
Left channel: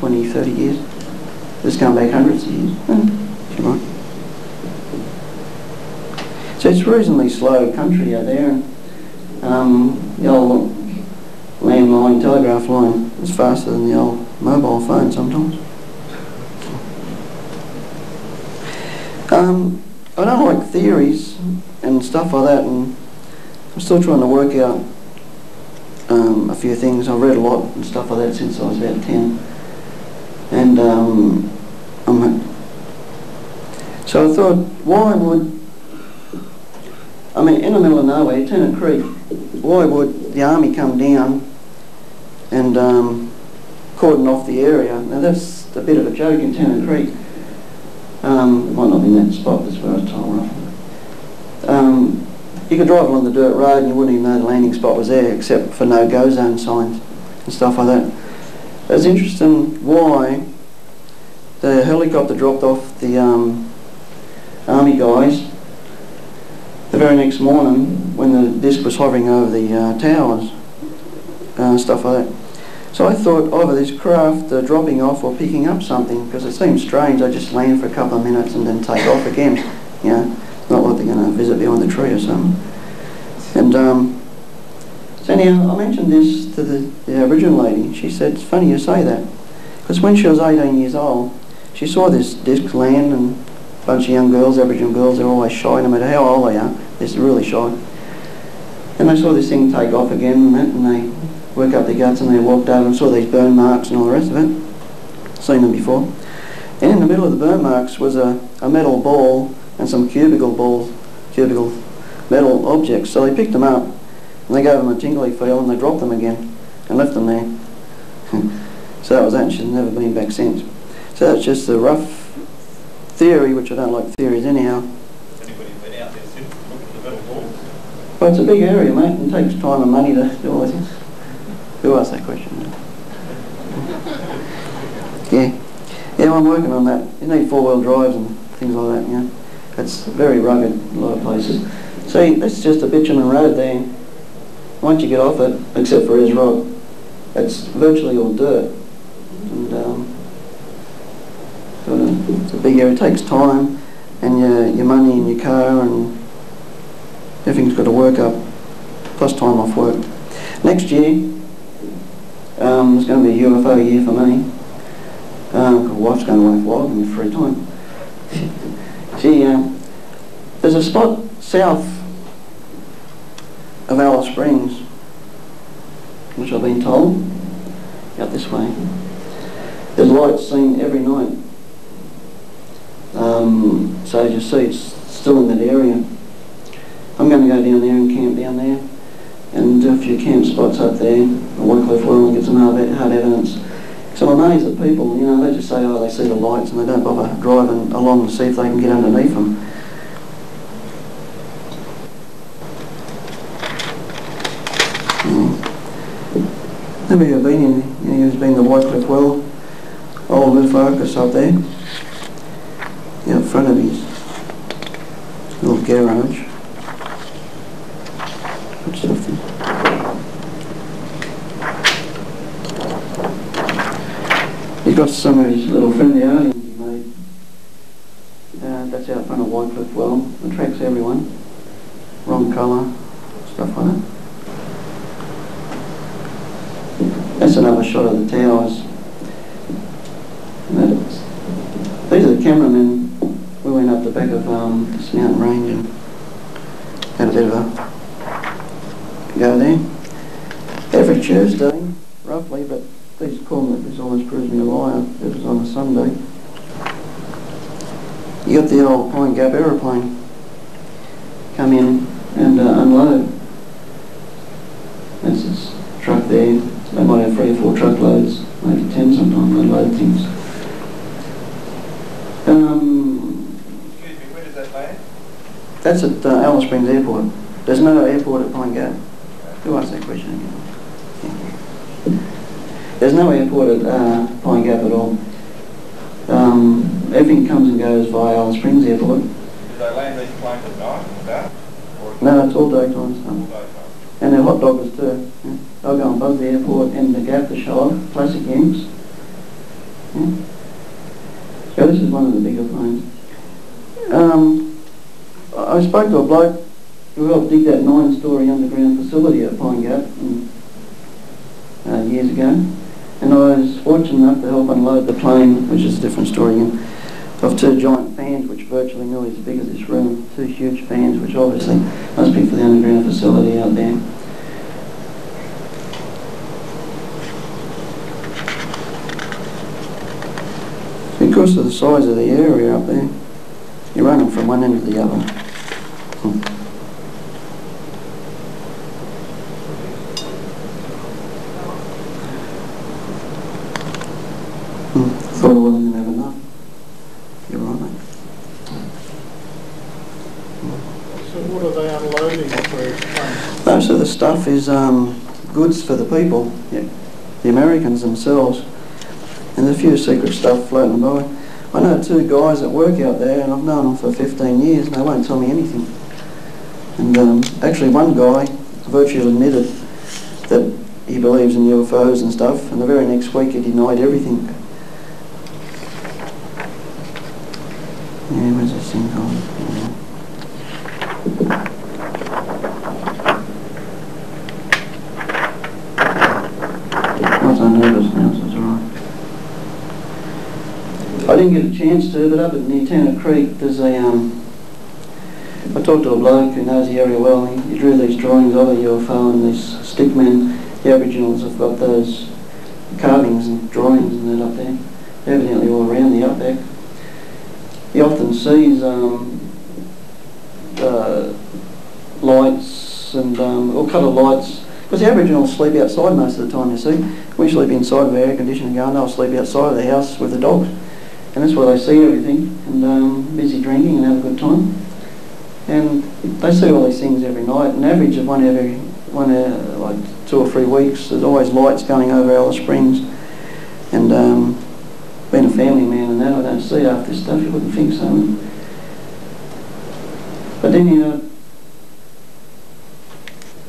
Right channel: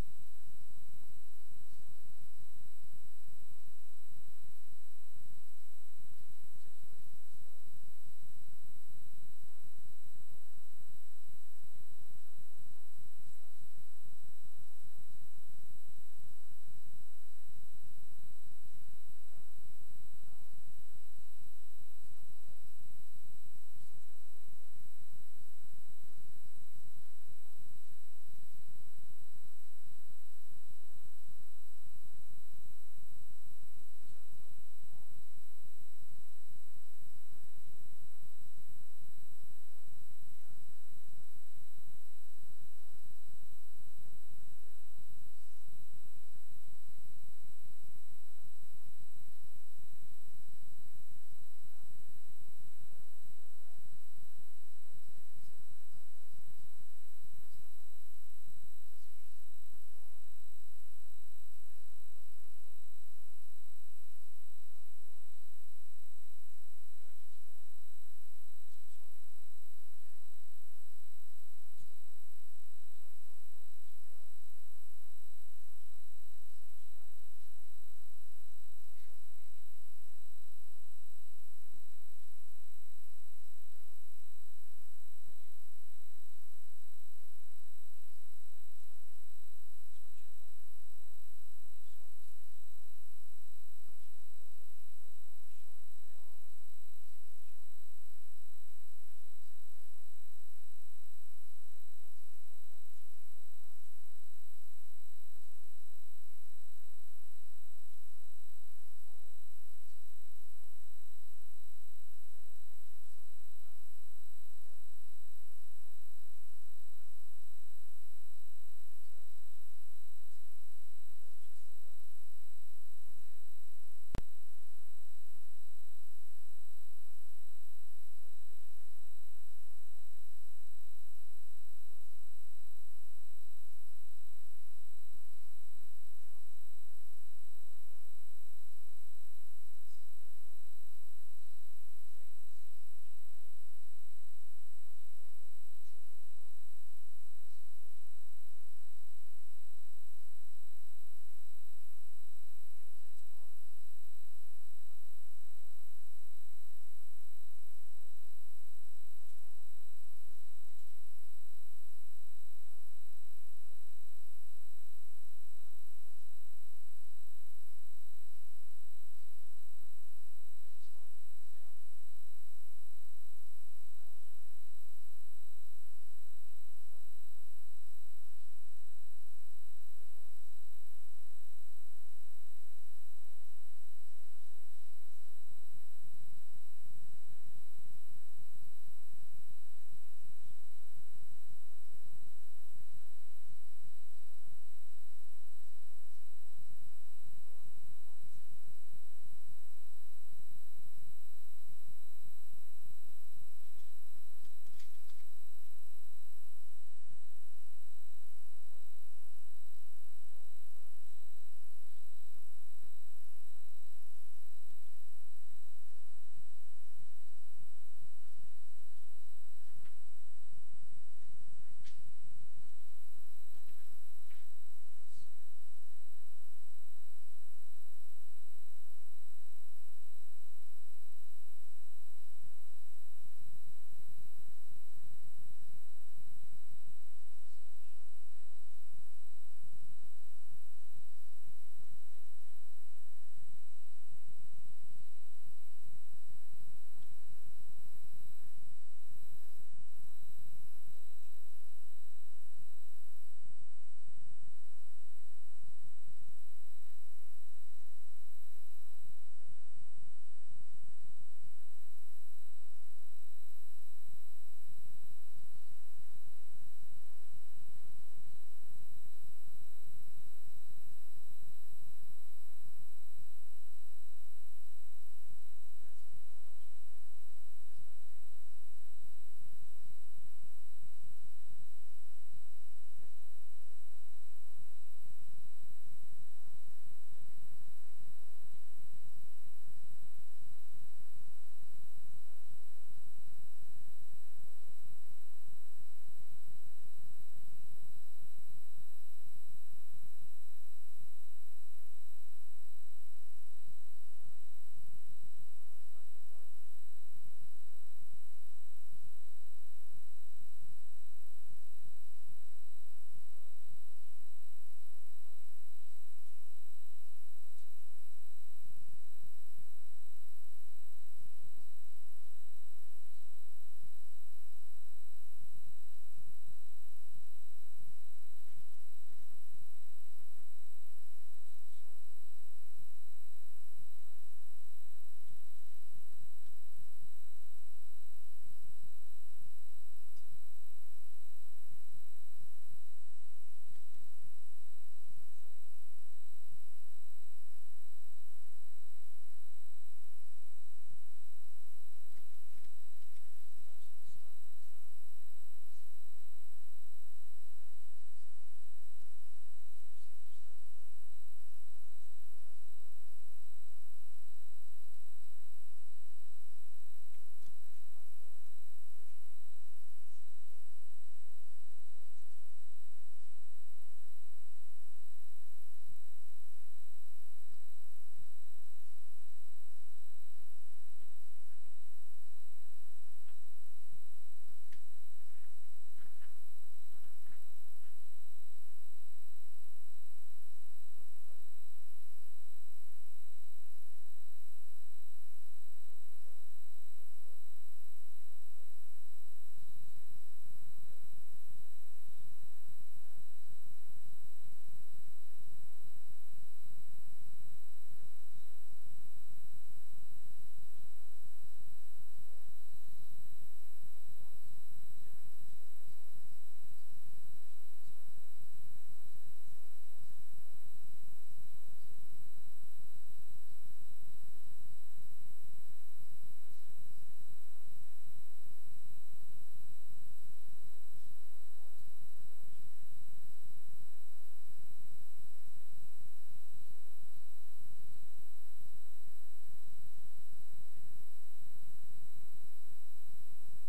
20, 30 years. It's going back hundreds of years. You're right. So it's reasonably slow country out there. The old landline telegraph line is faster than the old mobile phone sometimes. I don't like theories and stuff like that, and I'm still trying to work out a few things. I've read a lot and stuff like that since I was about 10. And so I thought, why would, I mean, in the middle of nowhere, Tennant Creek, why would the army come down and cordon off the area? Now that's a bit of a joke in Tennant Creek. It might not be in that spot, that's where I was told roughly. You could drive along the dirt road and you wouldn't even know the landing spot was there, except for no-go zone signs and stuff like that. It's interesting why the helicopter dropped off the army guys the very next morning when the disc was hovering over the towers, stuff like that. So I thought either this craft dropping off or picking up something, because it seems strange they just land for a couple of minutes and then take off again. You know, not like they're going to visit behind the tree or something. And so anyhow, I mentioned this to the Aboriginal lady. She said, it's funny you say that, because when she was 18 years old, she saw this disc land, and a bunch of young girls, Aboriginal girls, they're always shy, no matter how old they are, they're really shy. And they saw this thing take off again and they work up their guts and they walked over and saw these burn marks and all the rest of it. Seen them before. And in the middle of the burn marks was a metal ball and some cubical metal objects. So they picked them up and they gave them a tingly feel and they dropped them again and left them there. So that was that, and she's never been back since. So that's just a rough theory, which I don't like theories anyhow. Has anybody been out there since looking at the metal balls? Well, it's a big area, mate, and it takes time and money to do all this. Who asked that question? Yeah, I'm working on that. You need four-wheel drives and things like that, you know. It's very rugged in a lot of places. See, that's just a bitumen road there. Once you get off it, except for Ayers Rock, it's virtually all dirt. And it's a big area. It takes time and your money and your car, and everything's got to work up, plus time off work. Next year, It's going to be a UFO year for me. My wife's going away for a while in my free time. There's a spot south of Alice Springs, which I've been told, out this way. There's lights seen every night. So as you see, it's still in that area. I'm going to go down there and camp down there and do a few camp spots up there at Wycliffe Well and get some hard evidence. So I'm amazed at people, you know, they just say, oh, they see the lights and they don't bother driving along to see if they can get underneath them. Have you ever been in, you've been to Wycliffe Well, old roof focus up there, out front of his little garage. Good stuff there. He's got some of his little friendly aliens he made. That's out front of Wycliffe Well. Attracts everyone. Wrong colour, stuff like that. That's another shot of the towers. These are the cameramen. We went up the back of this mountain range and had a bit of a go there. Every Tuesday, roughly, but please call me if this always proves me a liar. It was on a Sunday. You got the old Pine Gap aeroplane come in and unload. That's this truck there. They might have 3 or 4 truckloads, maybe 10 sometimes, they load things. Excuse me, where does that land? That's at Alice Springs Airport. There's no airport at Pine Gap. Who asked that question again? There's no airport at Pine Gap at all. Everything comes and goes via Alice Springs Airport. Do they land these planes at night, dark? No, it's all daytime stuff. All daytime. And they're hot doggers too. Yeah. They'll go and buzz the airport and the Gap to show off. Classic Yanks. Yeah. So this is one of the bigger planes. I spoke to a bloke who helped dig that 9-storey underground facility at Pine Gap years ago. And I was fortunate enough to help unload the plane, which is a different story again, of 2 giant fans which virtually nearly as big as this room. 2 huge fans which obviously must be for the underground facility out there. Because of the size of the area up there, you're running from one end to the other. Thought I wasn't going to have enough. You're right, mate. So what are they unloading for these planes? Most of the stuff is goods for the people, yeah, the Americans themselves. And there's a few secret stuff floating by. I know 2 guys that work out there, and I've known them for 15 years, and they won't tell me anything. And actually one guy virtually admitted that he believes in UFOs and stuff, and the very next week he denied everything. Yeah, where's this thing gone? I was unnervous now, so it's alright. I didn't get a chance to, but up at near Tanner Creek there's a, I talked to a bloke who knows the area well, and he drew these drawings of a UFO, and these stickmen, the Aboriginals have got those carvings and drawings and that up there, evidently all around the outback. He often sees lights and all colour lights, because the Aboriginals sleep outside most of the time, you see. We sleep inside with air conditioning going, they'll sleep outside of the house with the dogs. And that's where they see everything, and busy drinking and have a good time. And they see all these things every night. An average of one every like 2 or 3 weeks, there's always lights going over Alice Springs. And being a family man and that, I don't see half this stuff, you wouldn't think so. But then you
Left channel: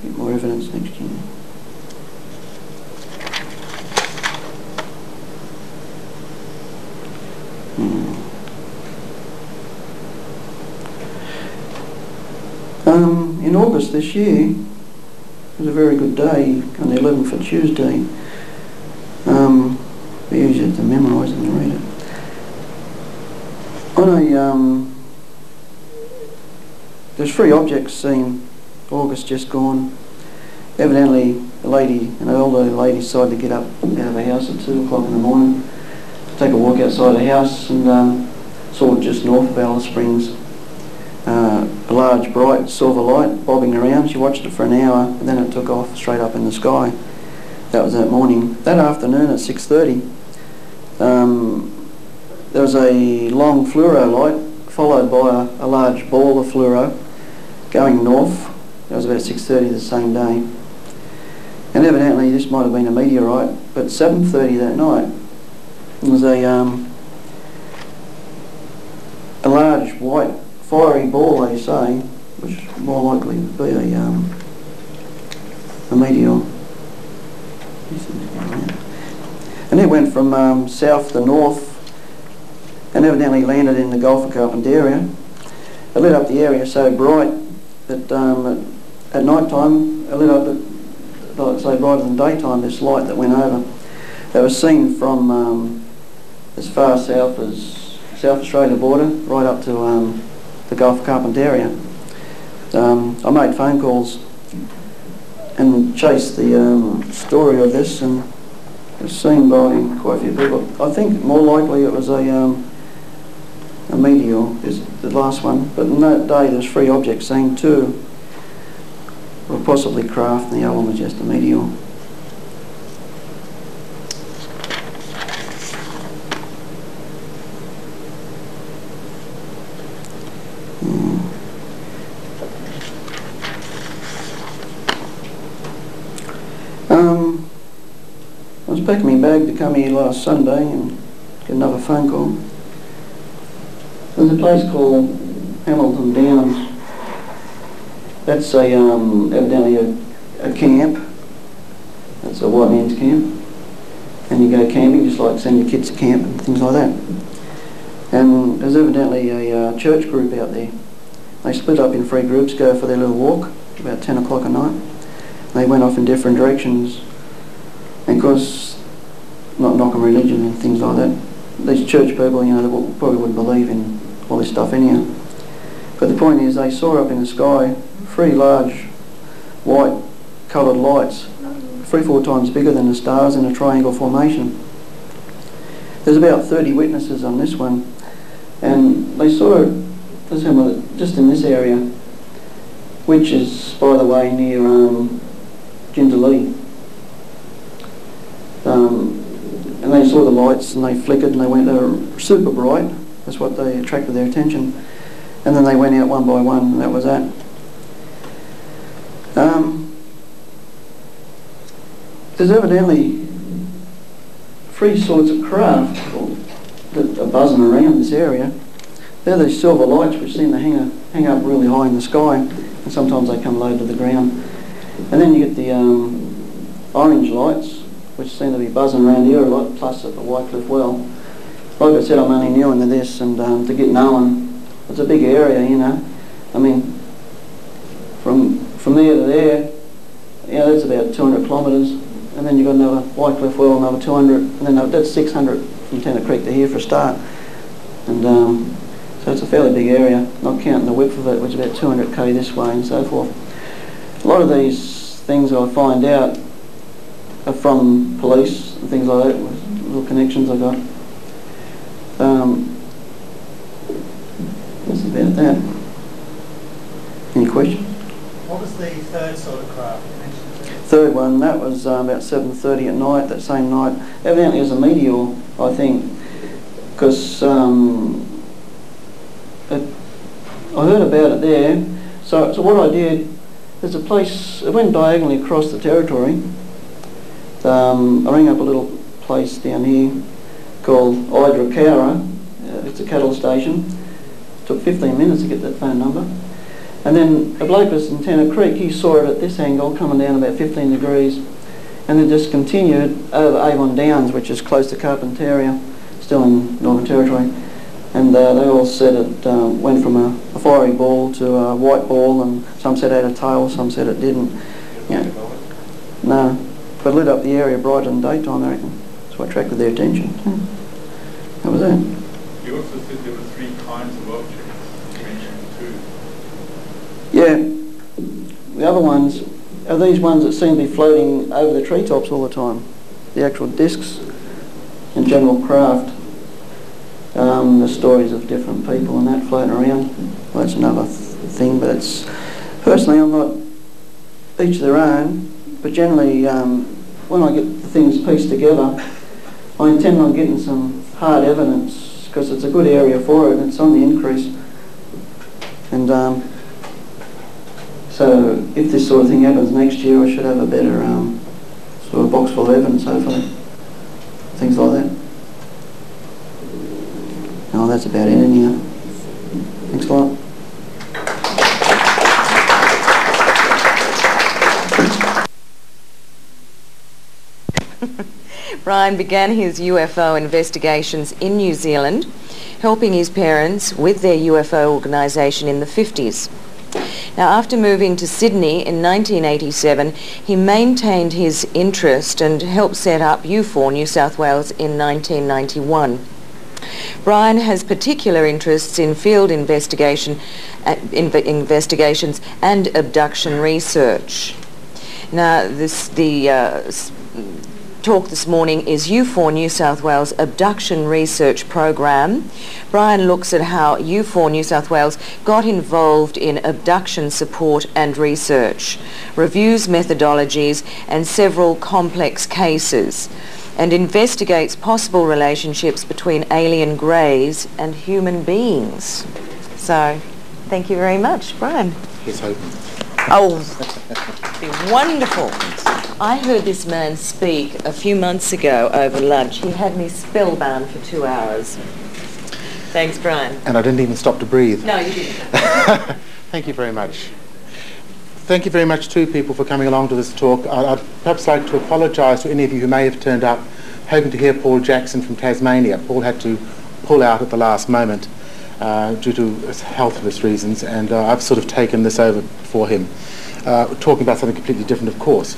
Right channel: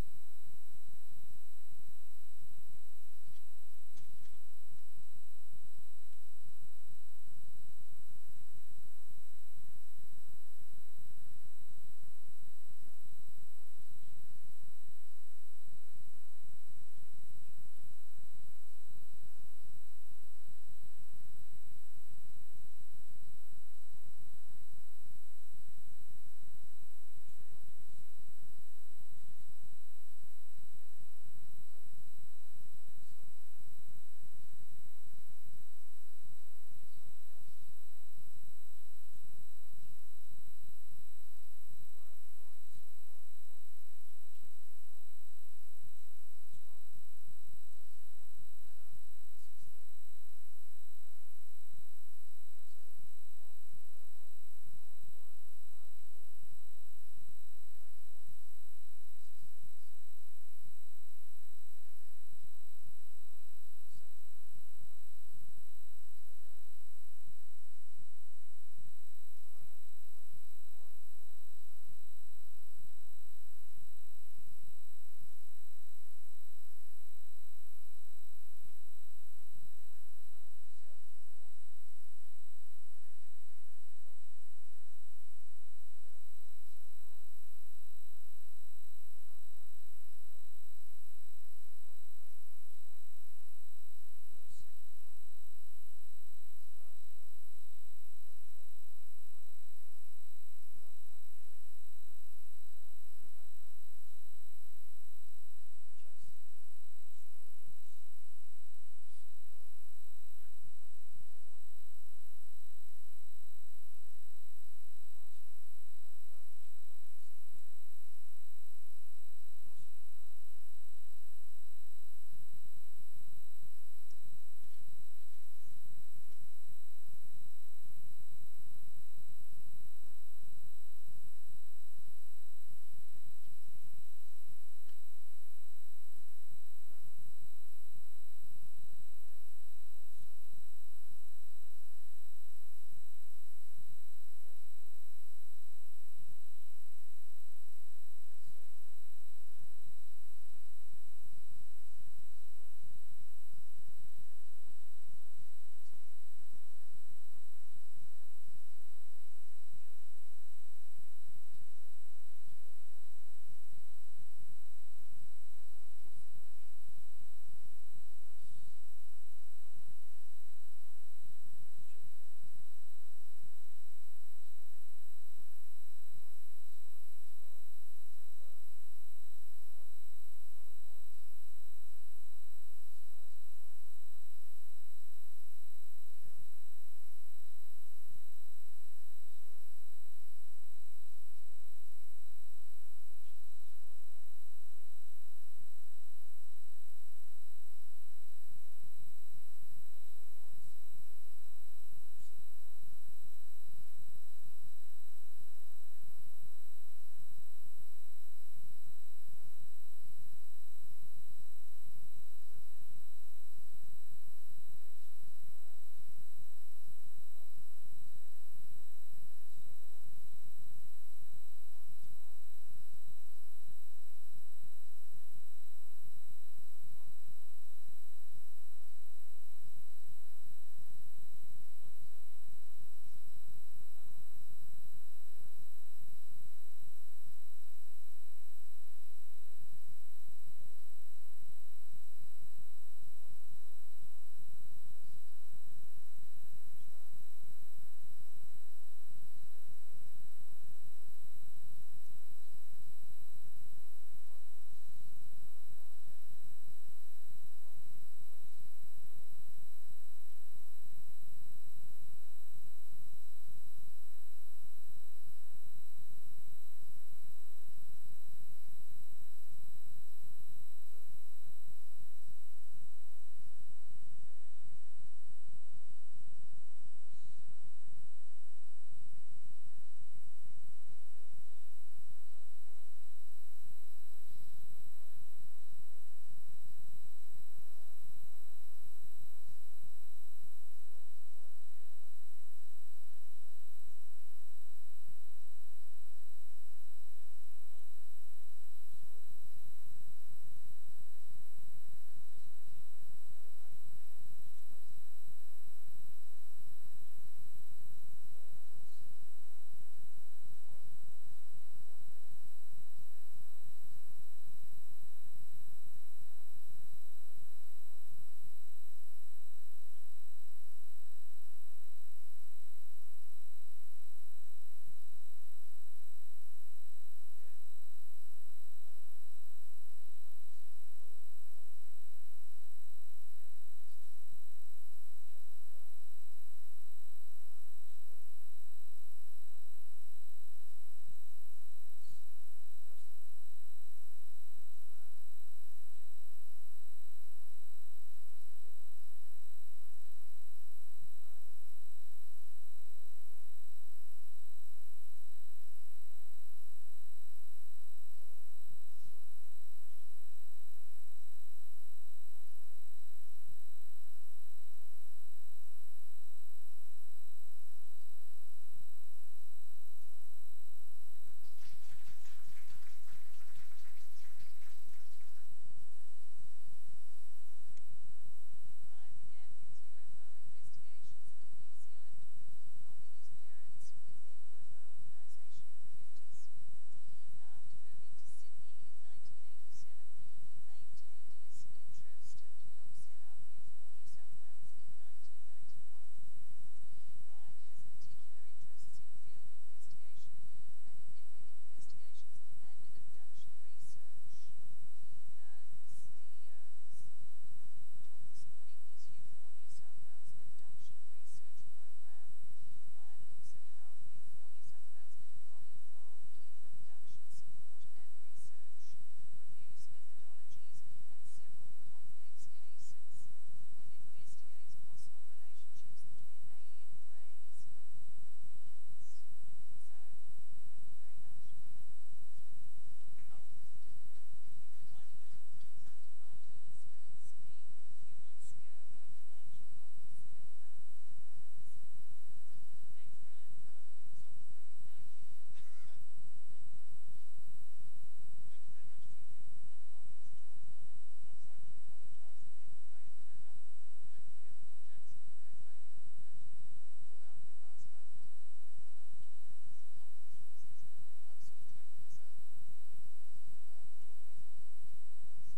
get more evidence next year. In August this year, it was a very good day, on the 11th for Tuesday, there's 3 objects seen August just gone. Evidently, a lady, an elderly lady, decided to get up out of her house at 2 o'clock in the morning, take a walk outside her house, and saw just north of Alice Springs a large bright silver light bobbing around. She watched it for an hour, and then it took off straight up in the sky. That was that morning. That afternoon at 6:30, there was a long fluoro light followed by a large ball of fluoro going north. That was about 6:30 the same day. And evidently this might have been a meteorite, but 7:30 that night there was a large white fiery ball, they say, which more likely would be a meteor. And it went from south to north and evidently landed in the Gulf of Carpentaria. It lit up the area so bright that at night time it lit up, like I say, brighter than daytime, this light that went over. That was seen from as far south as South Australia border, right up to the Gulf of Carpentaria. I made phone calls and chased the story of this, and it was seen by quite a few people. I think more likely it was a meteor, is the last one, but in that day there's 3 objects seen. 2 were possibly craft and the other one was just a meteor. I was packing my bag to come here last Sunday and get another phone call. There's a place called Hamilton Downs. That's evidently a camp. That's a white man's camp. And you go camping, just like send your kids to camp and things like that. And there's evidently a church group out there. They split up in 3 groups, go for their little walk about 10 o'clock at night. They went off in different directions. And of course, not knocking religion and things like that, these church people, you know, they probably wouldn't believe in all this stuff anyhow. But the point is, they saw up in the sky 3 large white coloured lights, 3-4 times bigger than the stars in a triangle formation. There's about 30 witnesses on this one, and they saw it just in this area, which is, by the way, near Jindalee. And they saw the lights and they flickered and they were super bright. That's what they attracted their attention. And then they went out one by one, and that was that. There's evidently 3 sorts of craft that are buzzing around this area. They're these silver lights which seem to hang up really high in the sky, and sometimes they come low to the ground. And then you get the orange lights, which seem to be buzzing around here a lot, plus at the Whitecliff Well. Like I said, I'm only new into this, and to get knowing, it's a big area, you know. I mean, from there to there, yeah, that's about 200 kilometres, and then you've got another Whitecliff Well, another 200, and then that's 600 from Tennant Creek to here for a start. And so it's a fairly big area, not counting the width of it, which is about 200k this way and so forth. A lot of these things I find out are from police and things like that, with little connections I got. That's about that. Any questions? What was the 3rd sort of craft you mentioned? 3rd one, that was about 7:30 at night, that same night. Evidently it was a meteor, I think, because I heard about it there. So what I did, there's a place, it went diagonally across the territory. I rang up a little place down here called Idra. It's a cattle station. It took 15 minutes to get that phone number. And then a bloke was in Tennant Creek, he saw it at this angle coming down about 15 degrees, and then just continued over Avon Downs, which is close to Carpentaria, still in Northern Territory. And they all said it went from a fiery ball to a white ball, and some said it had a tail, some said it didn't. Yeah. No, but lit up the area brighter than daytime, I reckon. That's what attracted their attention. That was it. You also said there were 3 kinds of objects. You mentioned 2. Yeah. The other ones are these ones that seem to be floating over the treetops all the time. The actual discs and general craft. The stories of different people and that floating around. Well, that's another thing, but it's... Personally, I'm not each their own, but generally when I get the things pieced together, I intend on getting some hard evidence because it's a good area for it and it's on the increase. And so if this sort of thing happens next year, I should have a better sort of box full of evidence, hopefully. Things like that. No, that's about it in here. Thanks a lot. Brian began his UFO investigations in New Zealand, helping his parents with their UFO organisation in the 50s. Now, after moving to Sydney in 1987, he maintained his interest and helped set up UFO New South Wales in 1991. Brian has particular interests in field investigations and abduction research. Now, the talk this morning is UFO New South Wales Abduction Research Program. Brian looks at how UFO New South Wales got involved in abduction support and research, reviews methodologies and several complex cases, and investigates possible relationships between alien greys and human beings. So, thank you very much, Brian. Here's hoping. Oh, it'd be wonderful. I heard this man speak a few months ago over lunch. He had me spellbound for 2 hours. Thanks, Brian. And I didn't even stop to breathe. No, you didn't. Thank you very much. Thank you very much too, people, for coming along to this talk. I'd perhaps like to apologise to any of you who may have turned up hoping to hear Paul Jackson from Tasmania. Paul had to pull out at the last moment due to health reasons, and I've sort of taken this over for him, talking about something completely different, of course.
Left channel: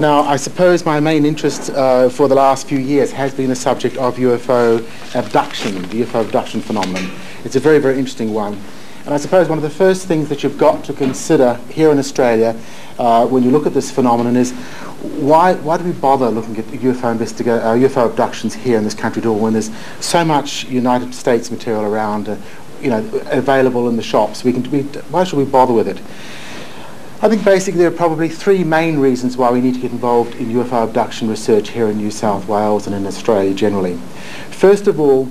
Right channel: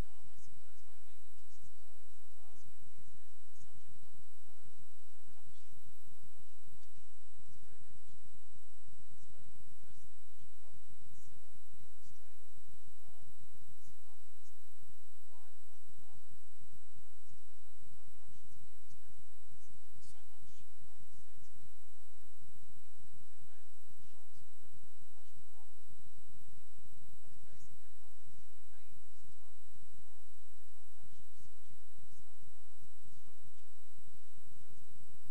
Now, I suppose my main interest for the last few years has been the subject of UFO abduction, the UFO abduction phenomenon. It's a very, very interesting one. And I suppose one of the first things that you've got to consider here in Australia when you look at this phenomenon is why do we bother looking at UFO abductions here in this country at all when there's so much United States material around, available in the shops? Why should we bother with it? I think basically there are probably 3 main reasons why we need to get involved in UFO abduction research here in New South Wales and in Australia generally. First of all,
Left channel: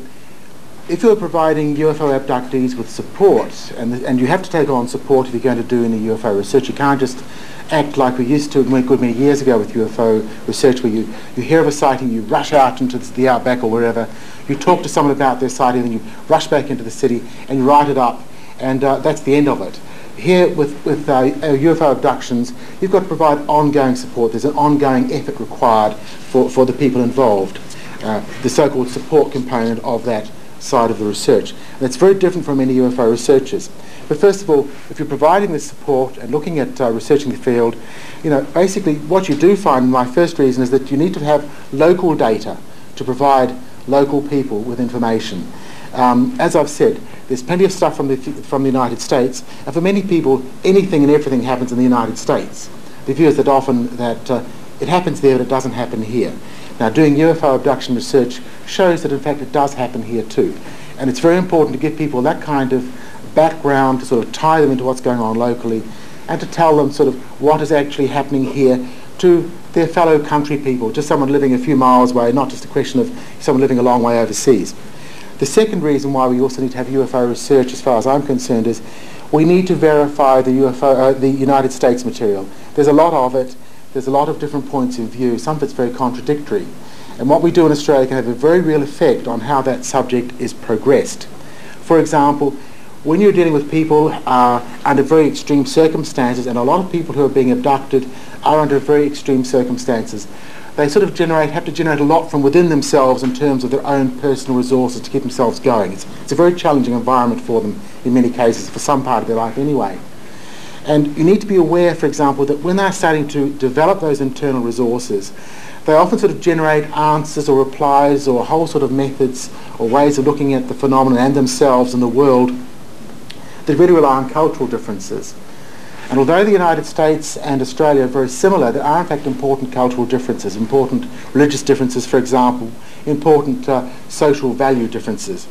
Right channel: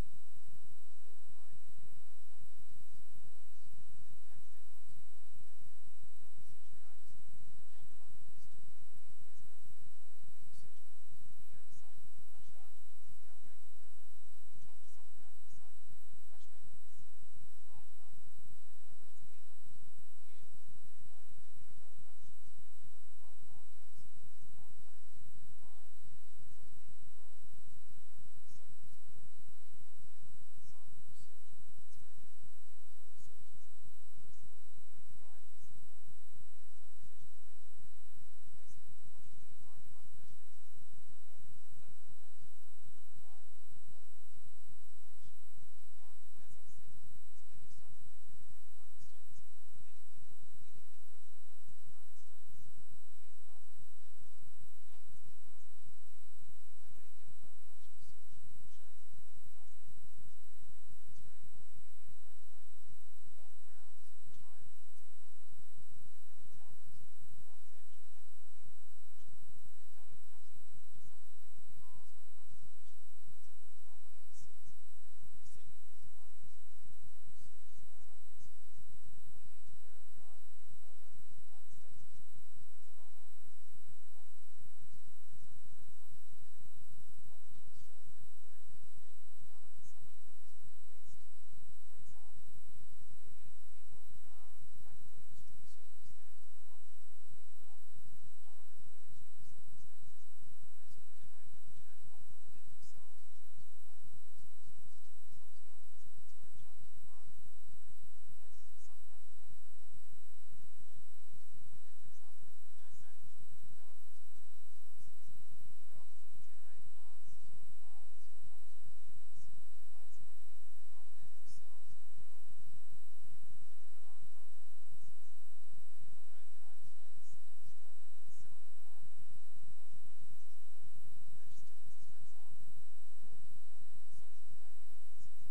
if you're providing UFO abductees with support, and you have to take on support if you're going to do any UFO research, you can't just act like we used to a good many years ago with UFO research, where you hear of a sighting, you rush out into the outback or wherever, you talk to someone about their sighting, then you rush back into the city and you write it up, and that's the end of it. Here with UFO abductions, you've got to provide ongoing support. There's an ongoing effort required for the people involved, the so-called support component of that side of the research. And it's very different from many UFO researchers. But first of all, if you're providing this support and looking at researching the field, basically what you do find, my first reason, is that you need to have local data to provide local people with information. As I've said, there's plenty of stuff from the United States, and for many people, anything and everything happens in the United States. The view is that often that it happens there, but it doesn't happen here. Now, doing UFO abduction research shows that, in fact, it does happen here too. And it's very important to give people that kind of background to sort of tie them into what's going on locally and to tell them sort of what is actually happening here to their fellow country people, just someone living a few miles away, not just a question of someone living a long way overseas. The second reason why we also need to have UFO research, as far as I'm concerned, is we need to verify the United States material. There's a lot of it. There's a lot of different points of view. Some of it's very contradictory. And what we do in Australia can have a very real effect on how that subject is progressed. For example, when you're dealing with people under very extreme circumstances, and a lot of people who are being abducted are under very extreme circumstances, they sort of have to generate a lot from within themselves in terms of their own personal resources to keep themselves going. It's a very challenging environment for them in many cases, for some part of their life anyway. And you need to be aware, for example, that when they're starting to develop those internal resources, They often sort of generate answers or replies or whole sort of methods or ways of looking at the phenomenon and themselves and the world that really rely on cultural differences. And although the United States and Australia are very similar, there are in fact important cultural differences, important religious differences, for example, important social value differences.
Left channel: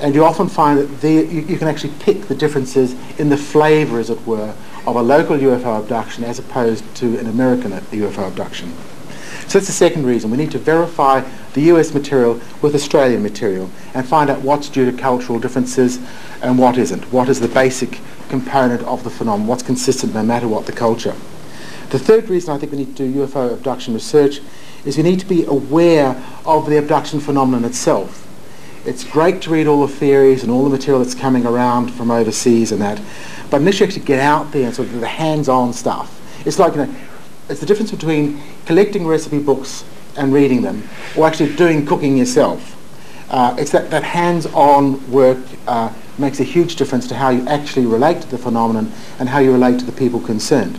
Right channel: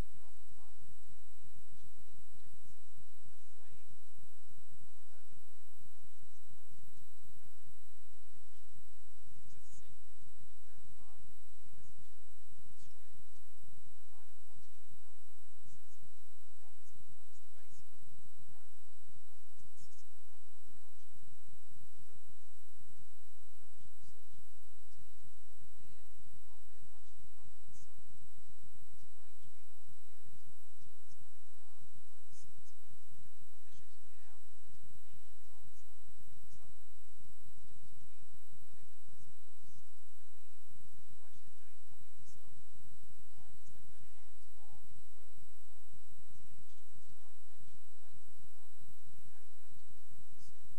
And you often find that you can actually pick the differences in the flavour, as it were, of a local UFO abduction as opposed to an American UFO abduction. So that's the second reason. We need to verify the US material with Australian material and find out what's due to cultural differences and what isn't. What is the basic component of the phenomenon? What's consistent no matter what the culture? The third reason I think we need to do UFO abduction research is we need to be aware of the abduction phenomenon itself. It's great to read all the theories and all the material that's coming around from overseas and that, but unless you actually get out there and sort of do the hands-on stuff, it's like, it's the difference between collecting recipe books and reading them or actually doing cooking yourself. It's that hands-on work makes a huge difference to how you actually relate to the phenomenon and how you relate to the people concerned.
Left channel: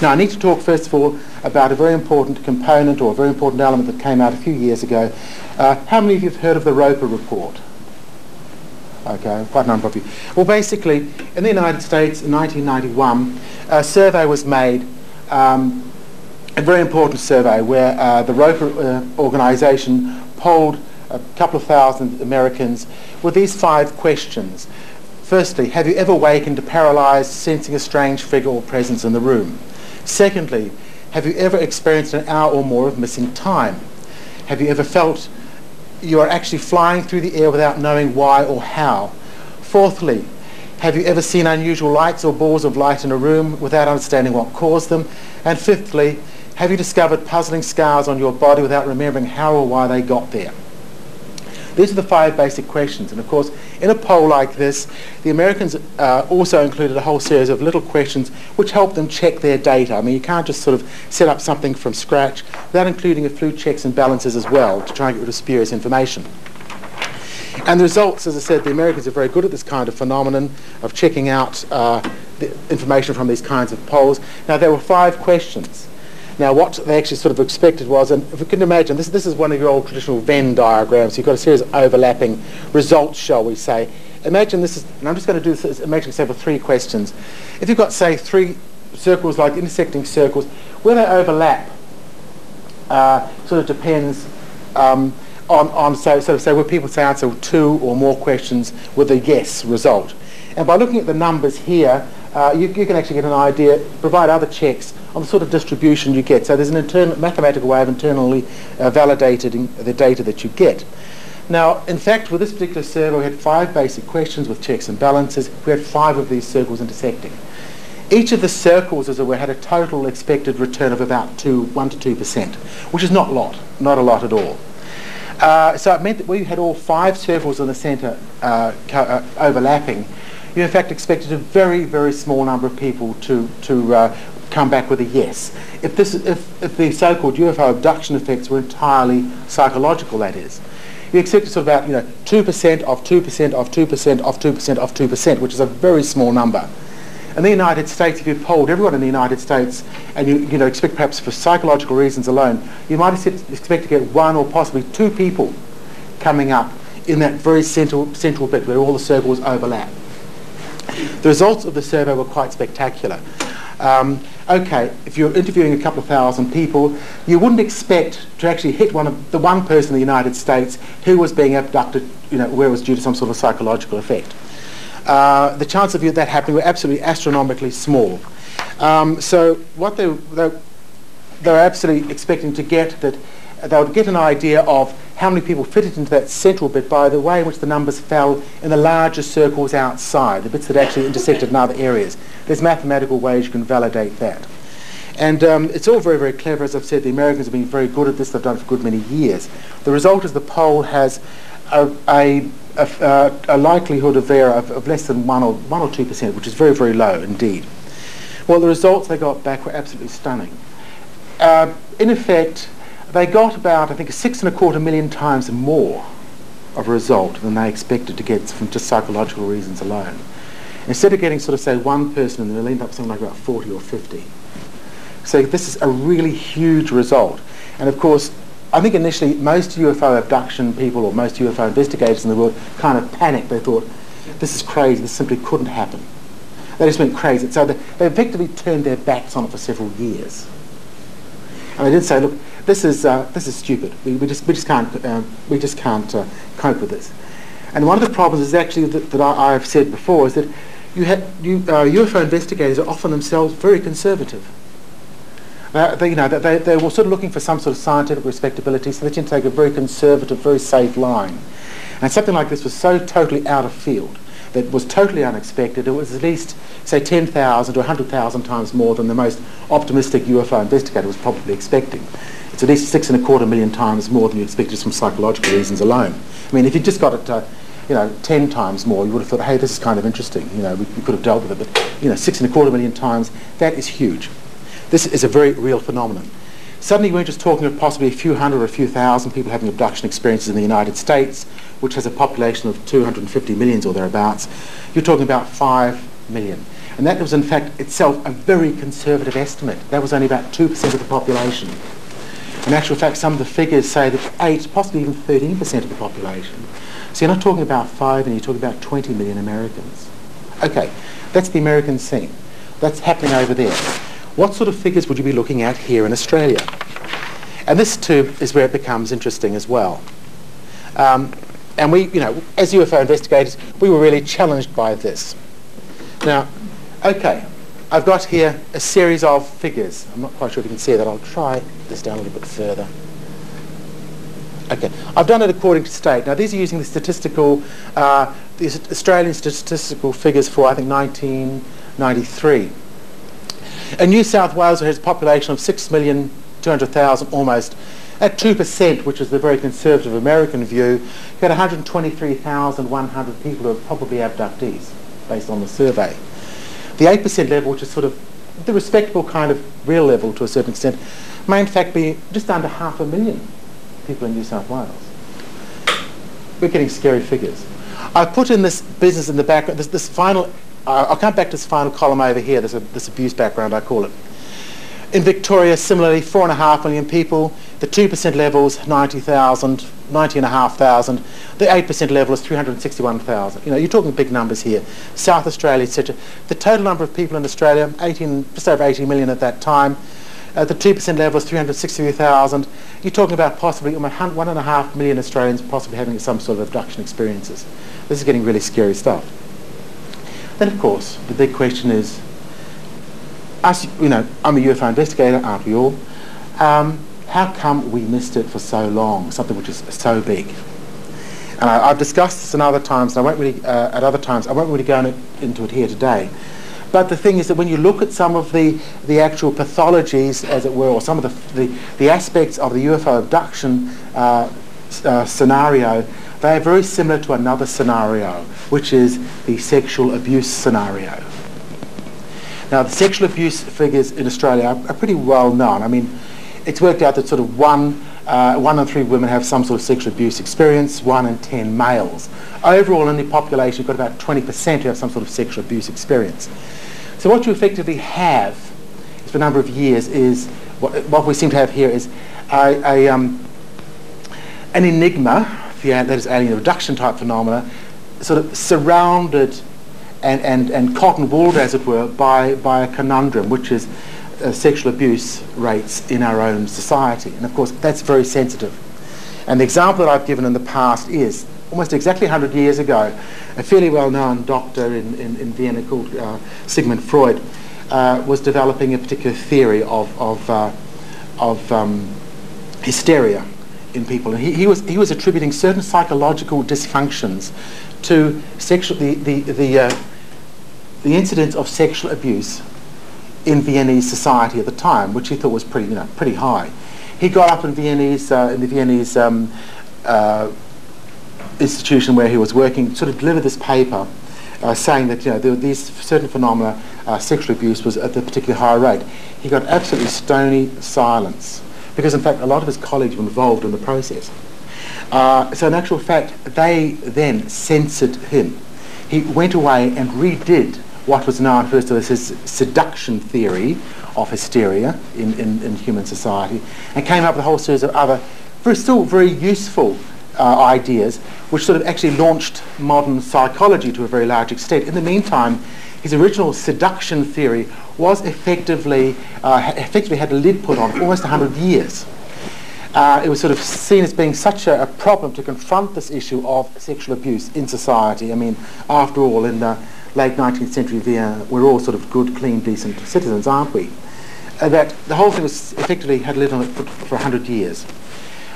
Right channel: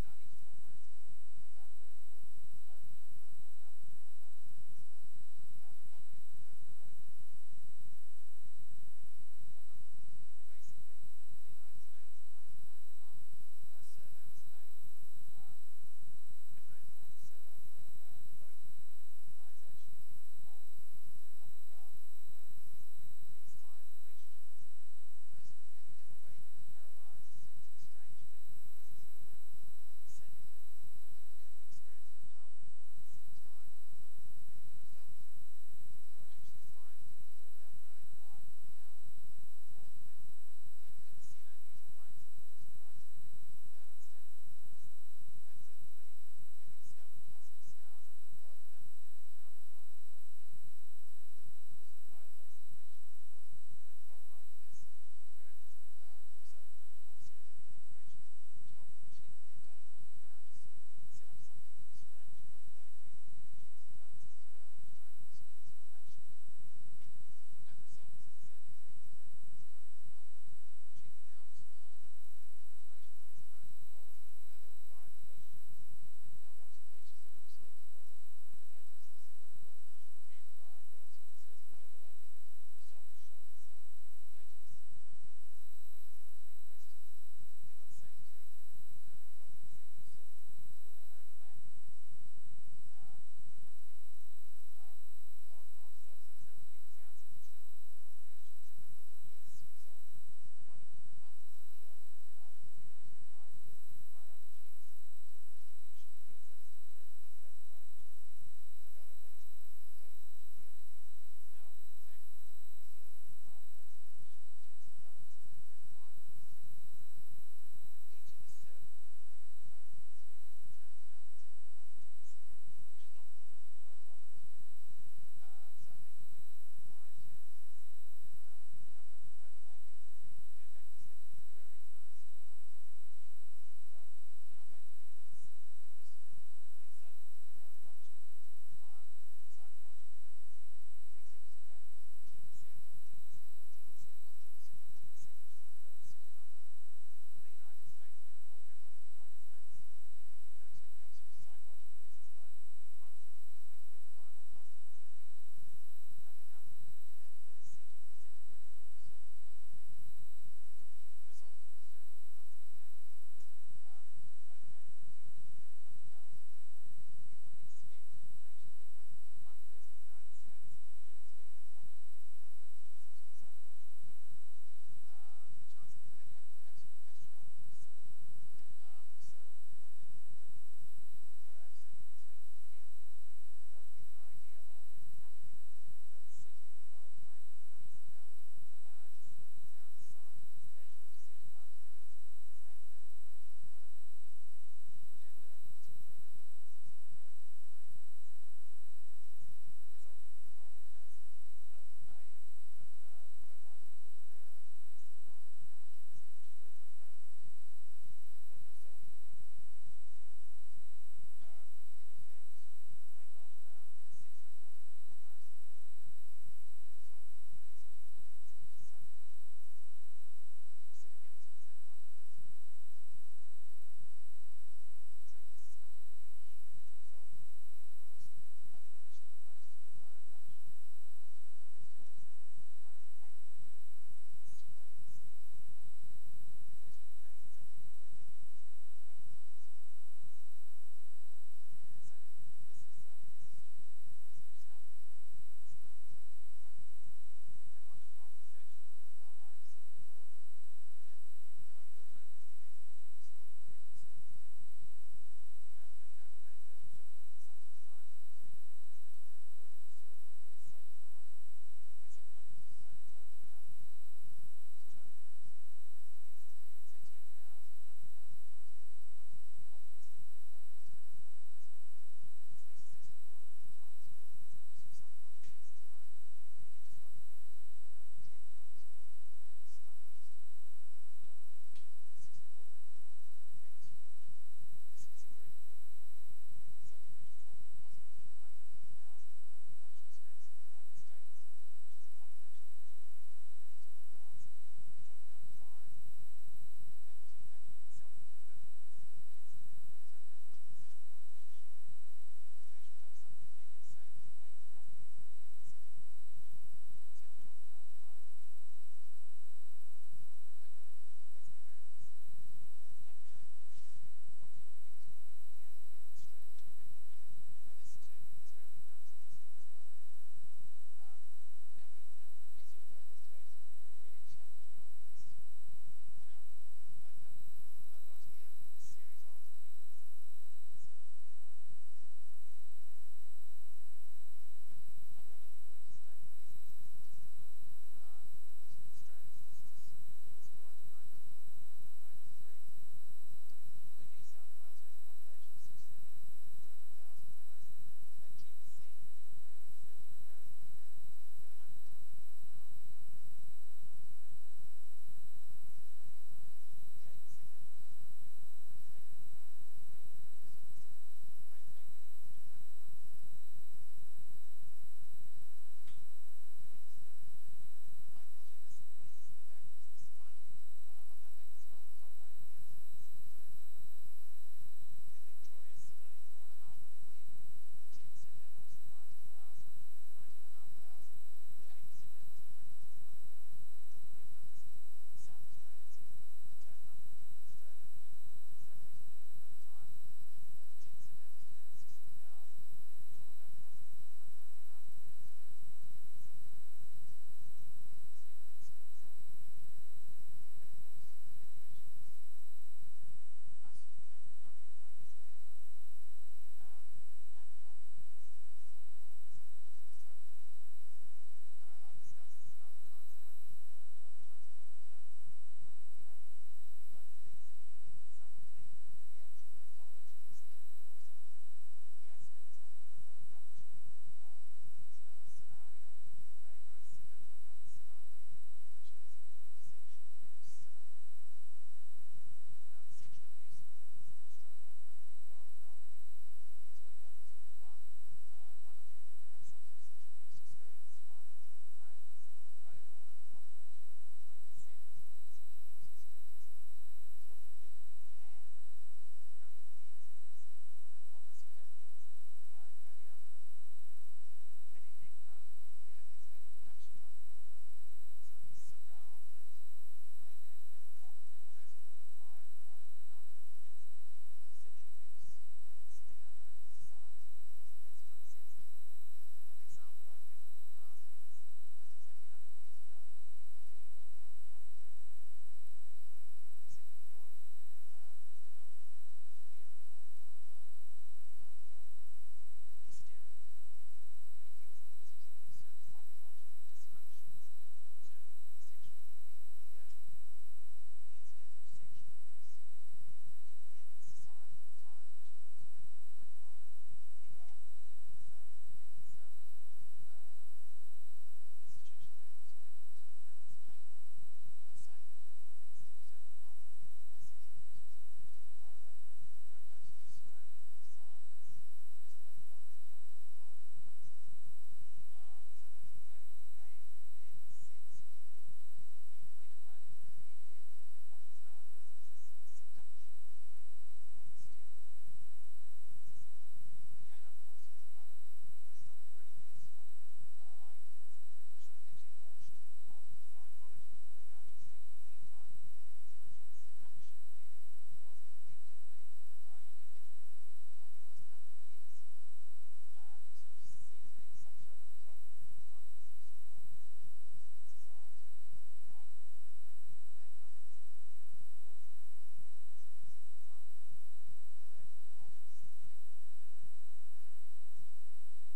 Now I need to talk first of all about a very important component or a very important element that came out a few years ago. How many of you have heard of the Roper Report? Okay, quite a number of you. Well, basically, in the United States in 1991, a survey was made, a very important survey where the Roper organisation polled a couple of thousand Americans with these 5 questions. Firstly, have you ever wakened paralysed, sensing a strange figure or presence in the room? Secondly, have you ever experienced an hour or more of missing time? Have you ever felt you are actually flying through the air without knowing why or how? Fourthly, have you ever seen unusual lights or balls of light in a room without understanding what caused them? And fifthly, have you discovered puzzling scars on your body without remembering how or why they got there? These are the 5 basic questions, and of course in a poll like this the Americans also included a whole series of little questions which help them check their data. I mean, you can't just sort of set up something from scratch without including a few checks and balances as well to try and get rid of spurious information. And the results, as I said, the Americans are very good at this kind of phenomenon of checking out the information from these kinds of polls. Now there were 5 questions. Now what they actually sort of expected was, and if you can imagine, this is one of your old traditional Venn diagrams. You've got a series of overlapping results, shall we say. Imagine this is, and I'm just going to do this, imagine say for 3 questions. If you've got, say, 3 circles like intersecting circles, where they overlap sort of depends on so where people say answer 2 or more questions with a yes result. And by looking at the numbers here, you can actually get an idea, provide other checks on the sort of distribution you get. So there's an mathematical way of internally validating the data that you get. Now, in fact, with this particular survey, we had 5 basic questions with checks and balances. We had 5 of these circles intersecting. Each of the circles, as it were, had a total expected return of about 1 to 2%, which is not a lot at all. So it meant that we had all 5 circles in the centre overlapping. You in fact expected a very, very small number of people to come back with a yes. If the so-called UFO abduction effects were entirely psychological, that is, you expected sort of about 2% of 2% of 2% of 2% of 2%, which is a very small number. In the United States, if you polled everyone in the United States and you expect perhaps for psychological reasons alone, you might expect to get 1 or possibly 2 people coming up in that very central bit where all the circles overlap. The results of the survey were quite spectacular. Okay, if you're interviewing a couple of thousand people, you wouldn't expect to actually hit the one person in the United States who was being abducted, where it was due to some sort of psychological effect. The chance of that happening were absolutely astronomically small. So what they were absolutely expecting to get, that they would get an idea of how many people fitted into that central bit by the way in which the numbers fell in the larger circles outside, the bits that actually intersected in other areas. There's mathematical ways you can validate that. And it's all very, very clever. As I've said, the Americans have been very good at this. They've done it for a good many years. The result is the poll has a likelihood of error of less than 1 or 2%, which is very, very low indeed. Well, the results they got back were absolutely stunning. In effect, they got about, I think, 6.25 million times more of a result than they expected to get from just psychological reasons alone. Instead of getting sort of, say, 1 person, they'll end up something like about 40 or 50. So this is a really huge result. And of course, I think initially most UFO abduction people or most UFO investigators in the world kind of panicked. They thought, this is crazy, this simply couldn't happen. They just went crazy. So they effectively turned their backs on it for several years. And they did say, look, this is stupid. We just can't cope with this. And one of the problems is actually that I've said before is that UFO investigators are often themselves very conservative. They were sort of looking for some sort of scientific respectability, so they tend to take a very conservative, very safe line. And something like this was so totally out of field, that was totally unexpected. It was at least, say, 10,000 to 100,000 times more than the most optimistic UFO investigator was probably expecting. It's at least 6.25 million times more than you expected just from psychological reasons alone. I mean, if you just got it, 10 times more, you would have thought, hey, this is kind of interesting. We could have dealt with it, but 6.25 million times, that is huge. This is a very real phenomenon. Suddenly we're just talking of possibly a few hundred or a few thousand people having abduction experiences in the United States, which has a population of 250 million or thereabouts. You're talking about 5 million. And that was in fact itself a very conservative estimate. That was only about 2% of the population. In actual fact, some of the figures say that 8, possibly even 13% of the population. So you're not talking about 5 and you're talking about 20 million Americans. Okay, that's the American scene. That's happening over there. What sort of figures would you be looking at here in Australia? And this too is where it becomes interesting as well. And we, as UFO investigators, we were really challenged by this. Now, okay, I've got here a series of figures. I'm not quite sure if you can see that. I'll try this down a little bit further. Okay, I've done it according to state. Now, these are using the statistical, the Australian statistical figures for, I think, 1993. And New South Wales has a population of 6,200,000 almost. At 2%, which is the very conservative American view, you had 123,100 people who are probably abductees, based on the survey. The 8% level, which is sort of the respectable kind of real level to a certain extent, may in fact be just under 500,000 people in New South Wales. We're getting scary figures. I've put in this business in the background, this final, I'll come back to this final column over here, this abuse background, I call it. In Victoria, similarly, 4.5 million people. The 2% level is 90,000, 90,500. The 8% level is 361,000. You're talking big numbers here. South Australia, etc. The total number of people in Australia, just over 80 million at that time. The 2% level is 363,000. You're talking about possibly 1.5 million Australians possibly having some sort of abduction experiences. This is getting really scary stuff. Then, of course, the big question is, I'm a UFO investigator, aren't we all? How come we missed it for so long, something which is so big? And I've discussed this in other times, and I won't really go into it here today. But the thing is that when you look at some of the actual pathologies, as it were, or some of the aspects of the UFO abduction scenario, they are very similar to another scenario, which is the sexual abuse scenario. Now, the sexual abuse figures in Australia are pretty well known. I mean, it's worked out that sort of 1 in 3 women have some sort of sexual abuse experience, 1 in 10 males. Overall, in the population, you've got about 20% who have some sort of sexual abuse experience. So what you effectively have, for a number of years, is what we seem to have here is an enigma, that is alien abduction type phenomena, sort of surrounded and cotton-wooled, as it were, by a conundrum, which is sexual abuse rates in our own society. And of course, that's very sensitive. And the example that I've given in the past is, almost exactly 100 years ago, a fairly well-known doctor in Vienna called Sigmund Freud was developing a particular theory of hysteria in people. And he was attributing certain psychological dysfunctions to the incidence of sexual abuse in Viennese society at the time, which he thought was pretty high. He got up in the Viennese institution where he was working, sort of delivered this paper saying that there were these certain phenomena, sexual abuse was at a particularly high rate. He got absolutely stony silence because, in fact, a lot of his colleagues were involved in the process. So in actual fact, they then censored him. He went away and redid what was known first as his seduction theory of hysteria in human society, and came up with a whole series of other still very useful ideas, which sort of actually launched modern psychology to a very large extent. In the meantime, his original seduction theory was effectively had a lid put on for almost 100 years. It was sort of seen as being such a problem to confront this issue of sexual abuse in society. I mean, after all, in the late 19th century Vienna, we're all sort of good, clean, decent citizens, aren't we? That the whole thing was effectively had a lid on it for 100 years.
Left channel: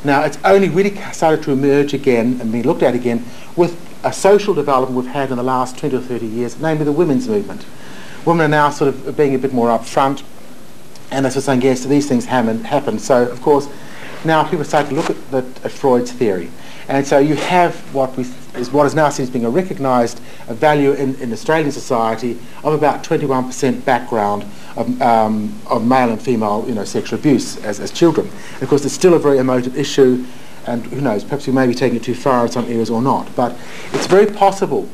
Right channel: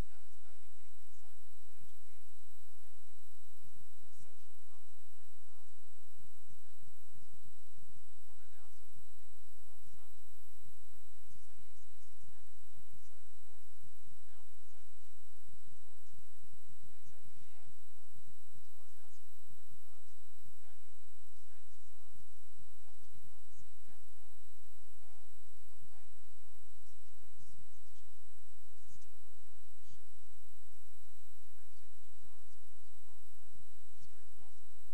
Now, it's only really started to emerge again and be looked at again with a social development we've had in the last 20 or 30 years, namely the women's movement. Women are now sort of being a bit more upfront, and they're sort of saying, yes, these things happen. So, of course, now people start to look at Freud's theory. And so you have what is now seen as being a recognised value in Australian society of about 21% background of male and female, sexual abuse as children. And of course, it's still a very emotive issue, and who knows, perhaps we may be taking it too far in some areas or not. But it's very possible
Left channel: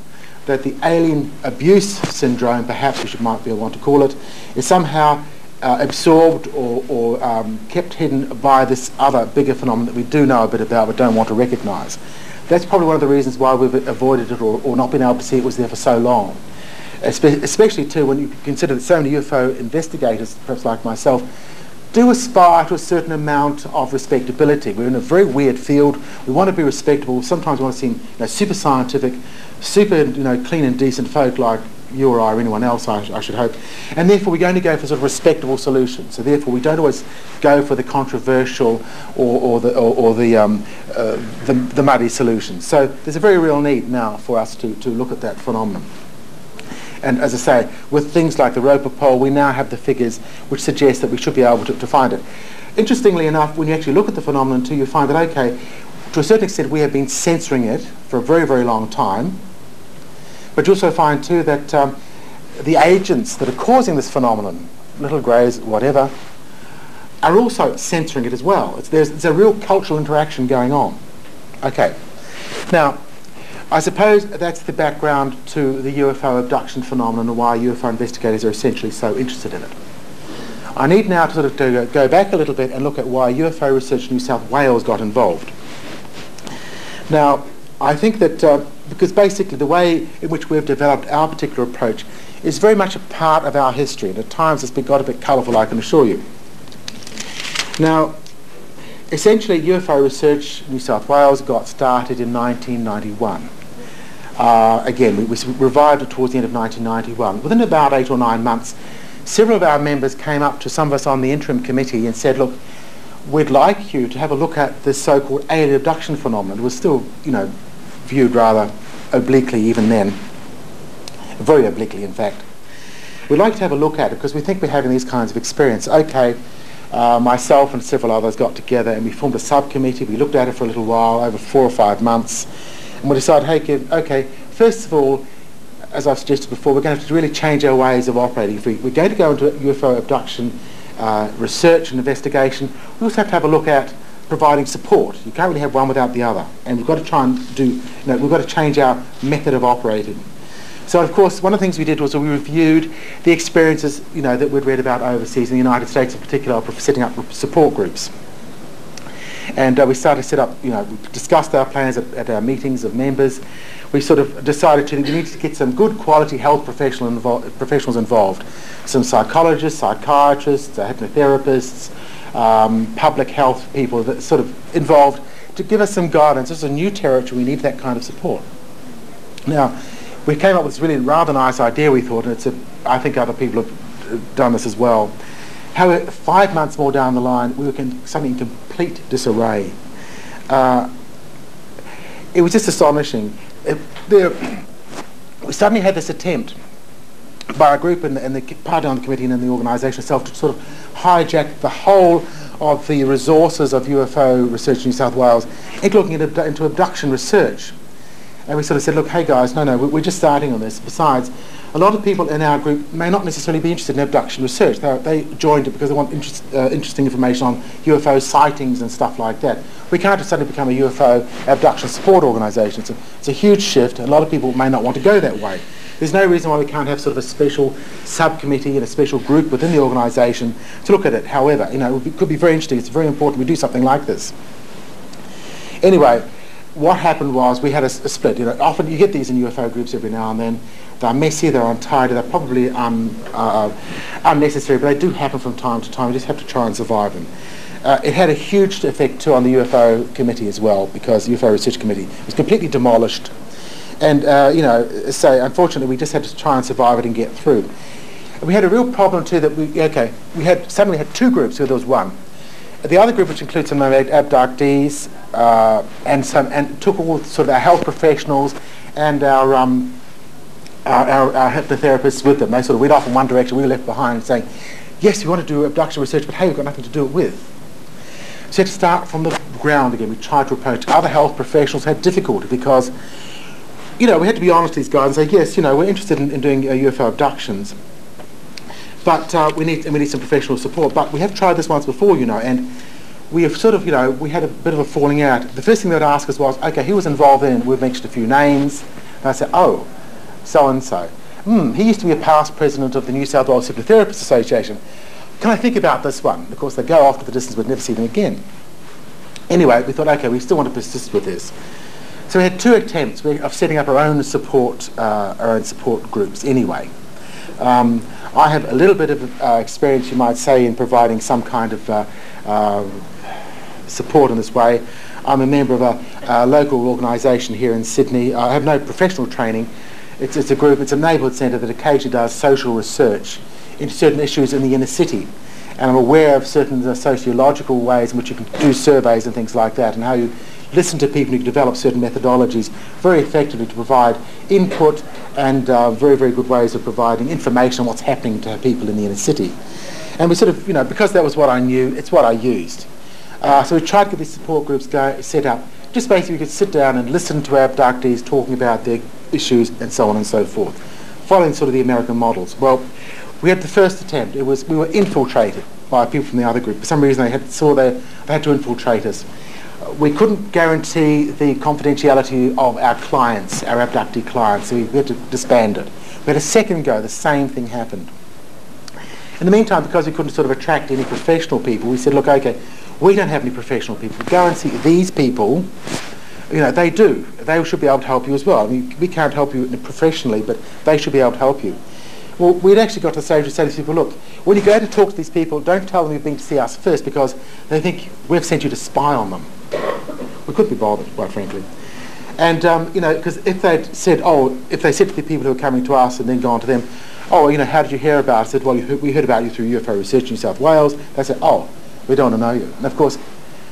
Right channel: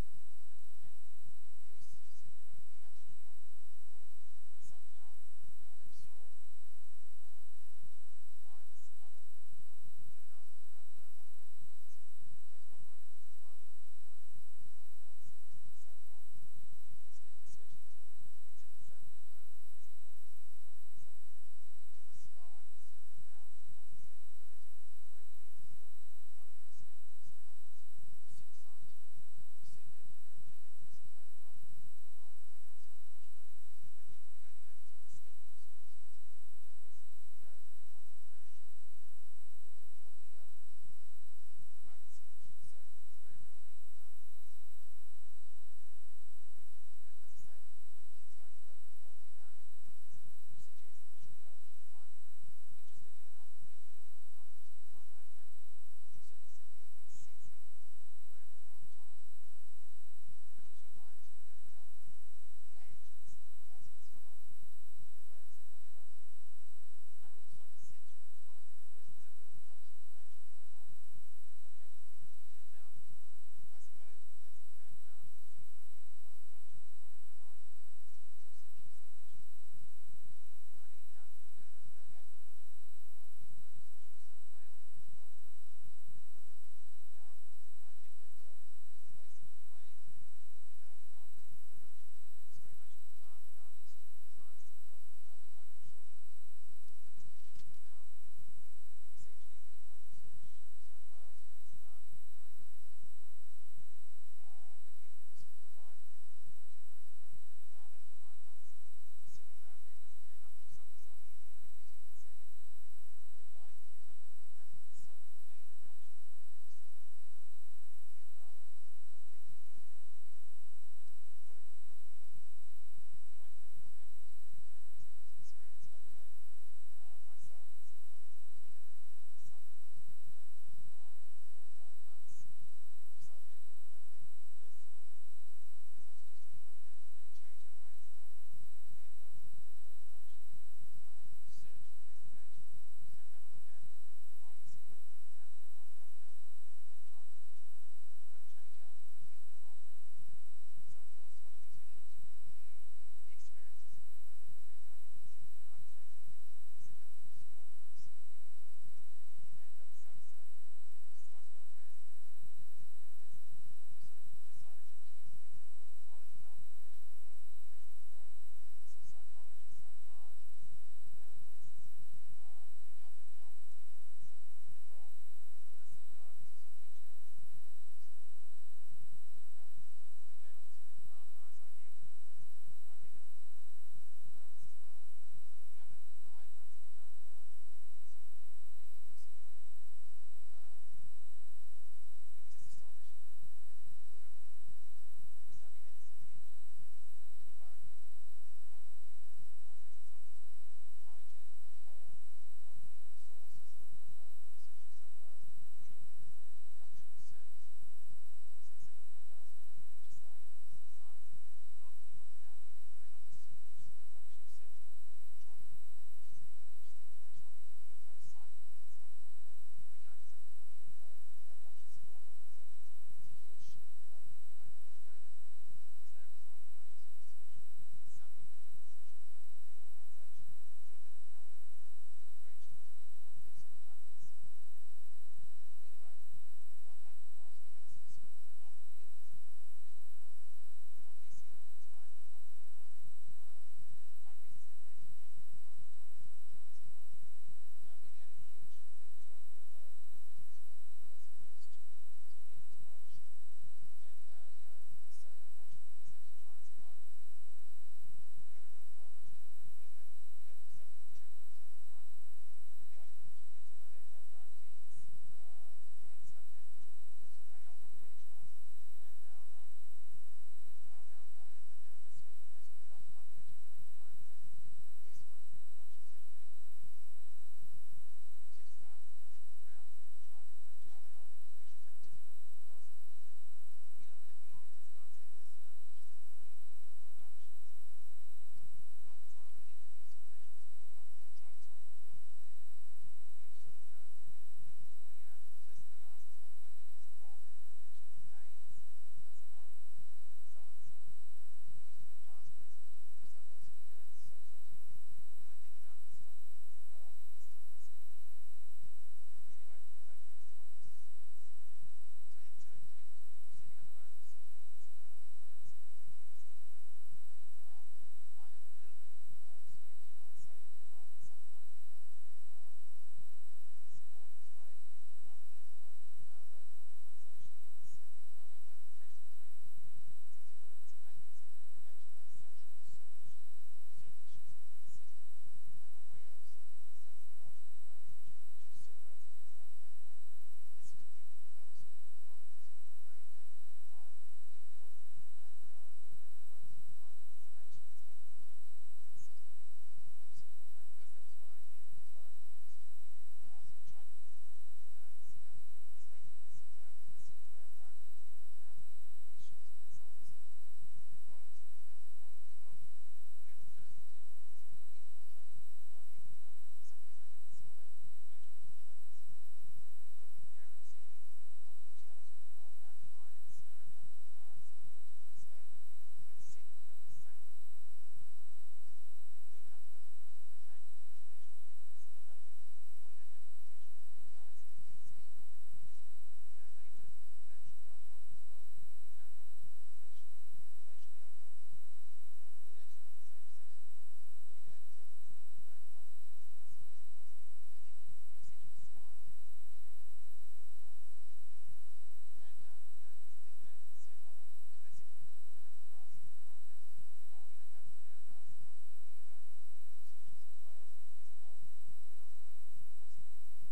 that the alien abuse syndrome, perhaps we might be able to call it, is somehow absorbed or kept hidden by this other bigger phenomenon that we do know a bit about but don't want to recognise. That's probably one of the reasons why we've avoided it or not been able to see it was there for so long. Especially too when you consider that so many UFO investigators, perhaps like myself, do aspire to a certain amount of respectability. We're in a very weird field. We want to be respectable. Sometimes we want to seem super scientific, super clean and decent folk like you or I or anyone else, I should hope. And therefore we're going to go for sort of respectable solutions. So therefore we don't always go for the controversial or the muddy solutions. So there's a very real need now for us to look at that phenomenon. And as I say, with things like the Roper poll, we now have the figures which suggest that we should be able to find it. Interestingly enough, when you actually look at the phenomenon too, you find that, okay, to a certain extent we have been censoring it for a very, very long time. But you also find too that the agents that are causing this phenomenon, little greys, whatever, are also censoring it as well. There's a real cultural interaction going on. Okay. Now, I suppose that's the background to the UFO abduction phenomenon and why UFO investigators are essentially so interested in it. I need now to sort of go back a little bit and look at why UFO Research New South Wales got involved. Now, I think that because basically the way in which we've developed our particular approach is very much a part of our history, and at times it's got a bit colourful, I can assure you. Now, essentially UFO Research New South Wales got started in 1991. Again, we revived it towards the end of 1991. Within about 8 or 9 months, several of our members came up to some of us on the interim committee and said, look, we'd like you to have a look at this so-called alien abduction phenomenon. It was still, viewed rather obliquely even then, very obliquely in fact. We'd like to have a look at it because we think we're having these kinds of experience. Okay, myself and several others got together and we formed a subcommittee. We looked at it for a little while, over 4 or 5 months, and we decided, hey, okay, first of all, as I've suggested before, we're going to have to really change our ways of operating. If we're going to go into UFO abduction research and investigation, we also have to have a look at providing support. You can't really have one without the other, and we've got to try and we've got to change our method of operating. So, of course, one of the things we did was we reviewed the experiences, that we'd read about overseas, in the United States in particular, for setting up support groups. And we started to set up, we discussed our plans at our meetings of members. We sort of decided we needed to get some good quality health professionals involved. Some psychologists, psychiatrists, hypnotherapists, public health people that sort of involved to give us some guidance. This is a new territory, we need that kind of support. Now, we came up with this really rather nice idea, we thought, and I think other people have done this as well. However, 5 months more down the line, we were suddenly in complete disarray. It was just astonishing. We suddenly had this attempt by a group in the party on the committee and in the organisation itself to sort of hijack the whole of the resources of UFO Research New South Wales into abduction research. And we sort of said, look, hey guys, no, we're just starting on this. Besides, a lot of people in our group may not necessarily be interested in abduction research. They joined it because they want interesting information on UFO sightings and stuff like that. We can't just suddenly become a UFO abduction support organisation. It's a huge shift, and a lot of people may not want to go that way. There's no reason why we can't have sort of a special subcommittee and a special group within the organisation to look at it. However, you know, it could be very interesting. It's very important we do something like this. Anyway, what happened was we had a split. You know, often you get these in UFO groups every now and then. They're messy, they're untidy, they're probably unnecessary, but they do happen from time to time. You just have to try and survive them. It had a huge effect too on the UFO committee as well, because the UFO Research Committee was completely demolished. And, you know, so unfortunately we just had to try and survive it and get through. We had a real problem too that we suddenly had two groups where there was one. The other group, which includes some abductees and took all sort of our health professionals and our hypnotherapists with them. They sort of went off in one direction, we were left behind saying, yes, we want to do abduction research, but hey, we've got nothing to do it with. So we had to start from the ground again. We tried to approach other health professionals, had difficulty because, you know, we had to be honest with these guys and say, yes, you know, we're interested in doing UFO abductions, but we need some professional support. But we have tried this once before, you know, and we have sort of, you know, we had a bit of a falling out. The first thing they would ask us was, okay, who was involved in it? We've mentioned a few names. And I said, oh, so-and-so. He used to be a past president of the New South Wales Hypnotherapists Association. Can I think about this one? Of course, they go off to the distance, we'd never see them again. Anyway, we thought, okay, we still want to persist with this. So we had two attempts of setting up our own support groups anyway. I have a little bit of experience, you might say, in providing some kind of support in this way. I'm a member of a local organisation here in Sydney. I have no professional training. It's a group, it's a neighbourhood centre that occasionally does social research into certain issues in the inner city. And I'm aware of certain sociological ways in which you can do surveys and things like that, and how you listen to people and you can develop certain methodologies very effectively to provide input and very, very good ways of providing information on what's happening to people in the inner city. And we sort of, you know, because that was what I knew, it's what I used. So we tried to get these support groups set up. Just basically we could sit down and listen to our abductees talking about their issues and so on and so forth, following sort of the American models. Well, we had the first attempt. We were infiltrated by people from the other group. For some reason they had to infiltrate us. We couldn't guarantee the confidentiality of our clients, our abductee clients, so we had to disband it. We had a second go, the same thing happened. In the meantime, because we couldn't sort of attract any professional people, we said, look, okay, we don't have any professional people. Go and see these people. You know, they do. They should be able to help you as well. I mean, we can't help you professionally, but they should be able to help you. Well, we'd actually got to the stage to say to these people, look, when you go to talk to these people, don't tell them you've been to see us first, because they think we've sent you to spy on them. We couldn't be bothered, quite frankly. And, you know, because if they said to the people who are coming to us and then gone to them, oh, you know, how did you hear about it? I said, well, we heard about you through UFO Research in New South Wales. They said, oh, we don't want to know you. And of course,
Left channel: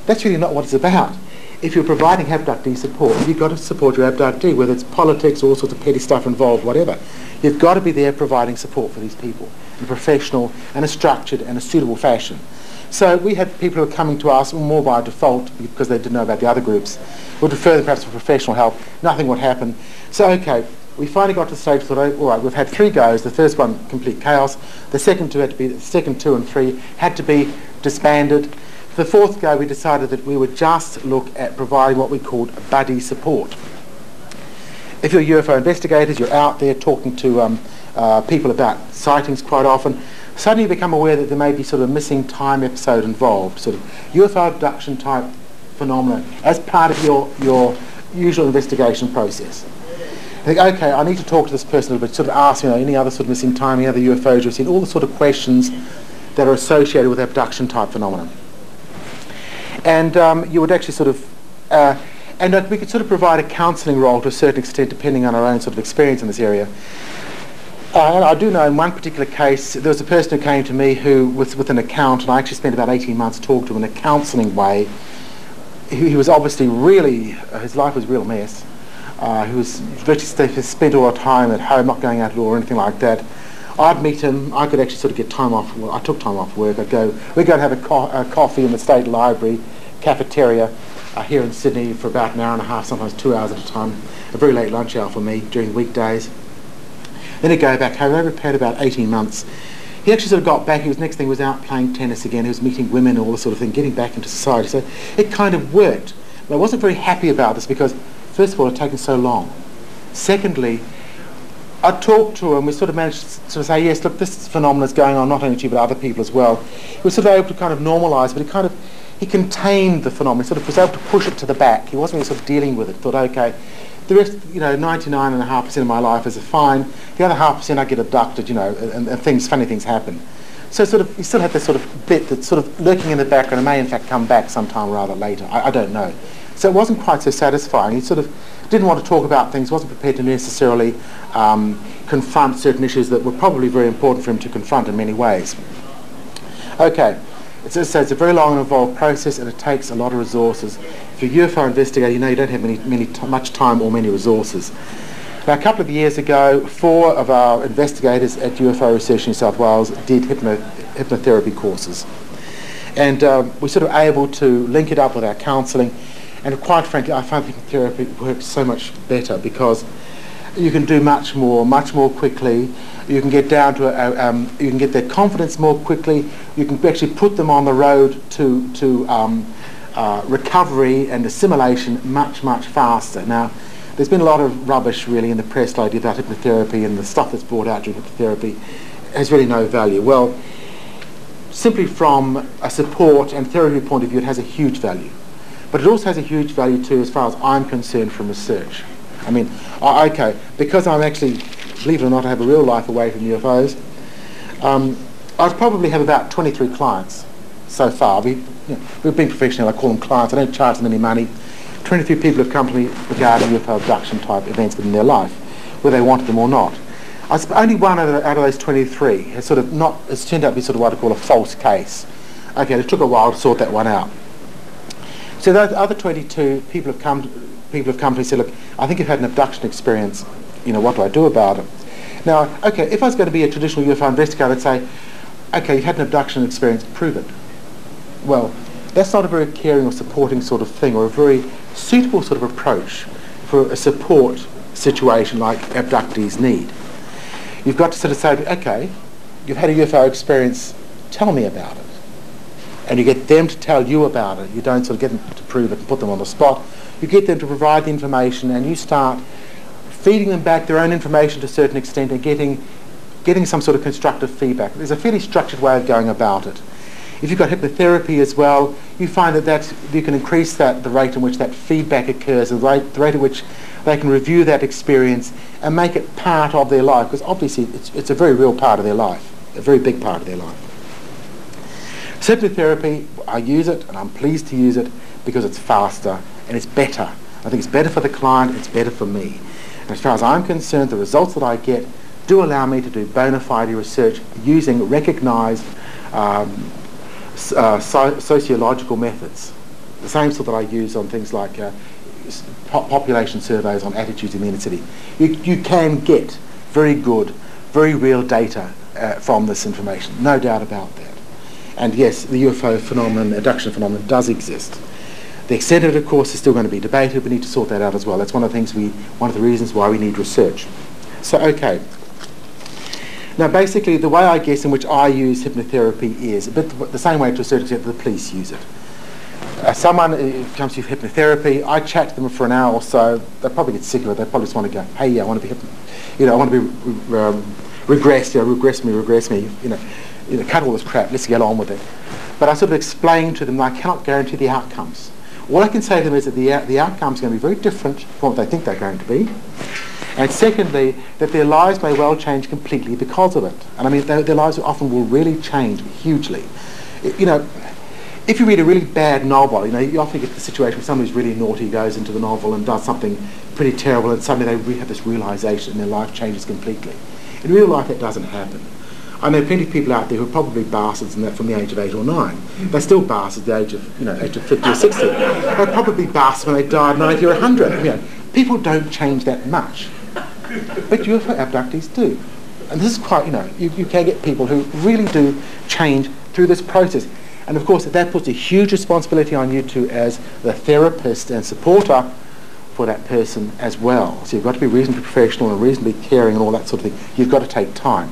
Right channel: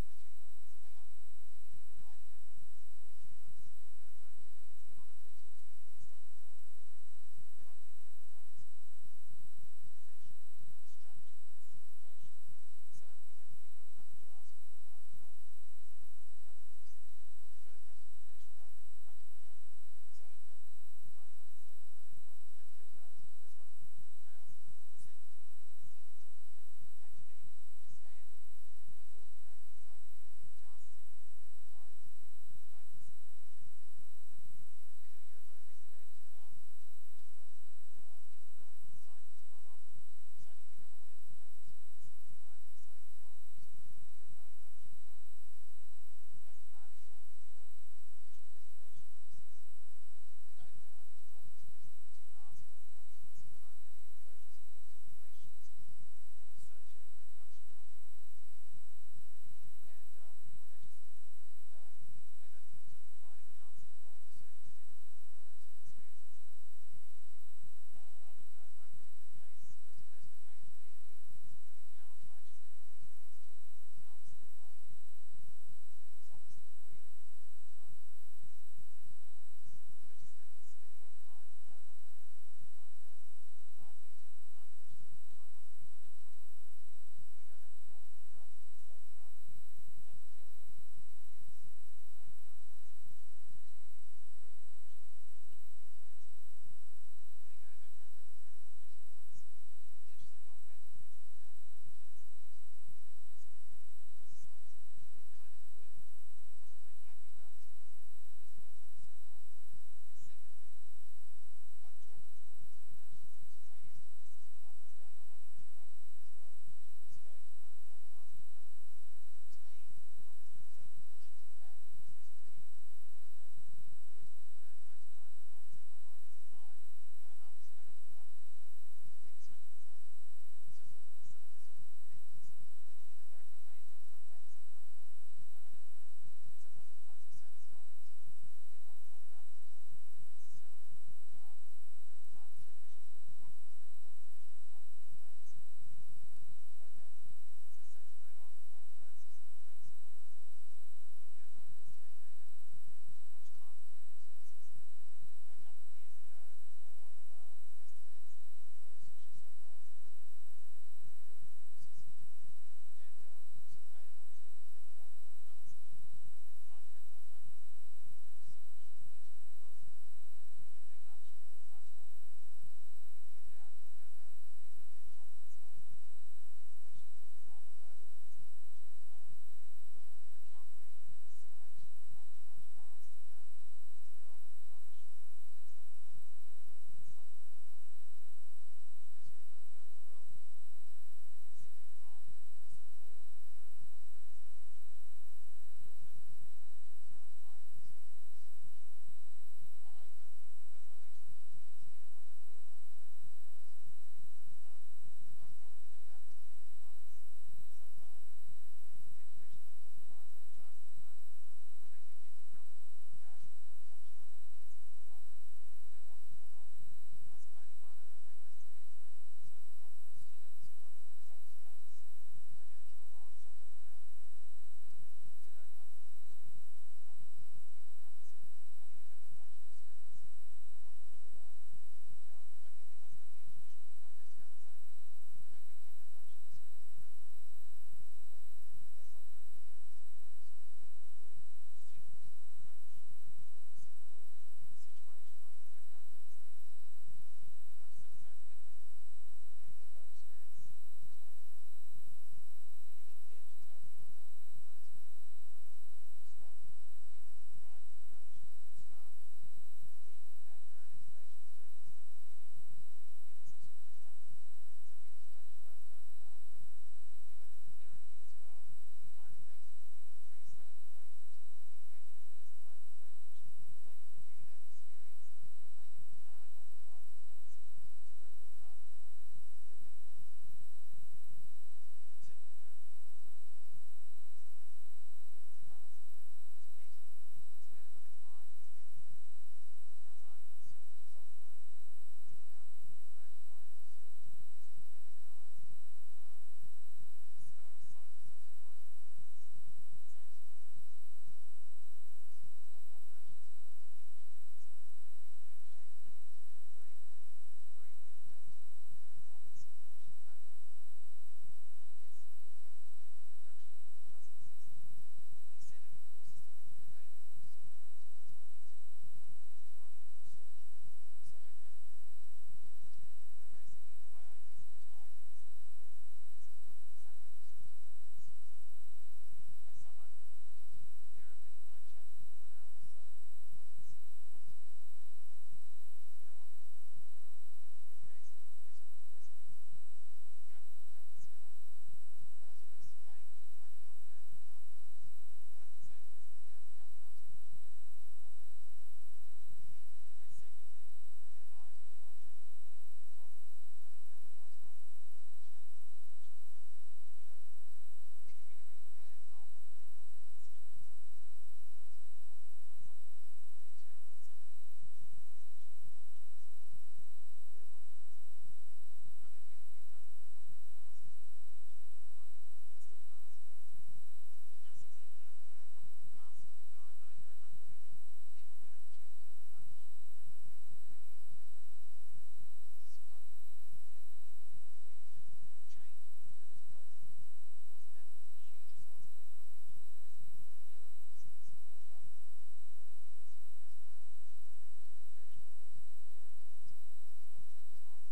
that's really not what it's about. If you're providing abductee support, you've got to support your abductee, whether it's politics or all sorts of petty stuff involved, whatever. You've got to be there providing support for these people in a professional and a structured and a suitable fashion. So we had people who were coming to us more by default because they didn't know about the other groups. We'd refer them perhaps for professional help. Nothing would happen. So, okay, we finally got to the stage where we thought, all right, we've had 3 goes. The first one, complete chaos. The second 2 and 3 had to be disbanded. The 4th go, we decided that we would just look at providing what we called buddy support. If you're UFO investigators, you're out there talking to people about sightings quite often, suddenly you become aware that there may be sort of a missing time episode involved, sort of UFO abduction type phenomena as part of your usual investigation process. I think, okay, I need to talk to this person a little bit, sort of ask, you know, any other sort of missing time, any other UFOs you've seen, all the sort of questions that are associated with abduction type phenomena. And you would actually sort of, and we could sort of provide a counselling role to a certain extent depending on our own sort of experience in this area. And I do know in one particular case, there was a person who came to me who was with an account, and I actually spent about 18 months talking to him in a counselling way. He was obviously really, his life was a real mess. He was virtually spent all the time at home, not going out at all or anything like that. I'd meet him. I could actually sort of get time off. Well, I took time off work. We'd go and have a coffee in the State Library cafeteria here in Sydney for about an hour and a half, sometimes 2 hours at a time. A very late lunch hour for me during the weekdays. Then he'd go back home. They had about 18 months. He actually sort of got back. Next thing was out playing tennis again. He was meeting women and all this sort of thing, getting back into society. So it kind of worked. But I wasn't very happy about this because, first of all, it had taken so long. Secondly, I talked to him. We sort of managed to sort of say, yes, look, this phenomenon is going on not only to you but other people as well. He was sort of able to kind of normalise, but he contained the phenomenon. He sort of was able to push it to the back. He wasn't really sort of dealing with it. Thought, okay, the rest, 99.5% of my life is fine. The other 0.5% I get abducted, and funny things happen. So sort of, you still have this sort of bit that's sort of lurking in the background and may in fact come back sometime rather later. I don't know. So it wasn't quite so satisfying. He sort of didn't want to talk about things, wasn't prepared to necessarily confront certain issues that were probably very important for him to confront in many ways. Okay, so it's a very long and involved process, and it takes a lot of resources. If you're a UFO investigator, you know you don't have much time or many resources. Now, a couple of years ago, 4 of our investigators at UFO Research in New South Wales did hypnotherapy courses. And we're sort of able to link it up with our counselling. And quite frankly, I find hypnotherapy works so much better because you can do much more quickly. You can get down to you can get their confidence more quickly. You can actually put them on the road to recovery and assimilation much faster. Now, there's been a lot of rubbish really in the press lately about hypnotherapy, and the stuff that's brought out during hypnotherapy has really no value. Well, simply from a support and therapy point of view, it has a huge value. But it also has a huge value too, as far as I'm concerned, from research. I mean, okay, because I'm actually, believe it or not, I have a real life away from UFOs, I probably have about 23 clients so far. We've been professional, I call them clients, I don't charge them any money. 23 people have come to me regarding UFO abduction type events within their life, whether they wanted them or not. Only one out of those 23 has has turned out to be sort of what I call a false case. Okay, it took a while to sort that one out. So those other 22 people have come to me and said, look, I think you've had an abduction experience, what do I do about it? Now, okay, if I was going to be a traditional UFO investigator, I'd say, okay, you've had an abduction experience, prove it. Well, that's not a very caring or supporting sort of thing, or a very suitable sort of approach for a support situation like abductees need. You've got to sort of say, okay, you've had a UFO experience, tell me about it. And you get them to tell you about it. You don't sort of get them to prove it and put them on the spot. You get them to provide the information, and you start feeding them back their own information to a certain extent and getting some sort of constructive feedback. There's a fairly structured way of going about it. If you've got hypnotherapy as well, you find that you can increase the rate in which that feedback occurs, the rate at which they can review that experience and make it part of their life, because obviously it's a very real part of their life, a very big part of their life. So hypnotherapy, I use it, and I'm pleased to use it because it's faster and it's better. I think it's better for the client, it's better for me. And as far as I'm concerned, the results that I get do allow me to do bona fide research using recognised sociological methods, the same sort that I use on things like population surveys on attitudes in the inner city. You can get very good, very real data from this information, no doubt about that. And yes, the UFO phenomenon, abduction phenomenon, does exist. The extent of it, of course, is still going to be debated. We need to sort that out as well. That's one of the reasons why we need research. So, okay. Now, basically, the way I guess in which I use hypnotherapy is a bit the same way to a certain extent that the police use it. Someone comes to hypnotherapy, I chat to them for an hour or so, they'll probably get sick of it, they probably just want to go, hey, yeah, I want to be I want to be regressed, regress me, cut all this crap, let's get on with it. But I sort of explain to them that I cannot guarantee the outcomes. All I can say to them is that the outcomes are going to be very different from what they think they're going to be. And secondly, that their lives may well change completely because of it. And I mean, their lives often will really change hugely. If you read a really bad novel, you often get the situation where someone who's really naughty goes into the novel and does something pretty terrible, and suddenly they have this realisation and their life changes completely. In real life, that doesn't happen. I know plenty of people out there who are probably bastards and that from the age of 8 or 9. They're still bastards at the age of 50 or 60. They're probably bastards when they die at 90 or 100. People don't change that much. But UFO abductees do. And this is quite, you can get people who really do change through this process. And of course, that puts a huge responsibility on you too as the therapist and supporter for that person as well. So you've got to be reasonably professional and reasonably caring and all that sort of thing. You've got to take time.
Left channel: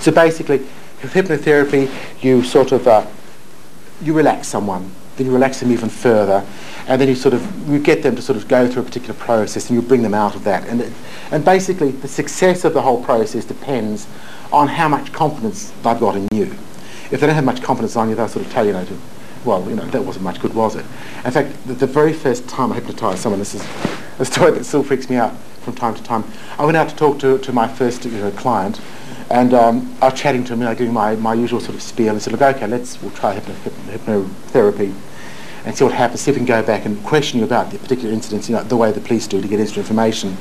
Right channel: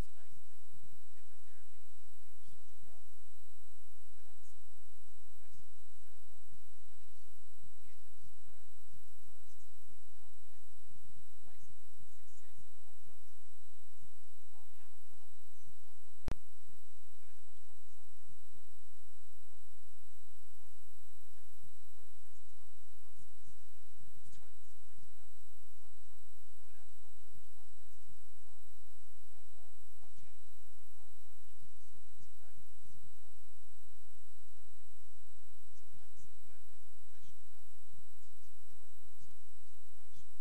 So basically, with hypnotherapy, you sort of, you relax someone, then you relax them even further, and then you get them to sort of go through a particular process, and you bring them out of that. And basically, the success of the whole process depends on how much confidence they've got in you. If they don't have much confidence on you, they'll sort of tell you, that wasn't much good, was it? In fact, the very first time I hypnotised someone, this is a story that still freaks me out from time to time. I went out to talk to my first client, and I was chatting to him, doing my usual sort of spiel, and said, look, okay, we'll try hypnotherapy and see what happens, see if we can go back and question you about the particular incidents, the way the police do to get extra information.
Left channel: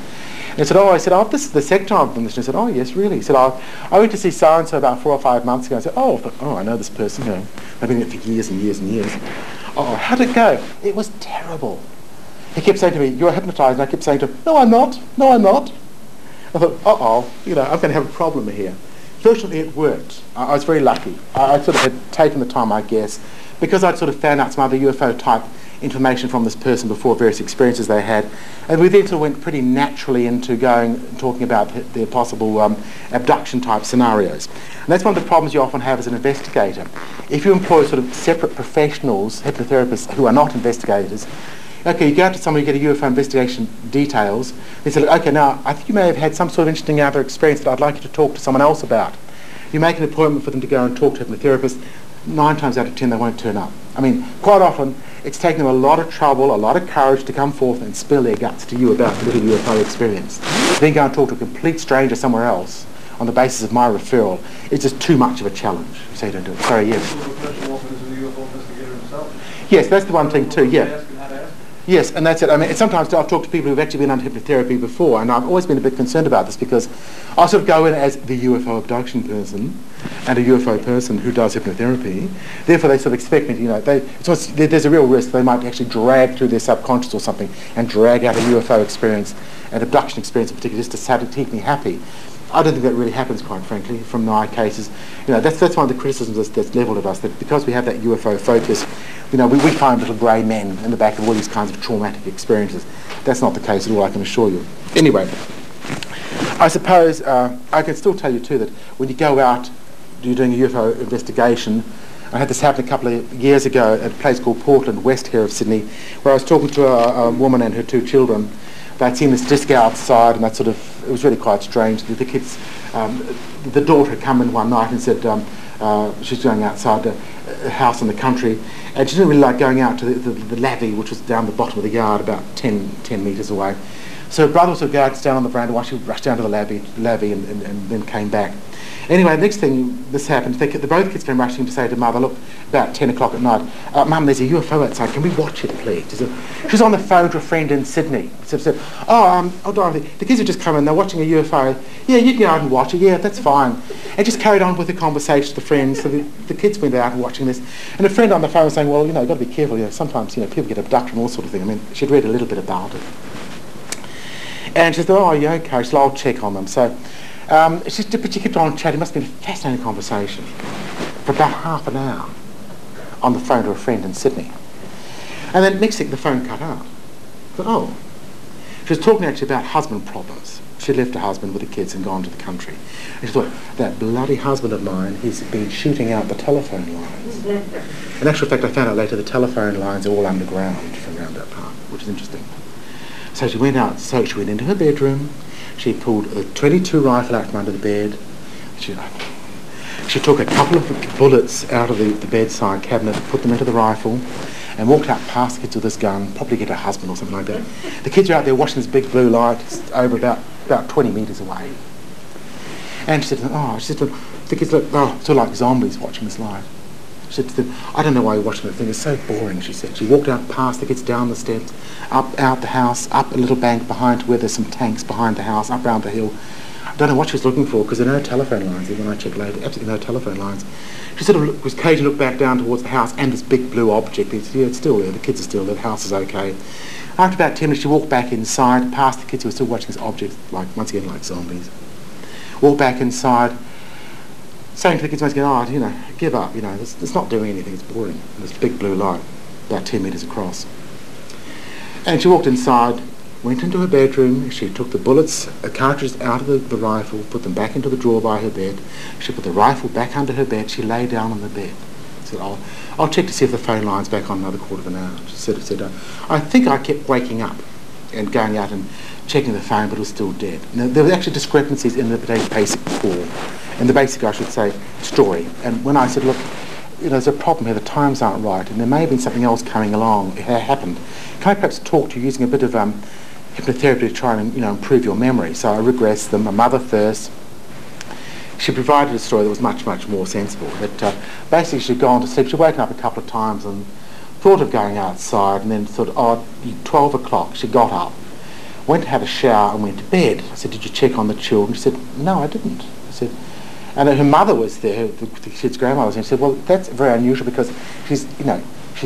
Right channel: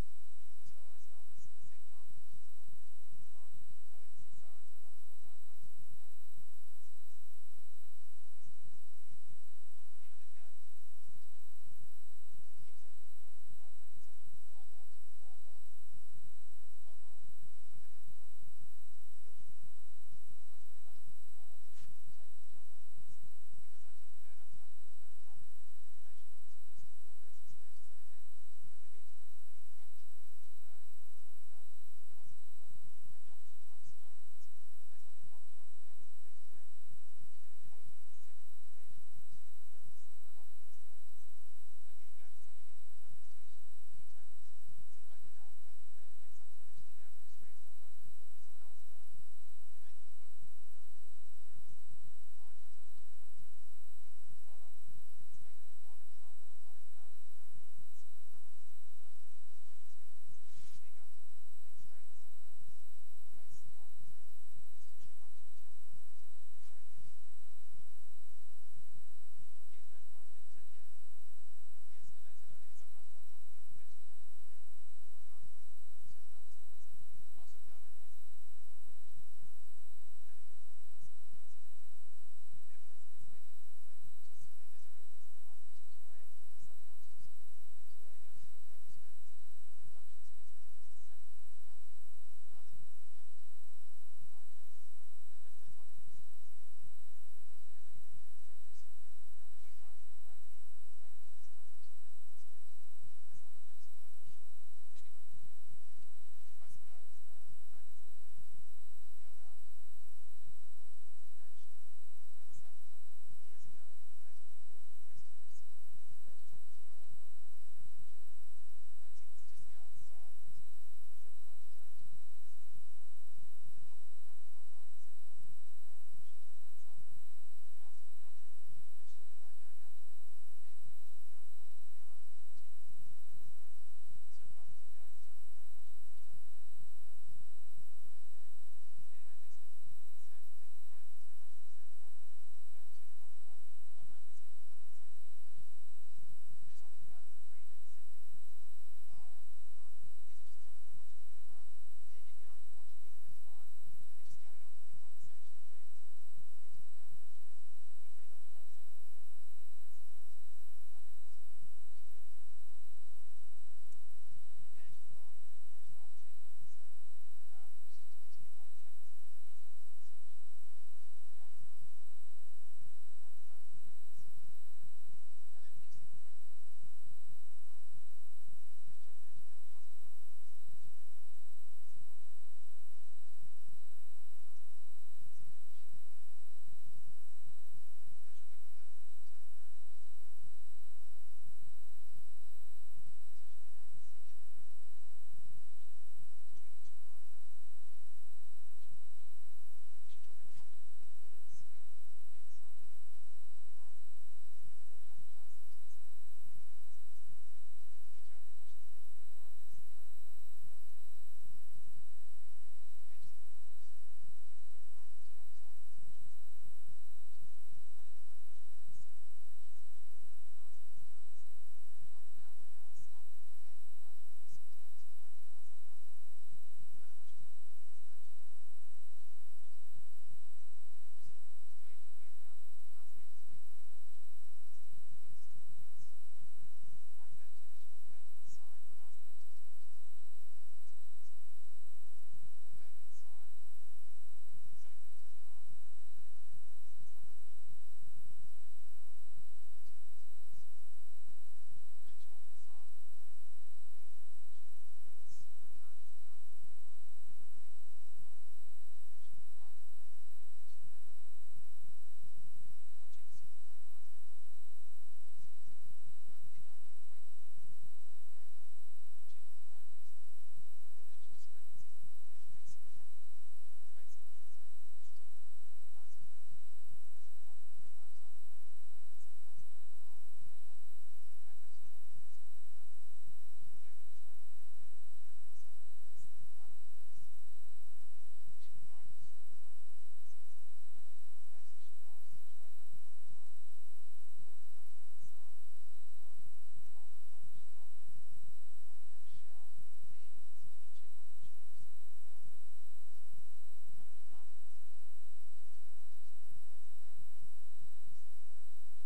And he said, this is the second time I've done this. And I said, oh, yes, really? He said, I went to see so-and-so about 4 or 5 months ago. I said, I know this person, I've been in it for years and years and years. Oh, how'd it go? It was terrible. He kept saying to me, you're hypnotised. And I kept saying to him, no, I'm not. No, I'm not. I thought, I'm going to have a problem here. Fortunately, it worked. I was very lucky. I sort of had taken the time, I guess, because I'd sort of found out some other UFO-type information from this person before, various experiences they had, and we then sort of went pretty naturally into talking about their possible abduction-type scenarios. And that's one of the problems you often have as an investigator. If you employ sort of separate professionals, hypnotherapists who are not investigators, okay, you go out to somebody, you get a UFO investigation details, they say, okay, now, I think you may have had some sort of interesting other experience that I'd like you to talk to someone else about. You make an appointment for them to go and talk to a hypnotherapist. 9 times out of 10 they won't turn up. I mean, quite often it's taken them a lot of trouble, a lot of courage to come forth and spill their guts to you about the little UFO experience. Then go and talk to a complete stranger somewhere else on the basis of my referral. It's just too much of a challenge, so you don't do it. Sorry, yes. Yes, that's the one thing too, yeah. Yes, and that's it. I mean, sometimes I've talked to people who've actually been under hypnotherapy before, and I've always been a bit concerned about this because I sort of go in as the UFO abduction person and a UFO person who does hypnotherapy. Therefore, they sort of expect me to, there's a real risk they might actually drag through their subconscious or something and drag out a UFO experience, an abduction experience in particular, just to keep me happy. I don't think that really happens, quite frankly, from my cases. That's one of the criticisms that's levelled at us, that because we have that UFO focus, we find little grey men in the back of all these kinds of traumatic experiences. That's not the case at all, I can assure you. Anyway, I suppose I can still tell you too that when you go out, you're doing a UFO investigation. I had this happen a couple of years ago at a place called Portland, west here of Sydney, where I was talking to a woman and her 2 children. They'd seen this disco outside, and it was really quite strange. The kids, the daughter had come in one night and said she's going outside a house in the country, and she didn't really like going out to the lavvy, which was down the bottom of the yard, about 10 metres away. So her brother would go out, stand on the veranda while she rushed down to the lavvy and then came back. Anyway, the next thing this happened, both kids came rushing to say to Mother, look, about 10 o'clock at night, Mum, there's a UFO outside, can we watch it, please? She's on the phone to a friend in Sydney. She said, Dorothy, the kids have just come in, they're watching a UFO. Yeah, you can go out and watch it, yeah, that's fine. And just carried on with the conversation with the friends, so the kids went out and watching this. And a friend on the phone was saying, well, you've got to be careful, sometimes, people get abducted and all sort of thing. I mean, she'd read a little bit about it. And she said, oh, yeah, okay, so I'll check on them. So, but she kept on chatting. It must have been a fascinating conversation for about half an hour on the phone to a friend in Sydney. And then next thing, the phone cut out. But she was talking actually about husband problems. She left her husband with the kids and gone to the country. And she thought, that bloody husband of mine, he's been shooting out the telephone lines. In actual fact, I found out later the telephone lines are all underground from around that part, which is interesting. So she went into her bedroom. She pulled a .22 rifle out from under the bed. She took a couple of bullets out of the bedside cabinet, put them into the rifle, and walked out past the kids with this gun, probably get her husband or something like that. The kids are out there watching this big blue light over about 20 metres away. And she said, the kids look, sort of like zombies watching this light. She said to them, I don't know why you're watching that thing, it's so boring, she said. She walked out past the kids, down the steps, out the house, up a little bank behind where there's some tanks behind the house, up round the hill. I don't know what she was looking for because there are no telephone lines there when I checked later, absolutely no telephone lines. She sort of was occasionally looked back down towards the house and this big blue object. Yeah, it's still there, the kids are still there, the house is okay. After about 10 minutes she walked back inside, past the kids who were still watching this object, once again like zombies. Walked back inside, saying to the kids once again, give up, it's not doing anything, it's boring. This big blue light, about 10 metres across. And she walked inside, went into her bedroom, she took the bullets, cartridges out of the rifle, put them back into the drawer by her bed. She put the rifle back under her bed, she lay down on the bed. said, I'll check to see if the phone line's back on another quarter of an hour. She said, I think I kept waking up and going out and checking the phone, but it was still dead. Now, there were actually discrepancies in the basic call, in the basic, I should say, story. And when I said, look, there's a problem here, the times aren't right, and there may have been something else coming along, it happened. Can I perhaps talk to you using a bit of hypnotherapy to try and improve your memory? So I regressed them. My mother first. She provided a story that was much, much more sensible. That basically she'd gone to sleep. She'd woken up a couple of times and thought of going outside, and then thought, 12 o'clock. She got up, went to have a shower and went to bed. I said, did you check on the children? She said, no, I didn't. I said, and her mother was there, the kid's grandmother was there. She said, well, that's very unusual because she's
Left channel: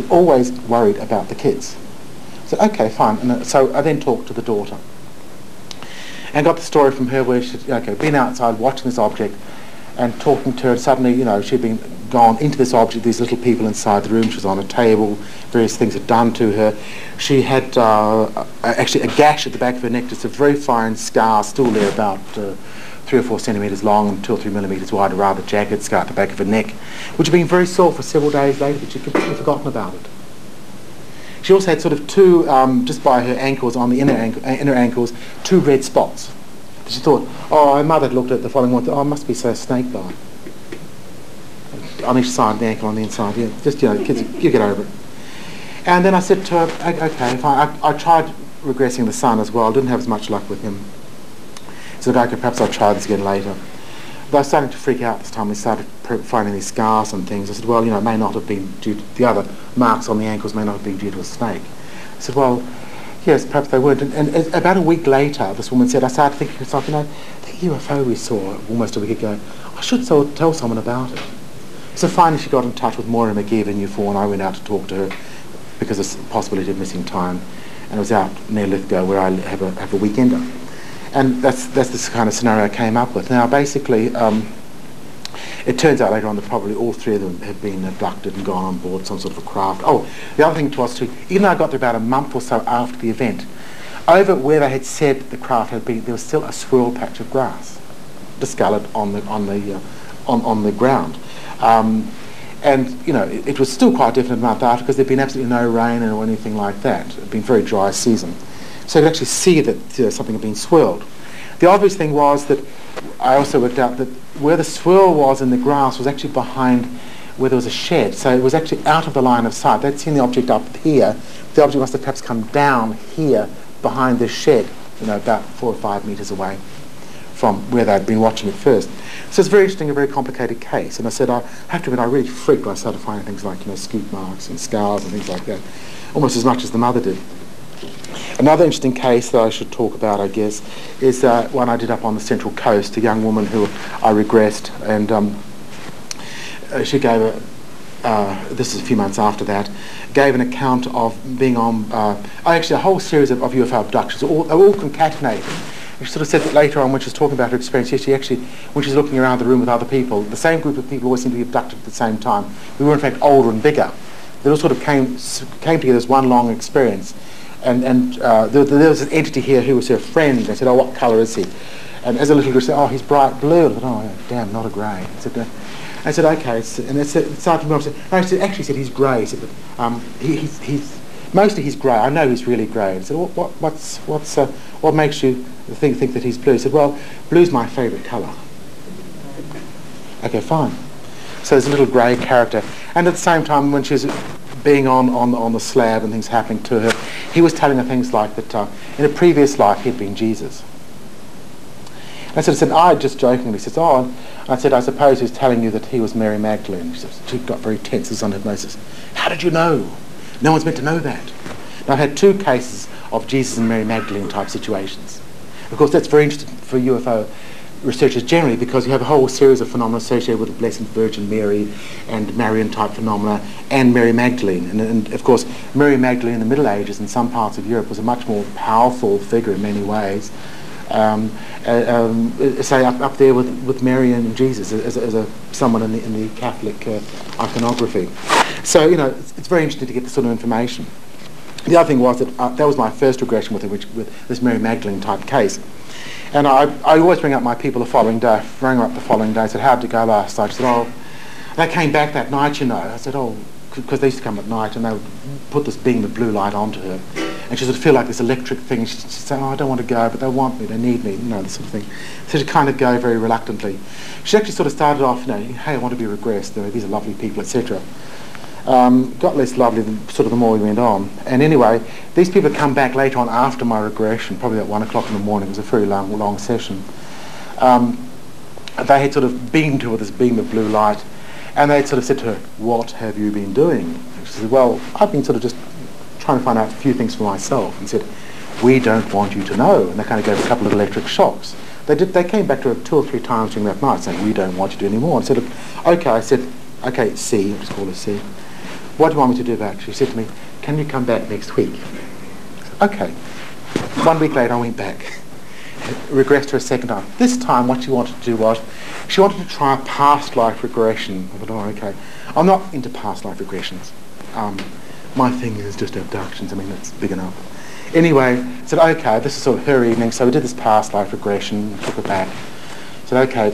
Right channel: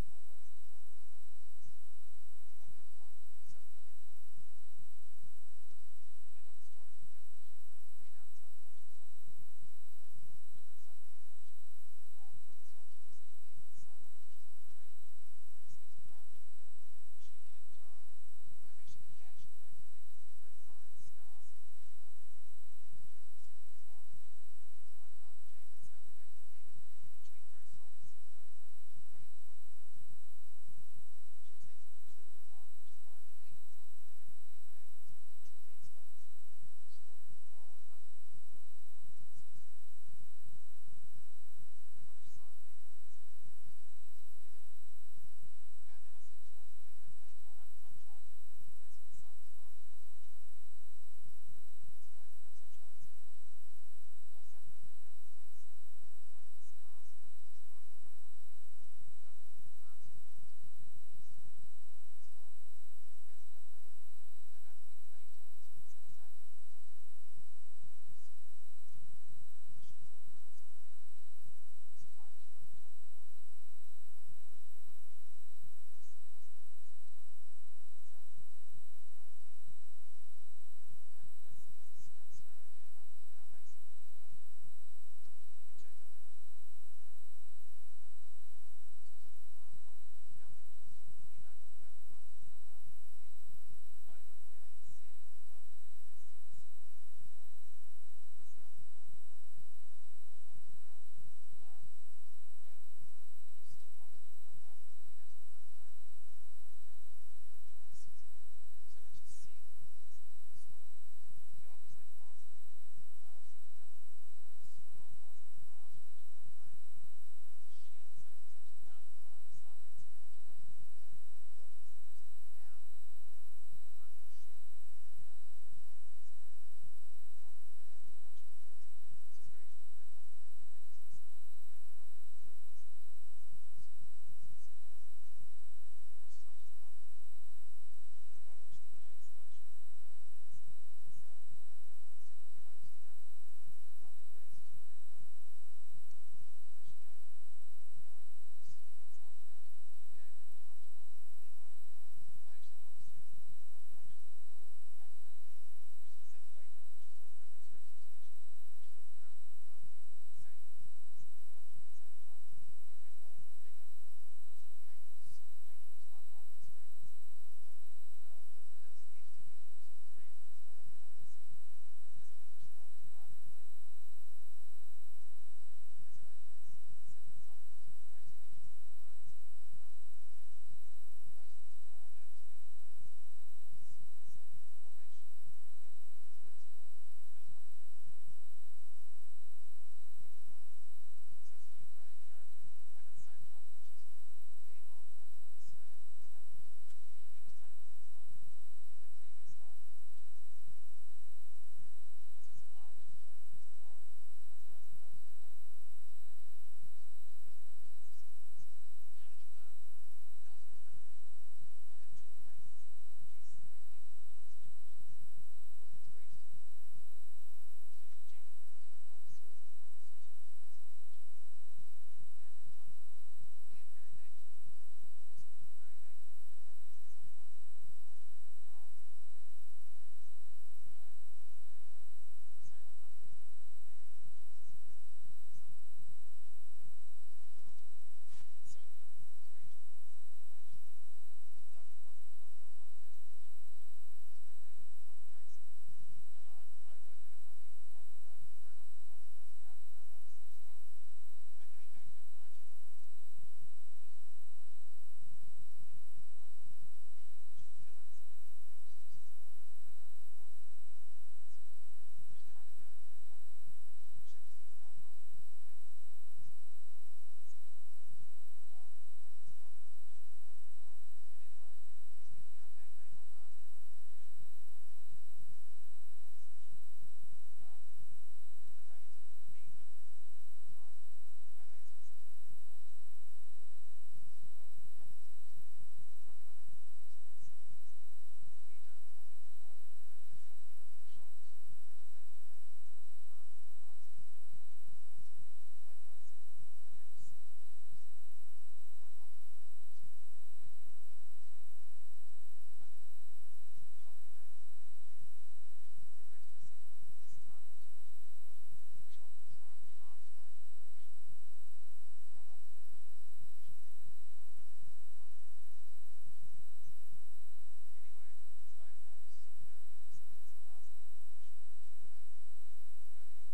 always worried about the kids. I said, okay, fine. And so I then talked to the daughter and got the story from her where she'd been outside watching this object and talking to her, and suddenly, she'd been gone into this object, these little people inside the room. She was on a table, various things had done to her. She had actually a gash at the back of her neck, just a very fine scar still there, about 3 or 4 centimetres long and 2 or 3 millimetres wide, a rather jagged scar at the back of her neck, which had been very sore for several days later, but she'd completely forgotten about it. She also had sort of 2, just by her ankles, on the inner ankles, 2 red spots. She thought, her mother had looked at the following one, it must be a snake bite. On each side of the ankle, on the inside, just, kids, you get over it. And then I said to her, okay, fine. I tried regressing the son as well, didn't have as much luck with him. So okay, perhaps I'll try this again later. But I was starting to freak out this time. We started finding these scars and things. I said, well, it may not have been due to the other marks on the ankles, may not have been due to a snake. I said, well, yes, perhaps they weren't. And about a week later, this woman said, I started thinking to myself, the UFO we saw almost a week ago, I should tell someone about it. So finally she got in touch with Moira McGee in U4, and I went out to talk to her because of the possibility of missing time. And it was out near Lithgow where I have a weekender. And that's the kind of scenario I came up with. Now, basically, it turns out later on that probably all 3 of them had been abducted and gone on board some sort of a craft. Oh, the other thing was too, even though I got there about a month or so after the event, over where they had said the craft had been, there was still a swirl patch of grass discoloured on the ground. And it was still quite a definite month after, because there'd been absolutely no rain or anything like that. It had been a very dry season. So you could actually see that something had been swirled. The obvious thing was that I also worked out that where the swirl was in the grass was actually behind where there was a shed. So it was actually out of the line of sight. They'd seen the object up here. The object must have perhaps come down here behind this shed, about 4 or 5 metres away from where they'd been watching it first. So it's very interesting, a very complicated case. And I said, I have to admit, I really freaked when I started finding things like, scoop marks and scars and things like that, almost as much as the mother did. Another interesting case that I should talk about, I guess, is one I did up on the Central Coast, a young woman who I regressed, and she gave this is a few months after that, gave an account of being on, actually a whole series of UFO abductions, all concatenated. She sort of said that later on when she was talking about her experience, she actually, when she was looking around the room with other people, the same group of people always seemed to be abducted at the same time. We were in fact older and bigger. They all sort of came together as one long experience. And there was an entity here who was her friend. They said, what colour is he? And as a little girl said, he's bright blue. I thought, damn, not a grey. I said, okay. And it started to move. I said, actually, said he's grey. He said, but he's mostly he's grey. I know he's really grey. I said, what makes you think that he's blue? He said, well, blue's my favourite colour. Okay, fine. So there's a little grey character. And at the same time, when she was being on the slab and things happening to her, he was telling her things like that in a previous life he'd been Jesus. And I said, I just jokingly says, and I said, I suppose he was telling you that he was Mary Magdalene. She got very tense as on hypnosis. How did you know? No one's meant to know that. Now, I've had 2 cases of Jesus and Mary Magdalene type situations. Of course, that's very interesting for UFO researchers generally, because you have a whole series of phenomena associated with the Blessed Virgin Mary and Marian type phenomena and Mary Magdalene. And of course, Mary Magdalene in the Middle Ages in some parts of Europe was a much more powerful figure in many ways. Say up there with Mary and Jesus as someone in the Catholic iconography. So it's very interesting to get this sort of information. The other thing was that that was my first regression with this Mary Magdalene type case. And I always bring up my people the following day. I said, how did it go last night? She said, They came back that night, you know. I said, oh, because they used to come at night and they would put this beam of blue light onto her. And she would feel like this electric thing. She'd say, oh, I don't want to go, but they want me, they need me, you know, this sort of thing. So she'd kind of go very reluctantly. She actually sort of started off, you know, hey, I want to be regressed, these are lovely people, etc. Got less lovely sort of the more we went on. And anyway, these people had come back later on after my regression, probably at 1 o'clock in the morning. It was a very long session. They had sort of beamed her with this beam of blue light, and they had sort of said to her, what have you been doing? She said, well, I've been sort of just trying to find out a few things for myself. And said, we don't want you to know. And they kind of gave a couple of electric shocks. They came back to her 2 or 3 times during that night saying, we don't want you to do any more. And I said, okay. I said, okay, C, I'll just call her C. What do you want me to do about it? She said to me, can you come back next week? I said, okay. 1 week later, I went back. Regressed her a second time. This time, what she wanted to do was, she wanted to try a past life regression. I thought, oh, okay. I'm not into past life regressions. My thing is just abductions. I mean, that's big enough. Anyway, said, okay, this is sort of her evening, so we did this past life regression, took her back. Said, okay,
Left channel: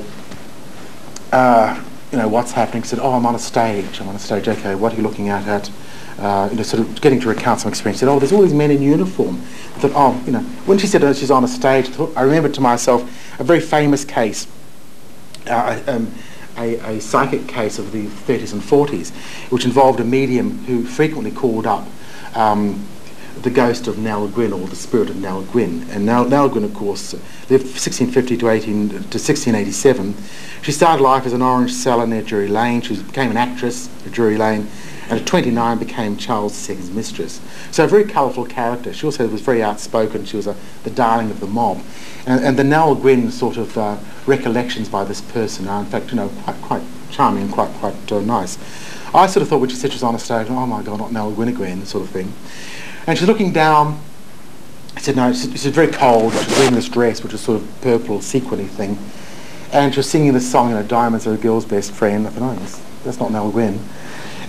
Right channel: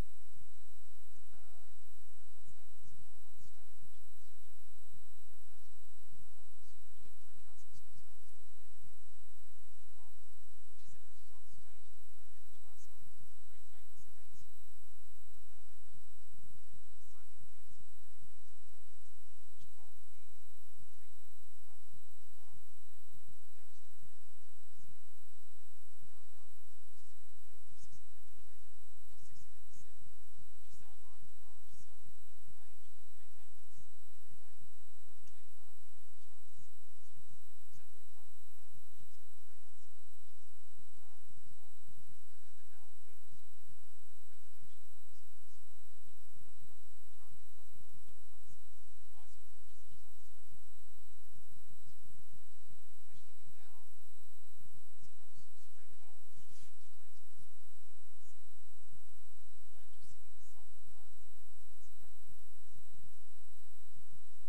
you know, what's happening? Said, oh, I'm on a stage. Okay, what are you looking at? You know, sort of getting to recount some experience. Said, oh, there's all these men in uniform. I thought, oh, you know, when she said she's on a stage, I remembered to myself a very famous case, a psychic case of the 30s and 40s, which involved a medium who frequently called up the ghost of Nell Gwyn, or the spirit of Nell Gwyn. And Nell Gwyn, of course, lived 1650 to 1687. She started life as an orange seller near Drury Lane. She became an actress at Drury Lane, and at 29 became Charles II's mistress. So a very colourful character. She also was very outspoken. She was the darling of the mob. And the Nell Gwyn sort of recollections by this person are, in fact, you know, quite charming and quite nice. I sort of thought when she said she was on a stage, oh my God, not Nell Gwyn again, sort of thing. And she's looking down. I said, no, she's very cold. She's wearing this dress, which is sort of purple, sequiny thing. And she was singing this song, you know, Diamonds Are a Girl's Best Friend. I thought, oh, that's not Nell Gwyn.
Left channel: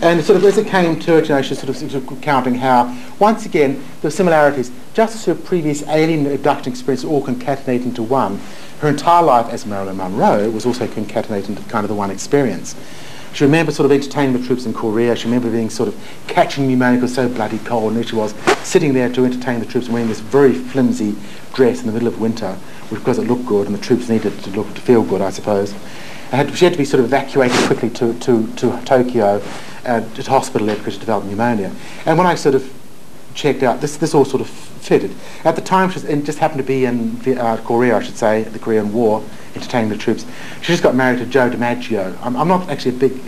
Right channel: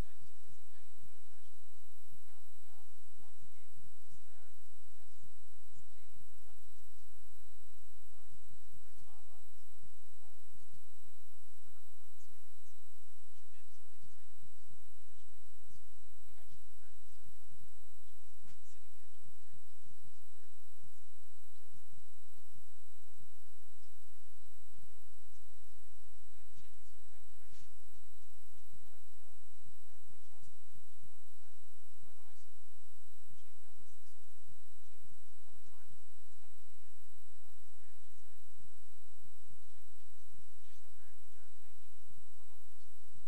And sort of as it came to it, you know, she's sort of counting how, once again, there were similarities. Just as her previous alien abduction experience all concatenated into one, her entire life as Marilyn Monroe was also concatenated into kind of the one experience. She remembered sort of entertaining the troops in Korea. She remembered being sort of catching pneumonia, it was so bloody cold, and there she was sitting there to entertain the troops and wearing this very flimsy dress in the middle of winter, because it looked good and the troops needed to feel good, I suppose. She had to be sort of evacuated quickly to Tokyo, to hospital there because she developed pneumonia. And when I sort of checked out, this all sort of fitted. At the time, she just happened to be in Korea, I should say, the Korean War, entertaining the troops. She just got married to Joe DiMaggio. I'm not actually a big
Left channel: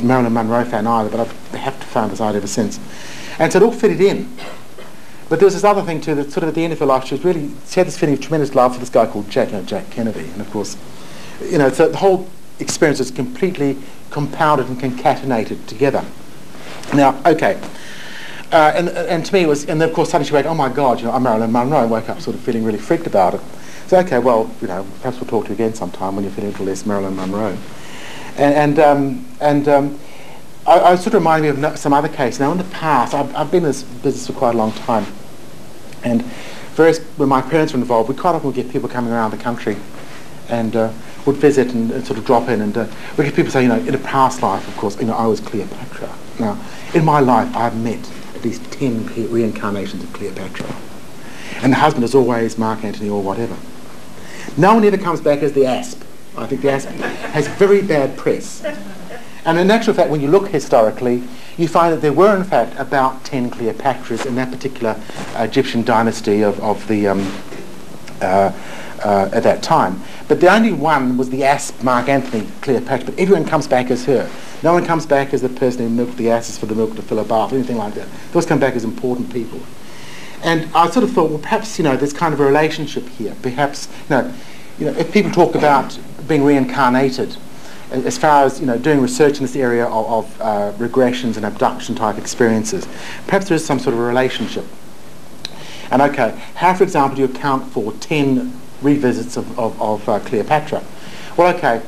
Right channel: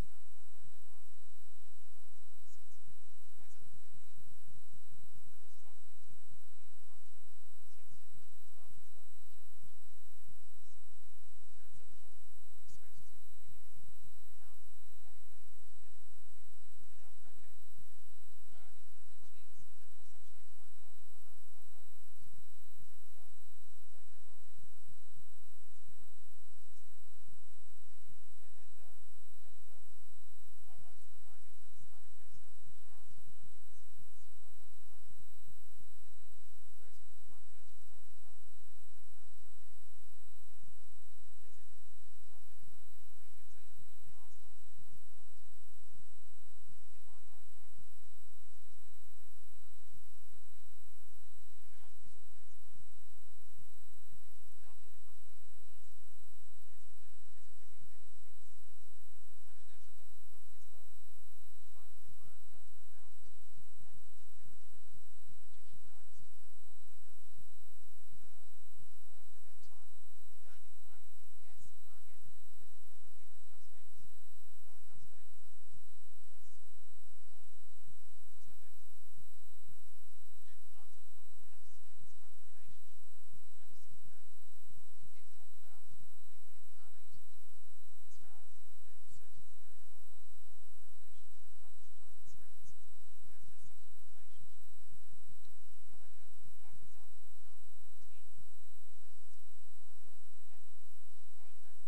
Marilyn Monroe fan either, but I've have to found this out ever since. And so it all fitted in. But there was this other thing too, that sort of at the end of her life, she had this feeling of tremendous love for this guy called Jack Kennedy. And of course, you know, so the whole experience is completely compounded and concatenated together. Now, okay. And to me it was, and then of course suddenly she went, oh my God, you know, I'm Marilyn Monroe, and woke up sort of feeling really freaked about it. So okay, well, you know, perhaps we'll talk to you again sometime when you're feeling a little less Marilyn Monroe. I sort of reminded me of some other cases. Now in the past, I've been in this business for quite a long time, and when my parents were involved, we quite often would get people coming around the country and would visit and sort of drop in, and we get people say, you know, in a past life, of course, you know, I was Cleopatra. Now, in my life, I've met at least 10 reincarnations of Cleopatra. And the husband is always Mark Antony or whatever. No one ever comes back as the Asp. I think the Asp has very bad press. And in actual fact, when you look historically, you find that there were, in fact, about 10 Cleopatras in that particular Egyptian dynasty of the at that time. But the only one was the Asp Mark Antony Cleopatra, but everyone comes back as her. No one comes back as the person who milked the asses for the milk to fill a bath, or anything like that. They always come back as important people. And I sort of thought, well, perhaps, you know, there's kind of a relationship here. Perhaps, you know, if people talk about being reincarnated, as far as, you know, doing research in this area of regressions and abduction type experiences, perhaps there is some sort of a relationship. And okay, how, for example, do you account for 10 revisits of Cleopatra? Well, okay,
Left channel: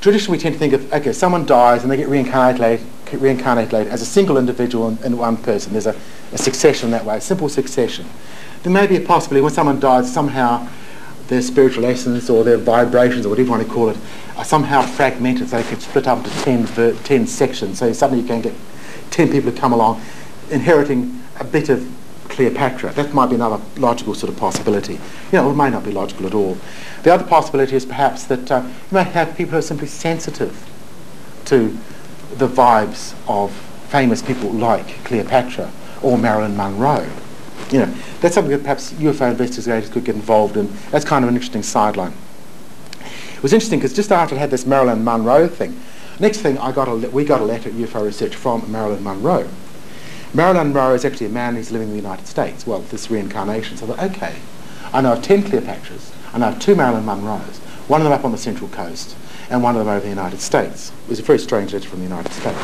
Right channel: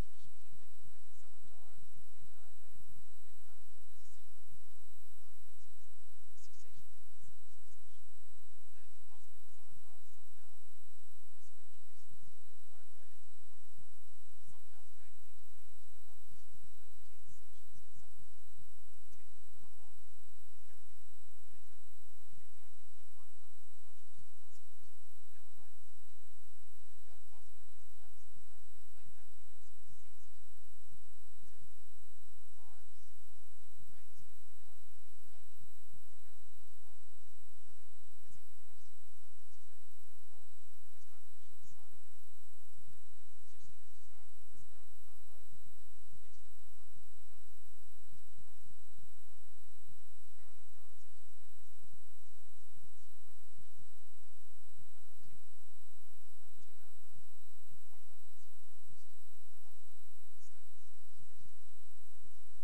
traditionally we tend to think of, okay, someone dies and they get reincarnated later as a single individual in one person. There's a succession that way, a simple succession. There may be a possibility when someone dies, somehow their spiritual essence or their vibrations or whatever you want to call it are somehow fragmented, so they can split up into 10 sections. So suddenly you can get 10 people who come along inheriting a bit of Cleopatra. That might be another logical sort of possibility. It may not be logical at all. The other possibility is perhaps that you may have people who are simply sensitive to the vibes of famous people like Cleopatra or Marilyn Monroe. That's something that perhaps UFO investigators could get involved in. That's kind of an interesting sideline. It was interesting because just after I had this Marilyn Monroe thing, next thing we got a letter at UFO Research from Marilyn Monroe. Marilyn Monroe is actually a man who's living in the United States. Well, this reincarnation. So I thought, okay, I know of 10 Cleopatras, I know of 2 Marilyn Monroes, one of them up on the Central Coast, and one of them over the United States. It was a very strange letter from the United States.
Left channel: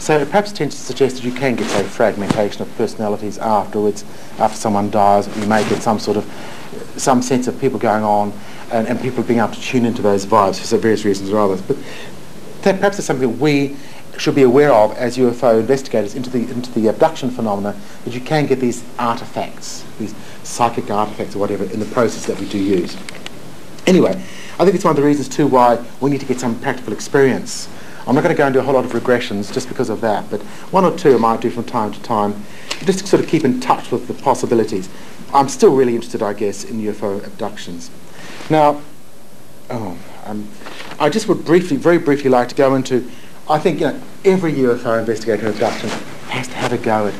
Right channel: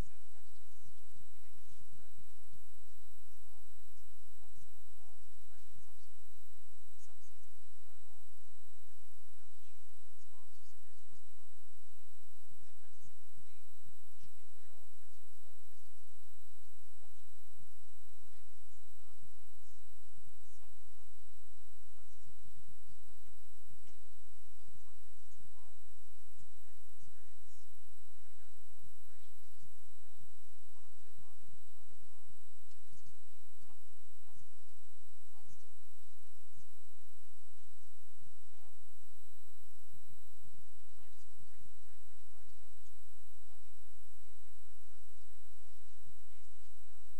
So it perhaps tends to suggest that you can get, say, fragmentation of personalities afterwards, after someone dies. You may get some sense of people going on and people being able to tune into those vibes for various reasons or others. But that perhaps is something that we should be aware of as UFO investigators into the abduction phenomena, that you can get these artefacts, these psychic artefacts or whatever, in the process that we do use. Anyway, I think it's one of the reasons too why we need to get some practical experience. I'm not going to go into a whole lot of regressions just because of that, but one or two I might do from time to time, just to sort of keep in touch with the possibilities. I'm still really interested, I guess, in UFO abductions. Now, I just would very briefly like to go into, I think every UFO investigator abduction has to have a go at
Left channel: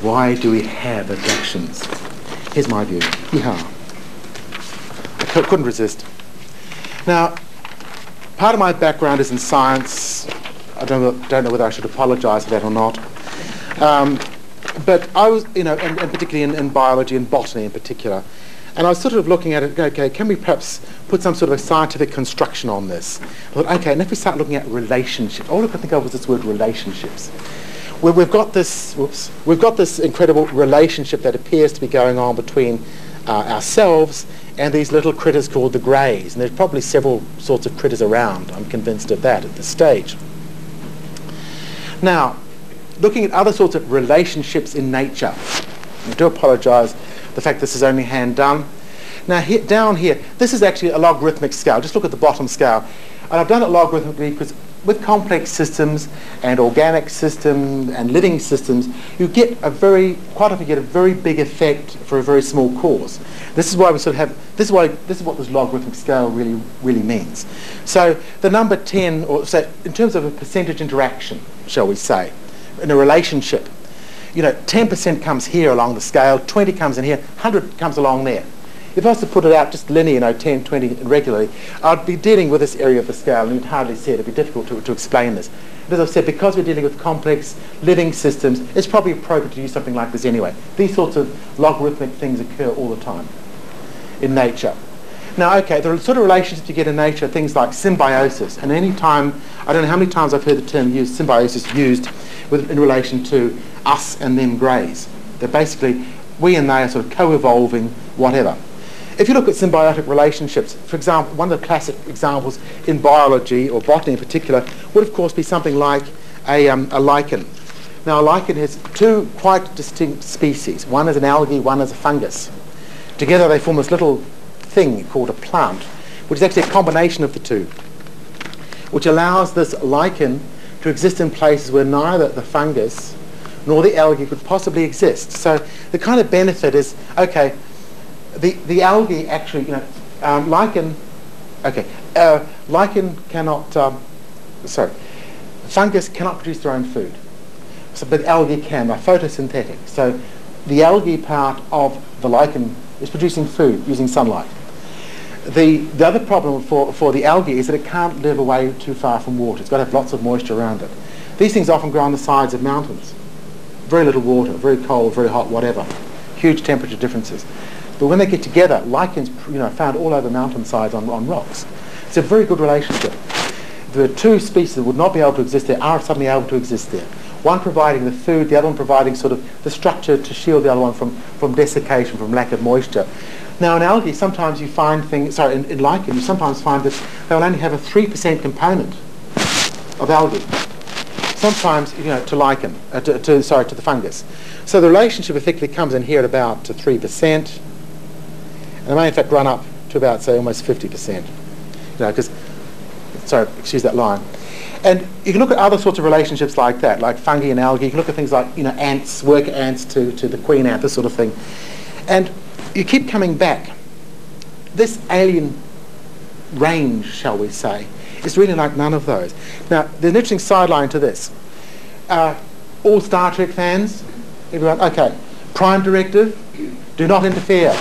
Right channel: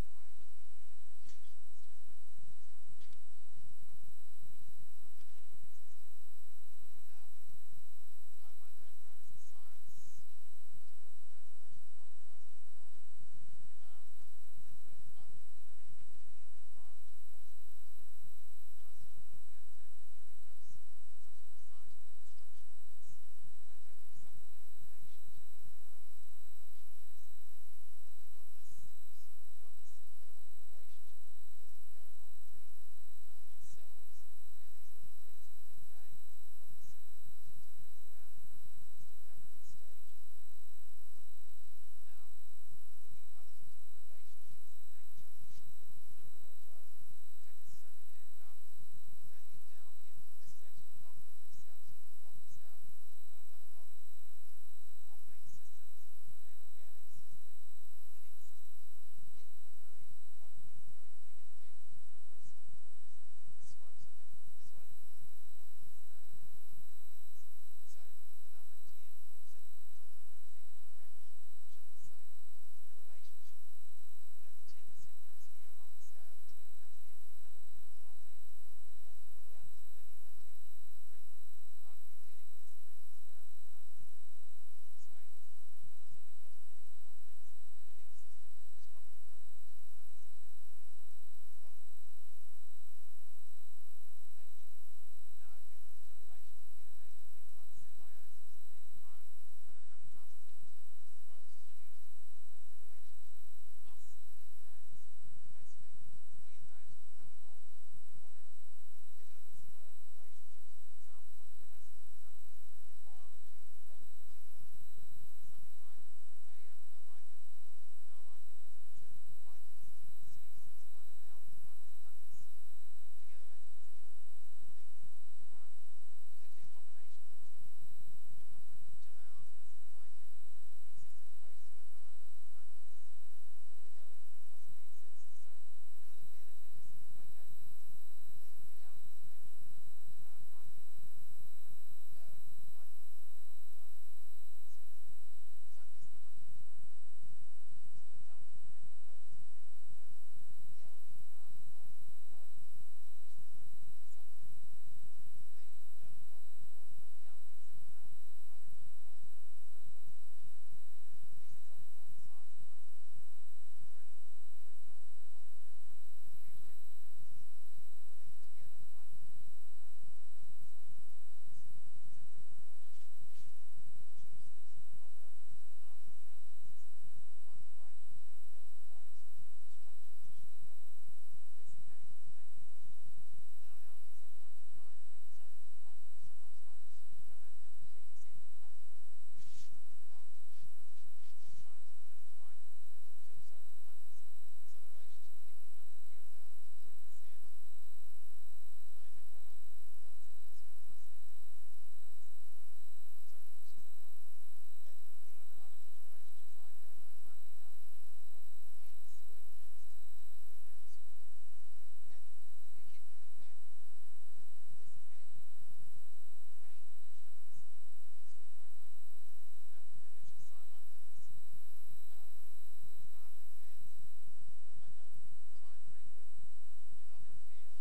why do we have abductions. Here's my view. Yeah. I couldn't resist. Now, part of my background is in science. I don't know whether I should apologise for that or not. But I was, and particularly in biology and botany in particular. And I was sort of looking at it, okay, can we perhaps put some sort of a scientific construction on this? I thought, okay, and if we start looking at relationships, all I could think of was this word relationships. Where we've got this incredible relationship that appears to be going on between ourselves and these little critters called the greys. And there's probably several sorts of critters around, I'm convinced of that at this stage. Now, looking at other sorts of relationships in nature, I do apologise the fact this is only hand done. Now down here, this is actually a logarithmic scale. Just look at the bottom scale. And I've done it logarithmically because with complex systems and organic systems and living systems, you get quite often get a very big effect for a very small cause. This is why we sort of have, this is what this logarithmic scale really means. So the number 10, or so in terms of a percentage interaction, shall we say, in a relationship, 10% comes here along the scale, 20 comes in here, 100 comes along there. If I was to put it out just linear, 10, 20 regularly, I'd be dealing with this area of the scale, and you'd hardly see it. It'd be difficult to explain this. But as I've said, because we're dealing with complex living systems, it's probably appropriate to use something like this anyway. These sorts of logarithmic things occur all the time in nature. Now, okay, the sort of relationships you get in nature are things like symbiosis. And any time, I don't know how many times I've heard the term symbiosis used in relation to us and them greys. They're basically, we and they are sort of co-evolving, whatever. If you look at symbiotic relationships, for example, one of the classic examples in biology, or botany in particular, would of course be something like a lichen. Now a lichen has two quite distinct species. One is an algae, one is a fungus. Together they form this little thing called a plant, which is actually a combination of the two, which allows this lichen to exist in places where neither the fungus nor the algae could possibly exist. So the kind of benefit is, okay, the algae actually, lichen cannot, fungus cannot produce their own food, but algae can. They're photosynthetic. So the algae part of the lichen is producing food using sunlight. The other problem for the algae is that it can't live away too far from water. It's got to have lots of moisture around it. These things often grow on the sides of mountains. Very little water, very cold, very hot, whatever. Huge temperature differences. But when they get together, lichens, found all over mountainsides on rocks. It's a very good relationship. The two species that would not be able to exist there are suddenly able to exist there. One providing the food, the other one providing sort of the structure to shield the other one from desiccation, from lack of moisture. Now in algae, sometimes you find things, in lichen, you sometimes find that they will only have a 3% component of algae. Sometimes, to lichen, to the fungus. So the relationship effectively comes in here at about 3%. And it may in fact run up to about, say, almost 50%. Because sorry, excuse that line. And you can look at other sorts of relationships like that, like fungi and algae. You can look at things like, you know, ants, worker ants to the queen ant, this sort of thing. And you keep coming back. This alien range, shall we say, is really like none of those. Now, there's an interesting sideline to this. All Star Trek fans, everyone, okay, Prime Directive, do not interfere.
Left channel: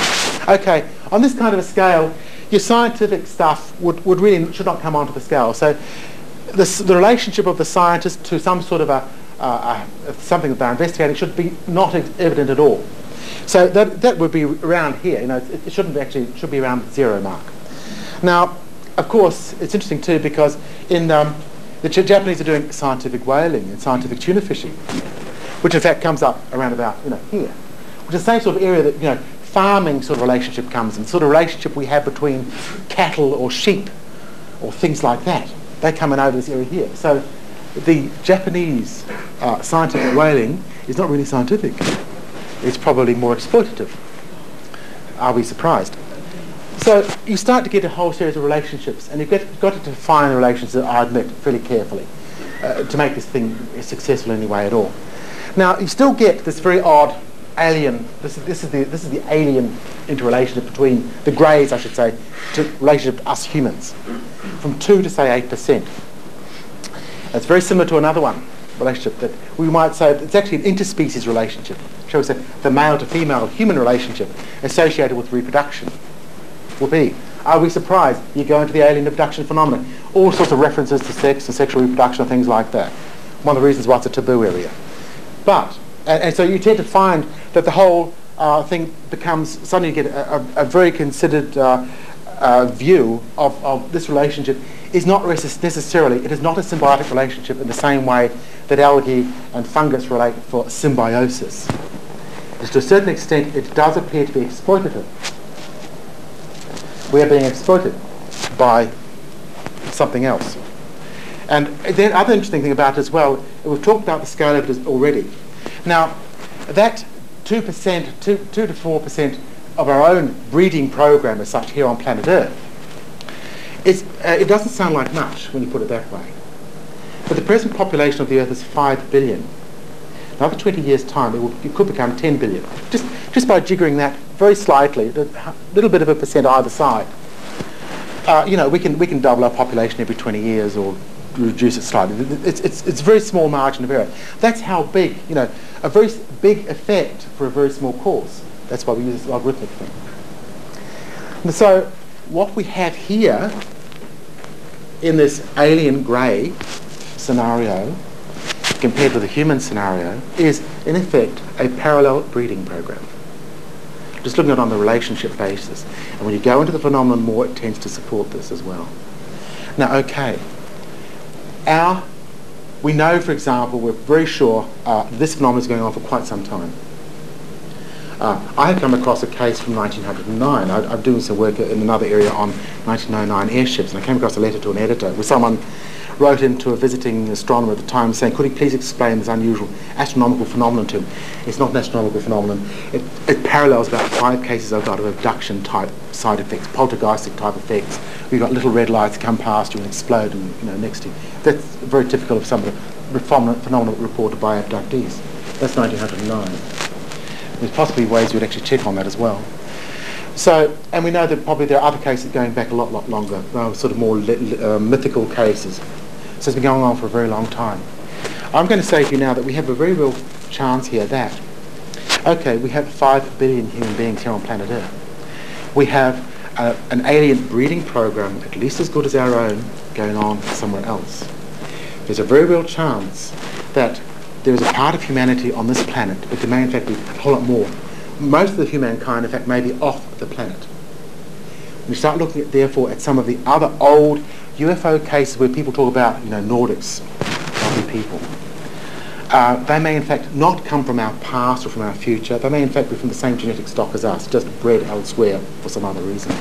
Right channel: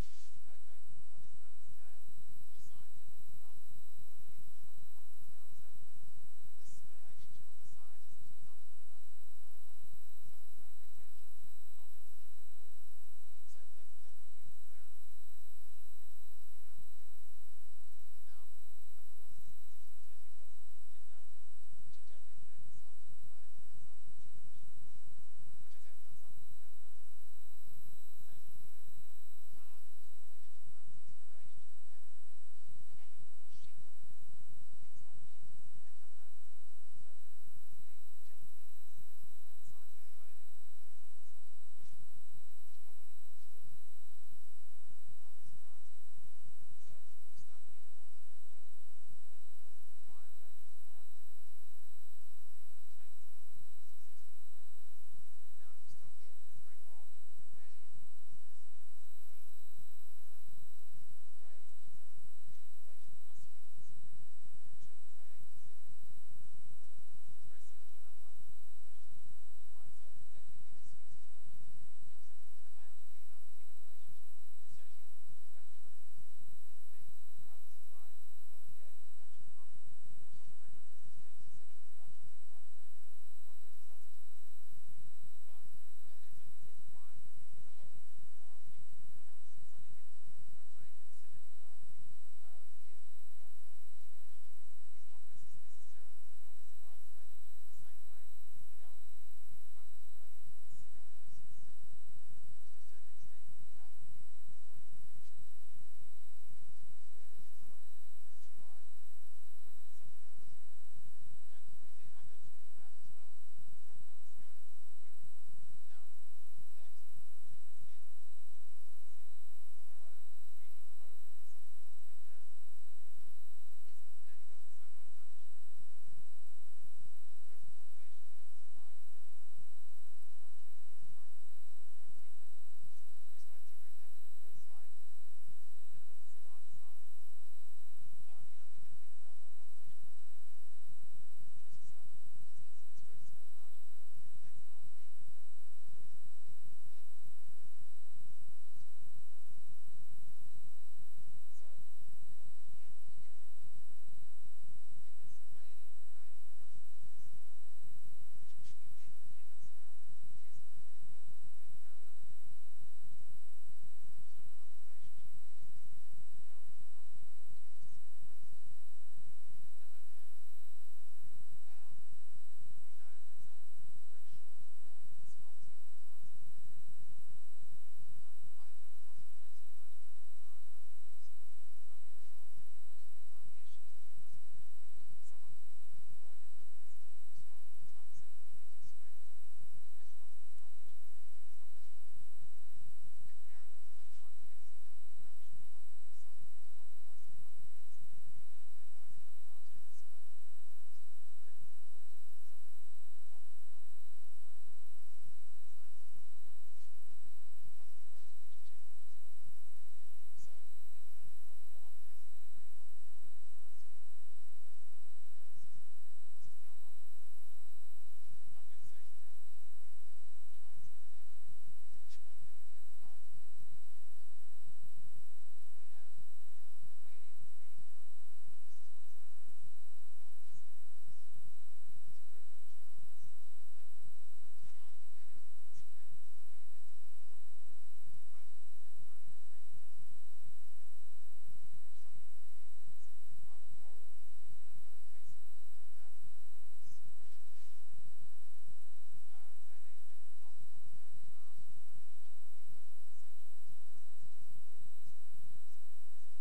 Okay, on this kind of a scale, your scientific stuff should not come onto the scale. So the relationship of the scientist to some sort of something that they're investigating should be not evident at all. So that would be around here. You know, it shouldn't actually, it should be around the 0 mark. Now, of course, it's interesting too because in the Japanese are doing scientific whaling and scientific tuna fishing, which in fact comes up around about, you know, here, which is the same sort of area that, you know, farming sort of relationship comes in, sort of relationship we have between cattle or sheep or things like that. They come in over this area here. So the Japanese scientific whaling is not really scientific. It's probably more exploitative. Are we surprised? So you start to get a whole series of relationships, and you've got to define the relationships, I admit, fairly carefully to make this thing successful in any way at all. Now, you still get this very odd alien, this is the alien interrelationship between the greys, I should say, to relationship to us humans, from 2 to say 8%. It's very similar to another one, relationship that we might say it's actually an interspecies relationship, shall we say, the male to female human relationship associated with reproduction will be. Are we surprised? You go into the alien reproduction phenomenon, all sorts of references to sex and sexual reproduction and things like that. One of the reasons why it's a taboo area. But, and so you tend to find that the whole thing becomes, suddenly you get a very considered view of this relationship is not necessarily, it is not a symbiotic relationship in the same way that algae and fungus relate for symbiosis. To a certain extent, it does appear to be exploitative. We are being exploited by something else. And the other interesting thing about it as well, we've talked about the scale of it already. Now, that 2%, 2 to 4% of our own breeding program as such here on planet Earth, it doesn't sound like much when you put it that way. But the present population of the Earth is 5 billion. Another 20 years' time, it could become 10 billion. Just by jiggering that very slightly, a little bit of a percent either side. You know, we can double our population every 20 years or reduce it slightly. It's a very small margin of error. That's how big, you know, a very big effect for a very small cause. That's why we use this logarithmic thing. And so what we have here in this alien grey scenario compared with the human scenario is, in effect, a parallel breeding program. Just looking at it on the relationship basis. And when you go into the phenomenon more, it tends to support this as well. Now, okay. We know, for example, we're very sure this phenomenon is going on for quite some time. I have come across a case from 1909. I'm doing some work in another area on 1909 airships, and I came across a letter to an editor where someone wrote into a visiting astronomer at the time saying, could he please explain this unusual astronomical phenomenon to him? It's not an astronomical phenomenon. It parallels about 5 cases I've got of abduction type side effects, poltergeistic type effects. We've got little red lights come past you and explode and, you know, next to you. That's very typical of some of the phenomena reported by abductees. That's 1909. There's possibly ways you'd actually check on that as well. So, and we know that probably there are other cases going back a lot longer, sort of more mythical cases. So it's been going on for a very long time. I'm going to say to you now that we have a very real chance here that, okay, we have 5 billion human beings here on planet Earth. We have an alien breeding program, at least as good as our own, going on somewhere else. There's a very real chance that there is a part of humanity on this planet, but there may in fact be a whole lot more. Most of the humankind, in fact, may be off the planet. When you start looking at, therefore, at some of the other old UFO cases where people talk about, you know, Nordics, lovely people, they may in fact not come from our past or from our future. They may in fact be from the same genetic stock as us, just bred elsewhere for some other reason.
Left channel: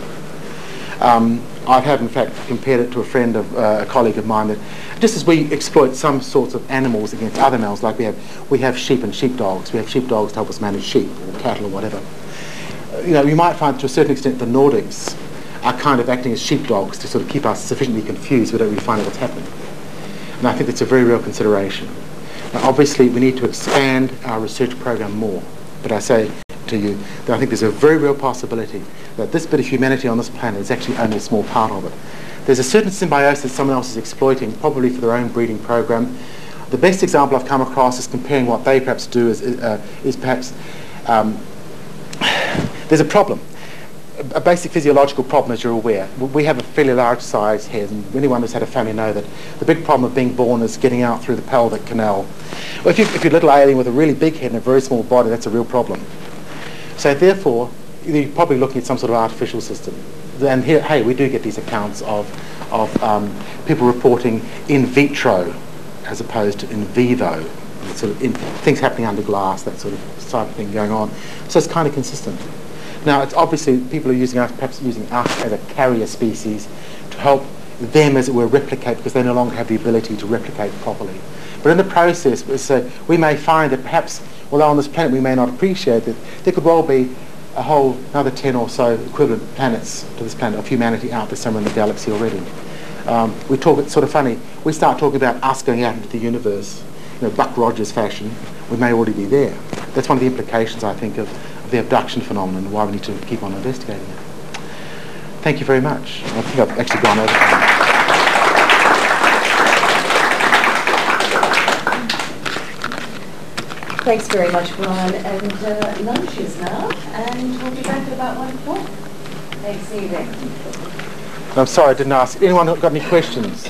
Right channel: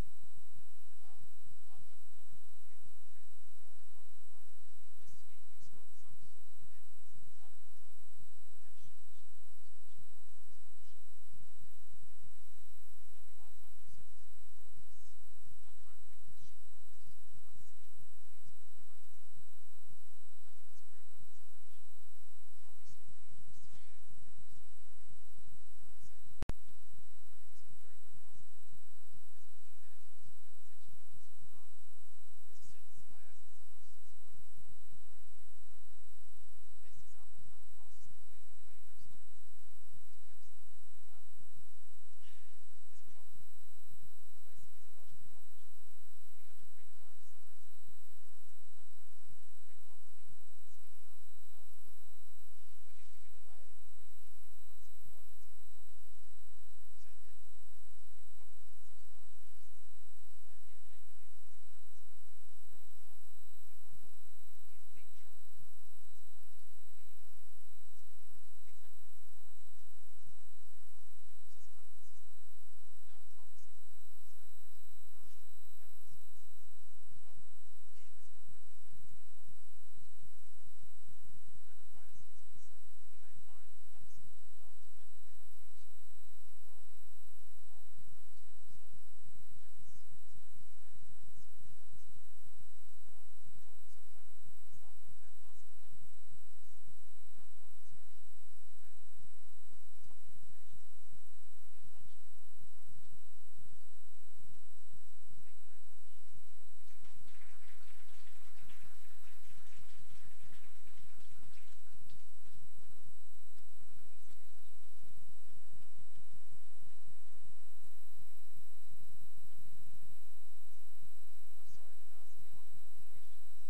I have in fact compared it to a friend of a colleague of mine that just as we exploit some sorts of animals against other animals, like we have sheep and sheepdogs. We have sheepdogs to help us manage sheep or cattle or whatever. You know, you might find to a certain extent the Nordics are kind of acting as sheepdogs to sort of keep us sufficiently confused so we don't really find out what's happening. And I think that's a very real consideration. Now, obviously, we need to expand our research program more. But I say to you that I think there's a very real possibility that this bit of humanity on this planet is actually only a small part of it. There's a certain symbiosis that someone else is exploiting, probably for their own breeding program. The best example I've come across is comparing what they perhaps do is perhaps there's a problem. A basic physiological problem, as you're aware. We have a fairly large size head, and anyone who's had a family know that the big problem of being born is getting out through the pelvic canal. Well, if you're a little alien with a really big head and a very small body, that's a real problem. So therefore, you're probably looking at some sort of artificial system. And here, hey, we do get these accounts of people reporting in vitro as opposed to in vivo, sort of things happening under glass, that sort of type of thing going on. So it's kind of consistent. Now, it's obviously people are using us, perhaps using us as a carrier species to help them, as it were, replicate, because they no longer have the ability to replicate properly. But in the process, we may find that perhaps, although on this planet we may not appreciate that, there could well be a whole another 10 or so equivalent planets to this planet of humanity out there somewhere in the galaxy already. We talk, it's sort of funny, we start talking about us going out into the universe, Buck Rogers fashion, we may already be there. That's one of the implications, I think, of the abduction phenomenon and why we need to keep on investigating it. Thank you very much. I think I've actually gone over time. Thanks very much, Brian. And lunch is now, and we'll be back at about 1 o'clock. Thanks, evening. I'm sorry I didn't ask. Anyone got any questions?